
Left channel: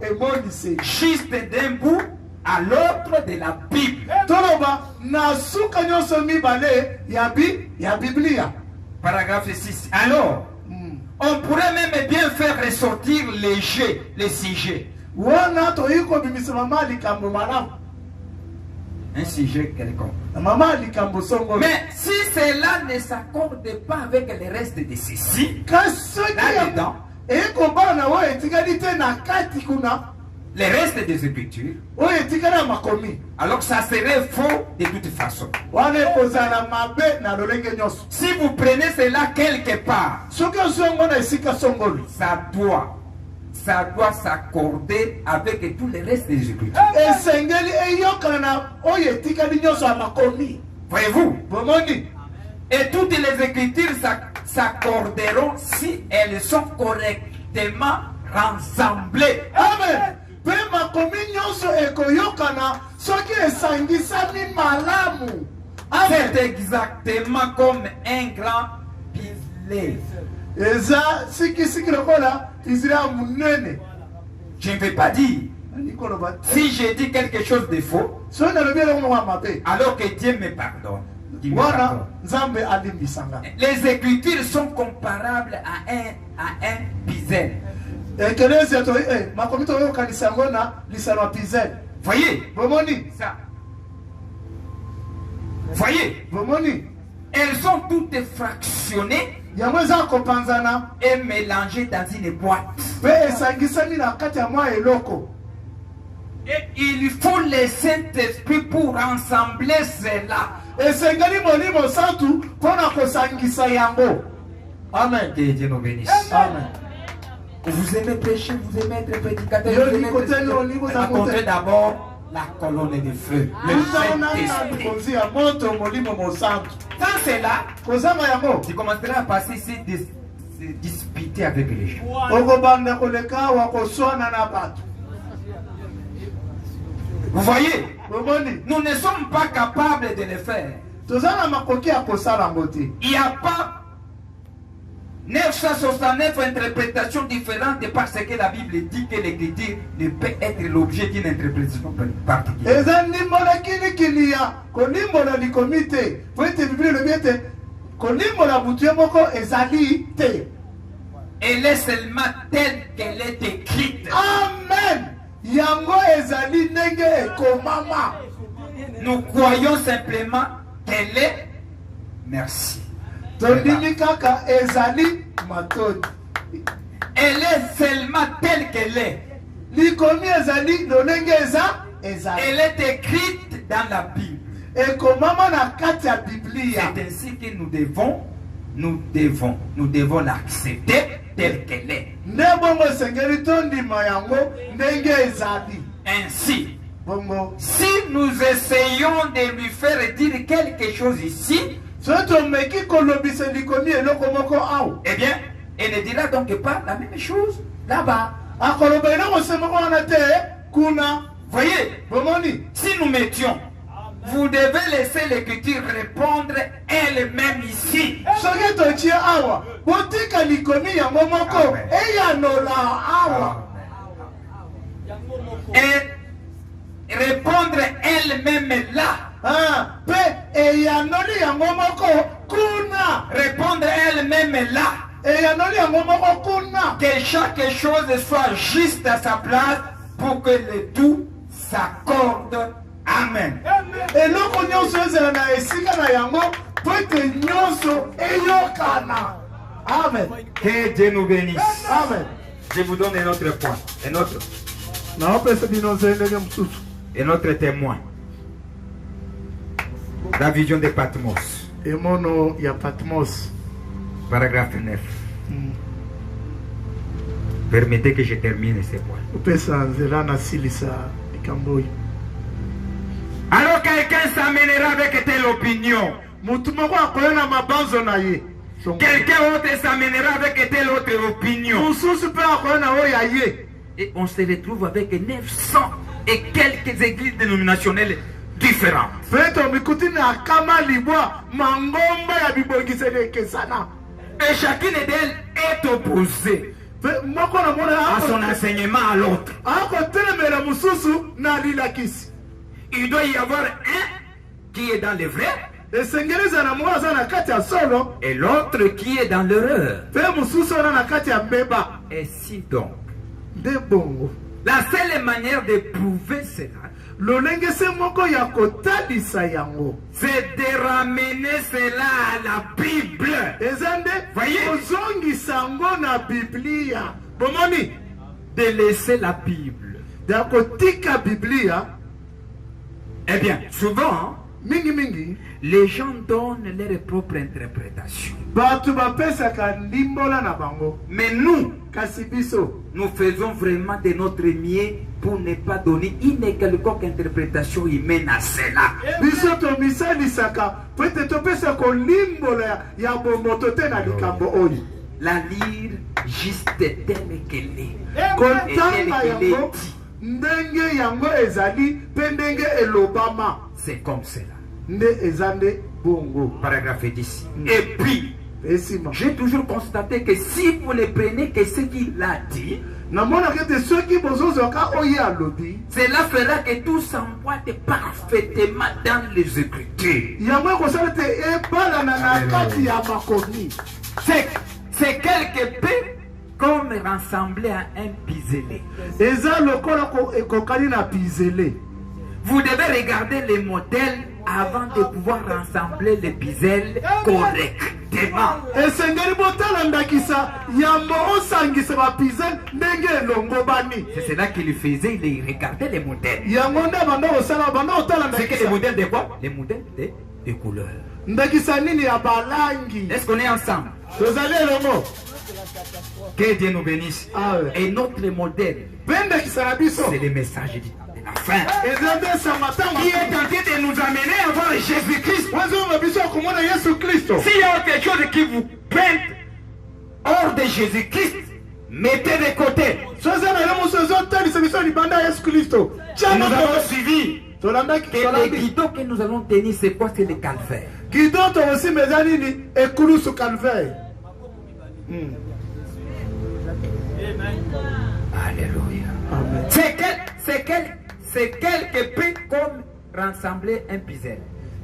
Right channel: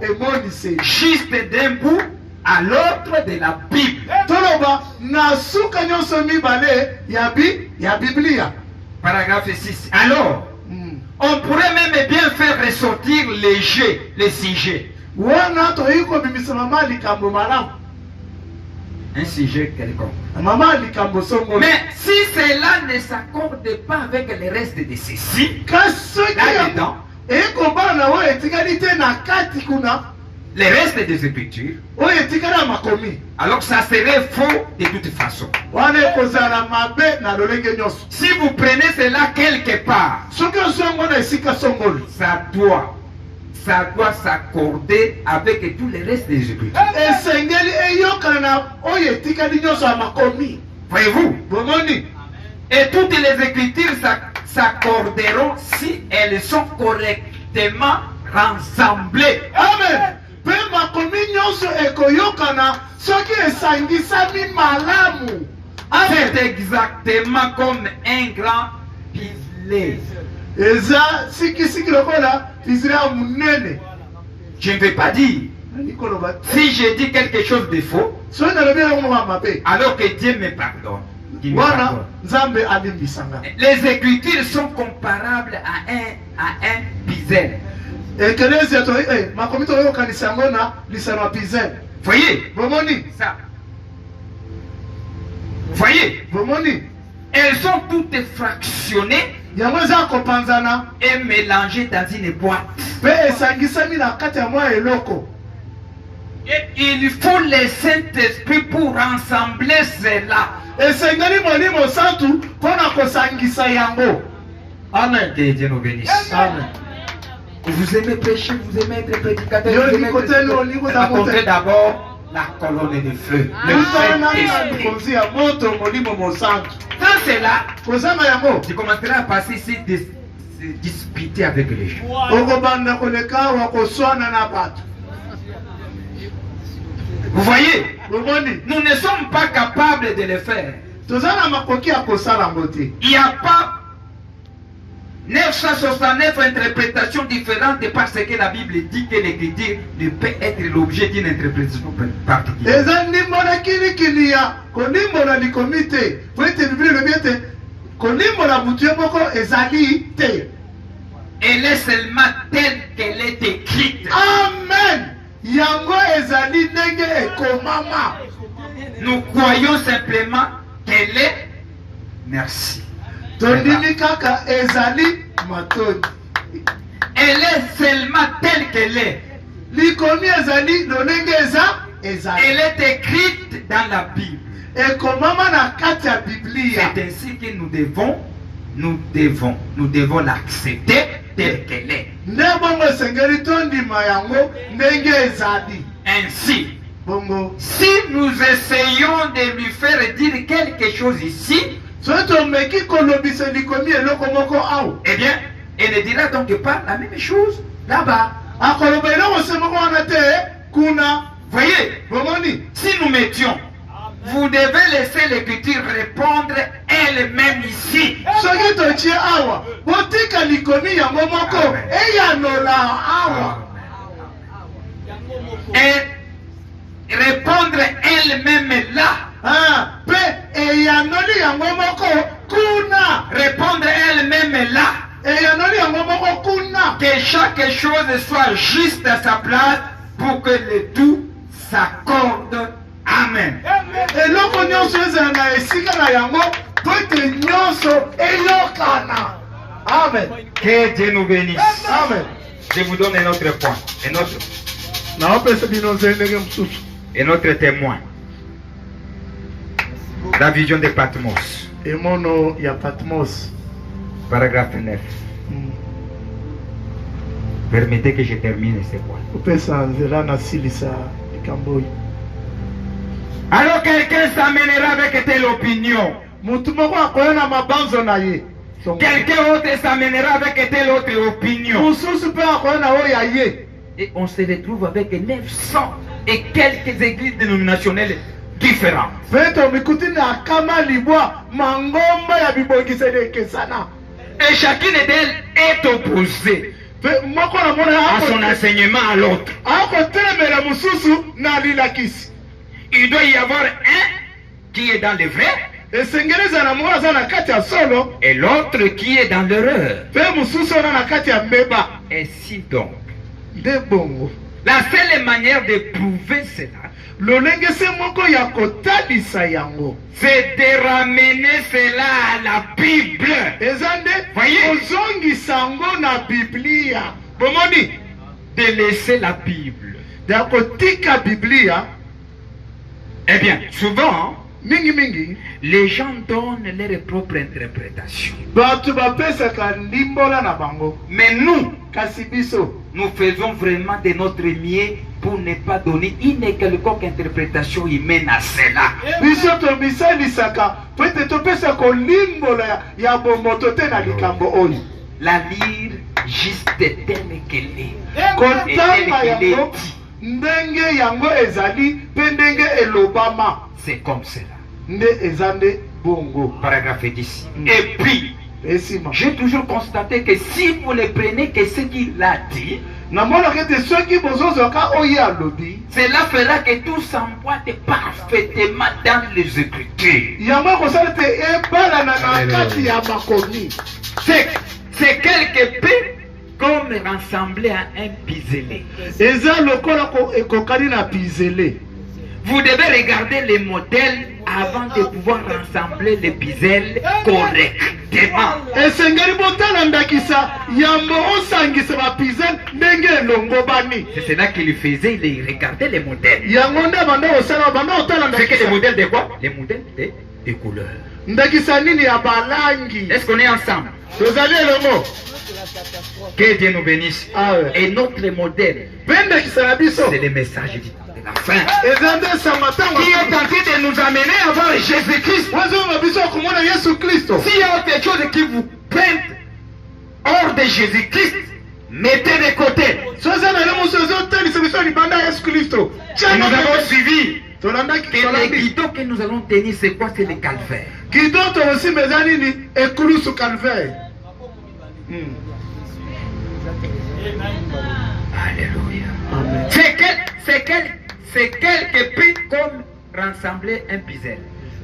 emoniseli. Juste d'un bout à l'autre de la Bible. toloba na suka nyonso mibale ya biblia. Paragraphe 6. Alors, on pourrait même bien faire ressortir les sujets. wana toyei kobimisa mama likambo malamu Un sujet quelconque. mama likambo songo. Mais si cela ne s'accorde pas avec le reste de ceci, kasi soki là-dedans, ekobala na oyo etikali te na kati kuna le reste des Écritures, oyo etikali ya makomi alors ça serait faux de toute façon. wana ekozala mabe na lolenge nyonso. Si vous prenez cela quelque part, soki ozwi yango na esika songolo ça doit ça doit s'accorder avec tous les restes des Écritures. esengeli eyokana oyo etikali nyonso ya makomi. Voyez-vous? Bomoni. Et toutes les Écritures s'accorderont si elles sont correctement rassemblées. Amen. Pe makomi nyonso ekoyokana soki esangisami malamu. Amen. C'est exactement comme un grand pilier. Eza siki lokola Israël munene. Je ne vais pas dire. Si je dis quelque chose de faux, So na lobi na mwa mabe. alors que Dieu me pardonne. Qu'il me Wana pardonne. Nzambe alimbisanga. Les Écritures sont comparables à un puzzle. Ekelezi to makomi to yokanisa ngo na lisano pizel. Voyez Bomoni. ça. Voyez, Bomoni. elles sont toutes fractionnées Yango eza kopanzana et mélangées dans une boîte. pe esangisami na kati ya mwa eloko. Et il faut le Saint-Esprit pour rassembler cela. Esengeli molimo santu pona kosangisa yango. Amen. Que Dieu nous bénisse. Amen. Vous aimez prêcher, vous aimez être prédicateur. Yo, Vous aimez Nicoté, prêcher. yo, Nicoté, Nicoté. Apportez d'abord la colonne de feu. Le Saint-Esprit. Likonzi ya moto molimo mosantu. Quand c'est là, Kozama yango. tu commenceras à passer ici de se disputer avec les gens. Okobanda koleka wa koswana na bato. Vous voyez, Bomoni. nous ne sommes pas capables de le faire. Tozana makoki ya kosala ngote. Il n'y a pas 969 interprétations différentes parce que la Bible dit que l'écriture ne peut être l'objet d'une interprétation particulière. Eza ndimbola kili ya kolimbola likomi te. Po ete Biblia elobi ete kolimbola butu ye moko ezali te. Elle est seulement telle qu'elle est écrite. Amen. Yango ezali ndenge ekomama. Nous croyons simplement qu'elle est. Merci. Tondimi kaka ezali matoni. Elle est seulement telle qu'elle est. Likomi ezali lolenge eza ezali. Elle est écrite dans la Bible. Ekomama na kati ya Biblia. C'est ainsi que nous devons l'accepter telle qu'elle est. Nde bongo esengeli tondima yango ndenge ezali. Ainsi, Bongo. si nous essayons de lui faire dire quelque chose ici, Soki tomeki kolobisa likomi eloko moko awa. eh bien, elle ne dira donc pas la même chose là-bas. Akoloba eloko se moko wana te kuna. Voyez, Bomoni. si nous mettions, vous devez laisser l'écriture répondre elle-même ici. Soki totie awa botika likomi yango moko Amen. eyanola awa. Et répondre elle-même là. Pe eyanoli yango moko kuna. Répondre elle-même là. Eyanoli yango moko kuna. Que chaque chose soit juste à sa place pour que le tout s'accorde. Amen. Eloko nyonso ezala na esika na yango po ete nyonso eyokana. Amen. Que Dieu nous bénisse. Amen. Je vous donne un autre point, Naopesa bino nzendenge mosusu. un autre témoin. La vision de Patmos, Emono ya Patmos. paragraphe 9. Permettez que je termine ce point. Opesa nzela na silisa likambo oyo. Alors quelqu'un s'amènera avec telle opinion. Mutu moko akoya na mabanzo na ye. Quelqu'un autre s'amènera avec telle autre opinion. Mosusu mpe akoya na oyo ya ye. Et on se retrouve avec 900 et quelques églises dénominationnelles différentes. Peto mikuti na kama libwa mangomba ya bibongiseli ekesana. Et chacune d'elles est opposée Pe moko na mona à son enseignement à l'autre. akotelemela mosusu na lilakisi. Il doit y avoir un qui est dans le vrai Esengeli ezala moko aza na kati ya solo et l'autre qui est dans l'erreur. pe mosusu ona na kati ya mbeba. Ainsi donc, Nde bongo. la seule manière de prouver cela, Lolenge se moko ya kotalisa yango. c'est de ramener cela à la Bible. Eza nde Voyez. kozongisa yango na Biblia. Bomoni. De laisser la Bible. Ya kotika Biblia. Eh bien, souvent, Mingi. les gens donnent leur propre interprétation. Bato bapesaka ndimbola na bango. Mais nous, kasi biso nous faisons vraiment de notre mieux pour ne pas donner une quelconque interprétation humaine à cela. biso tomisalisaka po ete topesa kolimbola ya bomoto te na likambo oyo La lire juste telle qu'elle est. kotanga yango ndenge yango ezali mpe ndenge elobama C'est comme cela. nde eza nde bongo Paragraphe 10. Et puis, esima j'ai toujours constaté que si vous ne prenez que ce qu'il a dit, namonaka ete soki bozozwaka oyo alobi cela fera que tout s'emboîte parfaitement dans les Écritures. yango ekosala ete ebalana na kati ya makomi C'est quelque peu comme rassembler à un piselé. eza lokola ekokani na pizele Vous devez regarder les modèles avant de pouvoir rassembler les piselles correctement. esengeli botala ndakisa yango osangisa bapizele ndenge elongo bani C'est cela qu'il faisait, il regardait les modèles. yango nde banda kosala banda otala C'est que les ndakisa modèles de quoi? Les modèles de couleurs. ndakisa nini ya balangi Est-ce qu'on est ensemble? tozali elongo Que Dieu nous bénisse. Ah ouais. Et notre modèle, mpe ndakisa na biso c'est le message de la fin. eza nde esanga ntango Qui est tenté de nous amener à voir Jésus-Christ. wazonga biso ya komona yesu kristo S'il y a quelque chose qui vous peinte hors de Jésus-Christ, mettez de côté. so eza na yo moso ezotalisa biso libanda ya yesu kristo Et nous avons suivi tolandaki que le tolandi guidon que nous allons tenir, c'est quoi? C'est le calvaire. kido tokosimba eza nini ekulusu calvaire Alléluia. Amen. C'est quelque peu comme rassembler un puzzle.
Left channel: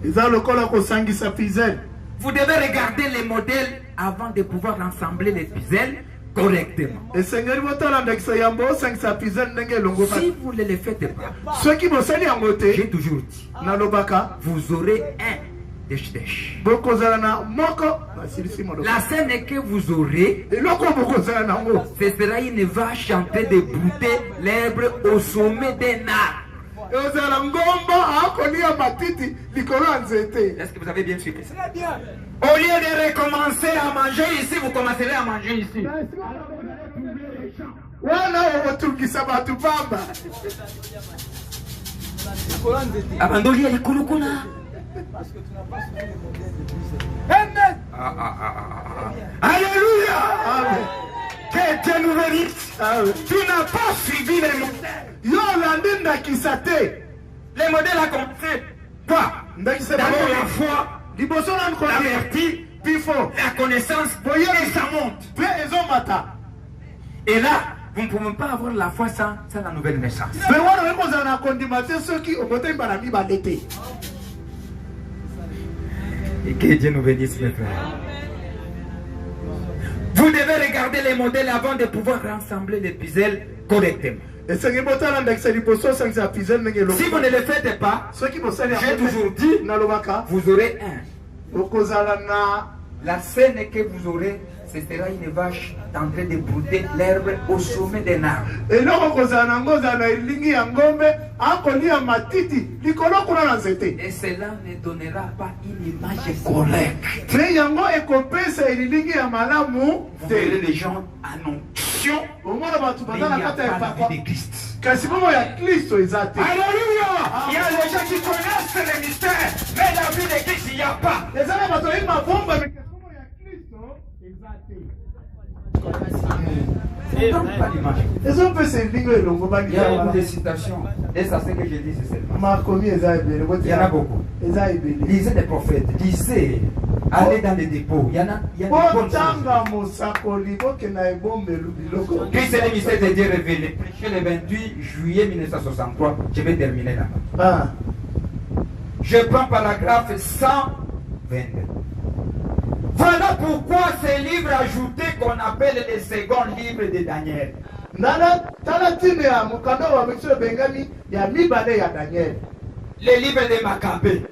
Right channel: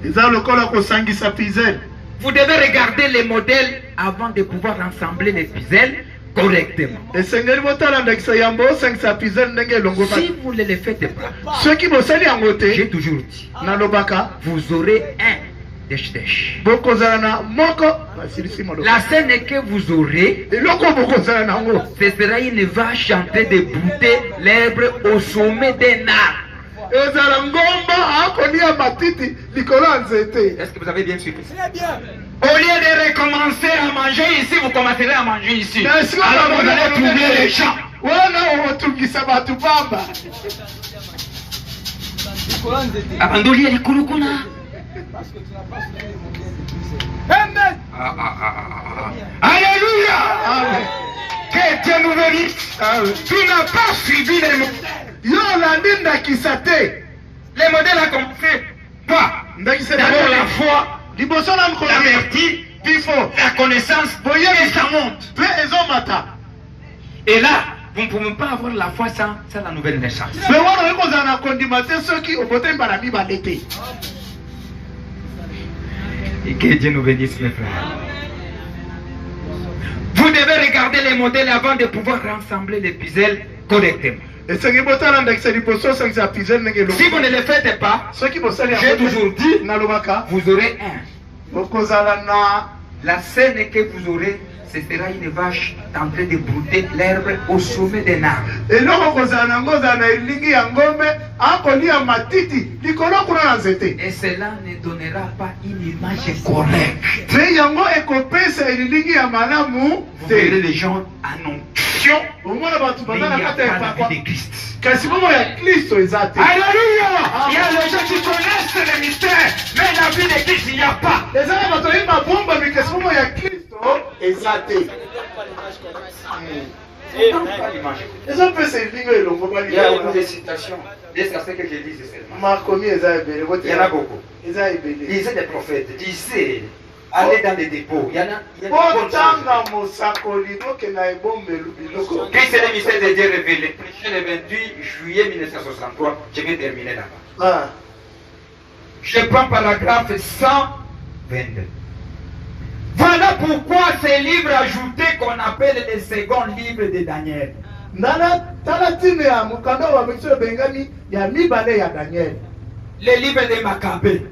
eza lokola kosangisa pizele Vous devez regarder les modèles avant de pouvoir rassembler les puzzles correctement. esengeli botala ndakisa yambo osangisa pizele ndenge elongo Si vous ne le faites pas, soki bosali yango j'ai te toujours dit, nalobaka vous aurez un déch-déch. bokozala na moko basilisi maloba La scène que vous aurez, eloko bokozala nango ce sera une vache en train de brouter l'herbe au sommet d'un arbre. ezala ngomba akolia matiti likolo ya nzete Est-ce que vous avez bien suivi? Très bien. Au lieu de recommencer à manger ici, vous commencerez à manger ici. Est-ce que Alors vous vous avez allez trouver les champs. wana otungisa bato pamba Abandoli ya likolo kuna. Parce que tu n'as pas suivi le modèle de Christ. Amen. Alléluia. Amen. Que Dieu nous bénisse. Amen. Tu n'as pas suivi les modèles. yo olandi ndakisa te Les modèles ont commencé quoi? ndakisa D'abord la foi, liboso na la nkoli vertu, bifo la connaissance, et ça monte. mpe ezomata Et là, vous ne pouvez pas avoir la foi sans la nouvelle naissance. mpe wana oyi kozala na kondima te soki obotemi bana mibale te Et que Dieu nous bénisse, mes frères. Vous devez regarder les modèles avant de pouvoir rassembler les puzzles correctement. esengeli botala ndakisa liboso osangisa pizele ndenge Si vous elongo ne le faites pas, soki bosali j'ai yango toujours te dit, nalobaka vous aurez un. okozala na La scène que vous aurez, ce sera une vache en train de brouter l'herbe au sommet d'un arbre. eloko kozala nango ozala na elingi ya ngombe akolia matiti likolo kuna na nzete Et cela ne donnera pas une image correcte. te yango ekopesa elilingi ya malamu Vous verrez te les gens en onction, omona bato mais baza il na n'y a kati ya pas la epakwa vie de Christ. kasi momo ya kristo eza te Alléluia! Il y a les gens qui connaissent les mystères, mais la vie de Christ, il n'y a pas. eza na bato oyi mabombami kasi momo ya kristo eza te C'est donc pas l'image. ezopesa elingi elongo Il y a beaucoup de bali citations. Et ça, c'est ce que je dis, c'est seulement. makomi eza ebele Il y en a beaucoup. eza ebele Lisez des prophètes, lisez, allez dans les dépôts. Il y en a des bonnes choses. botanga mosakoli bokenda ebombelu biloko Christ est le mystère de Dieu révélé. Prêché le 28 juillet 1963. Je vais terminer là-bas. Ah. Je prends paragraphe 122. Voilà pourquoi ces livres ajoutés qu'on appelle les seconds livres de Daniel. ndala tala ntime ya mokanda wa biso ebengami ya mibale ya daniel Les livres de Maccabée,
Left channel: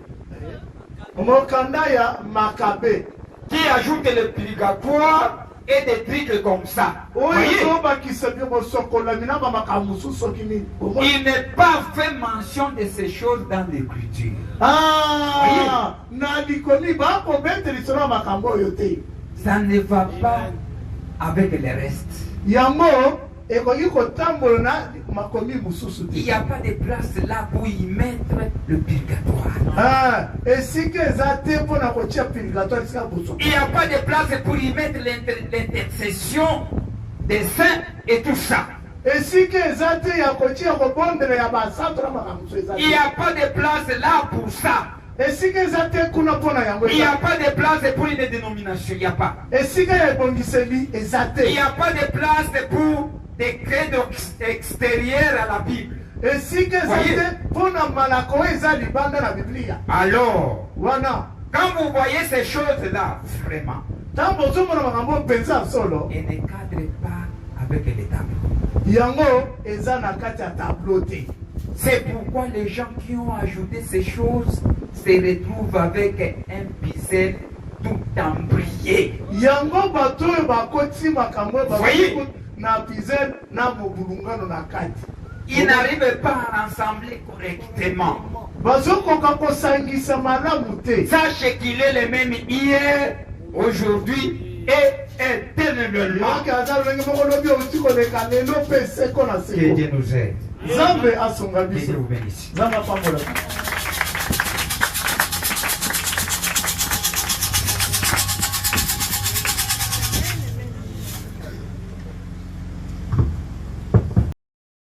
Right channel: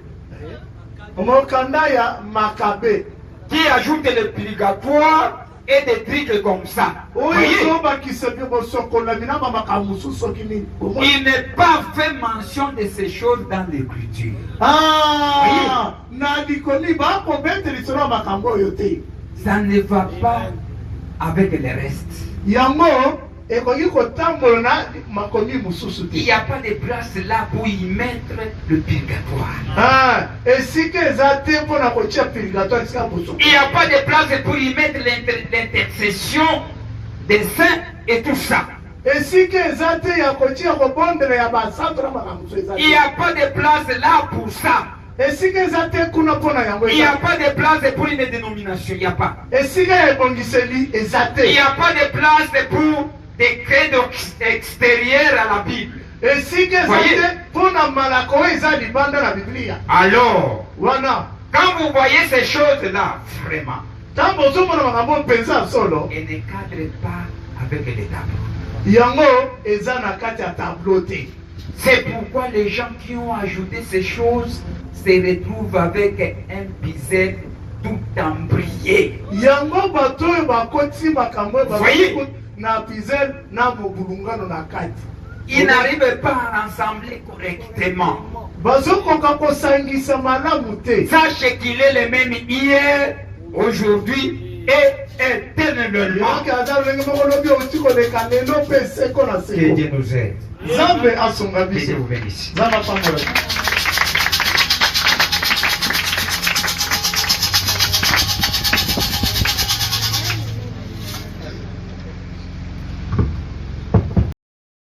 mokanda ya makabe qui ajoutent le purgatoire et des trucs comme ça. oyo Voyez, ezobakisa bosokolami na bamakambo mosusu soki nini il n'est pas fait mention de ces choses dans l'écriture. na likoli bakobete lisolo ya makambo oyo te Ça ne va pas avec le reste. yango ekoki kotambola na makomi mosusu Il n'y te. a pas de place là pour y mettre le purgatoire. Esika eza te mpona kotia purgatoire esika boso. Il n'y a pas de place pour y mettre l'intercession des saints et tout ça. Esika eza te ya kotia kobondela ya basantu na makambo eza Il n'y a te. pas de place là pour ça. Esika eza te kuna mpona yango Il n'y a eza. pas de place pour une dénomination. Il n'y a pas. Esika ya ebongiseli eza Il n'y te. a pas de place pour des credos extérieurs à la Bible. Esika eza Voyez. te mpona malako oyo eza libanda na biblia Alors, wana. quand vous voyez ces choses-là, vraiment, Ntango ozomona makambo mpenza ya solo elles ne cadrent pas avec les tableaux. yango eza na kati ya tableau te. C'est pourquoi les gens qui ont ajouté ces choses se retrouvent avec un puzzle tout embrayé. Yango bato oyo bakoti makambo oyo Voyez. bakoti na pizel na mobulungano na kati. Ils n'arrivent pas à rassembler correctement. Bazokoka kosangisa malamu te. Sachez qu'il est le même hier, aujourd'hui et éternellement. Yoki aza lolenge moko lobi oti koleka lelo mpe seko na Que seko. Dieu nous aide. Nzambe asonga Que Dieu biso. vous bénisse. Nzambe apambola.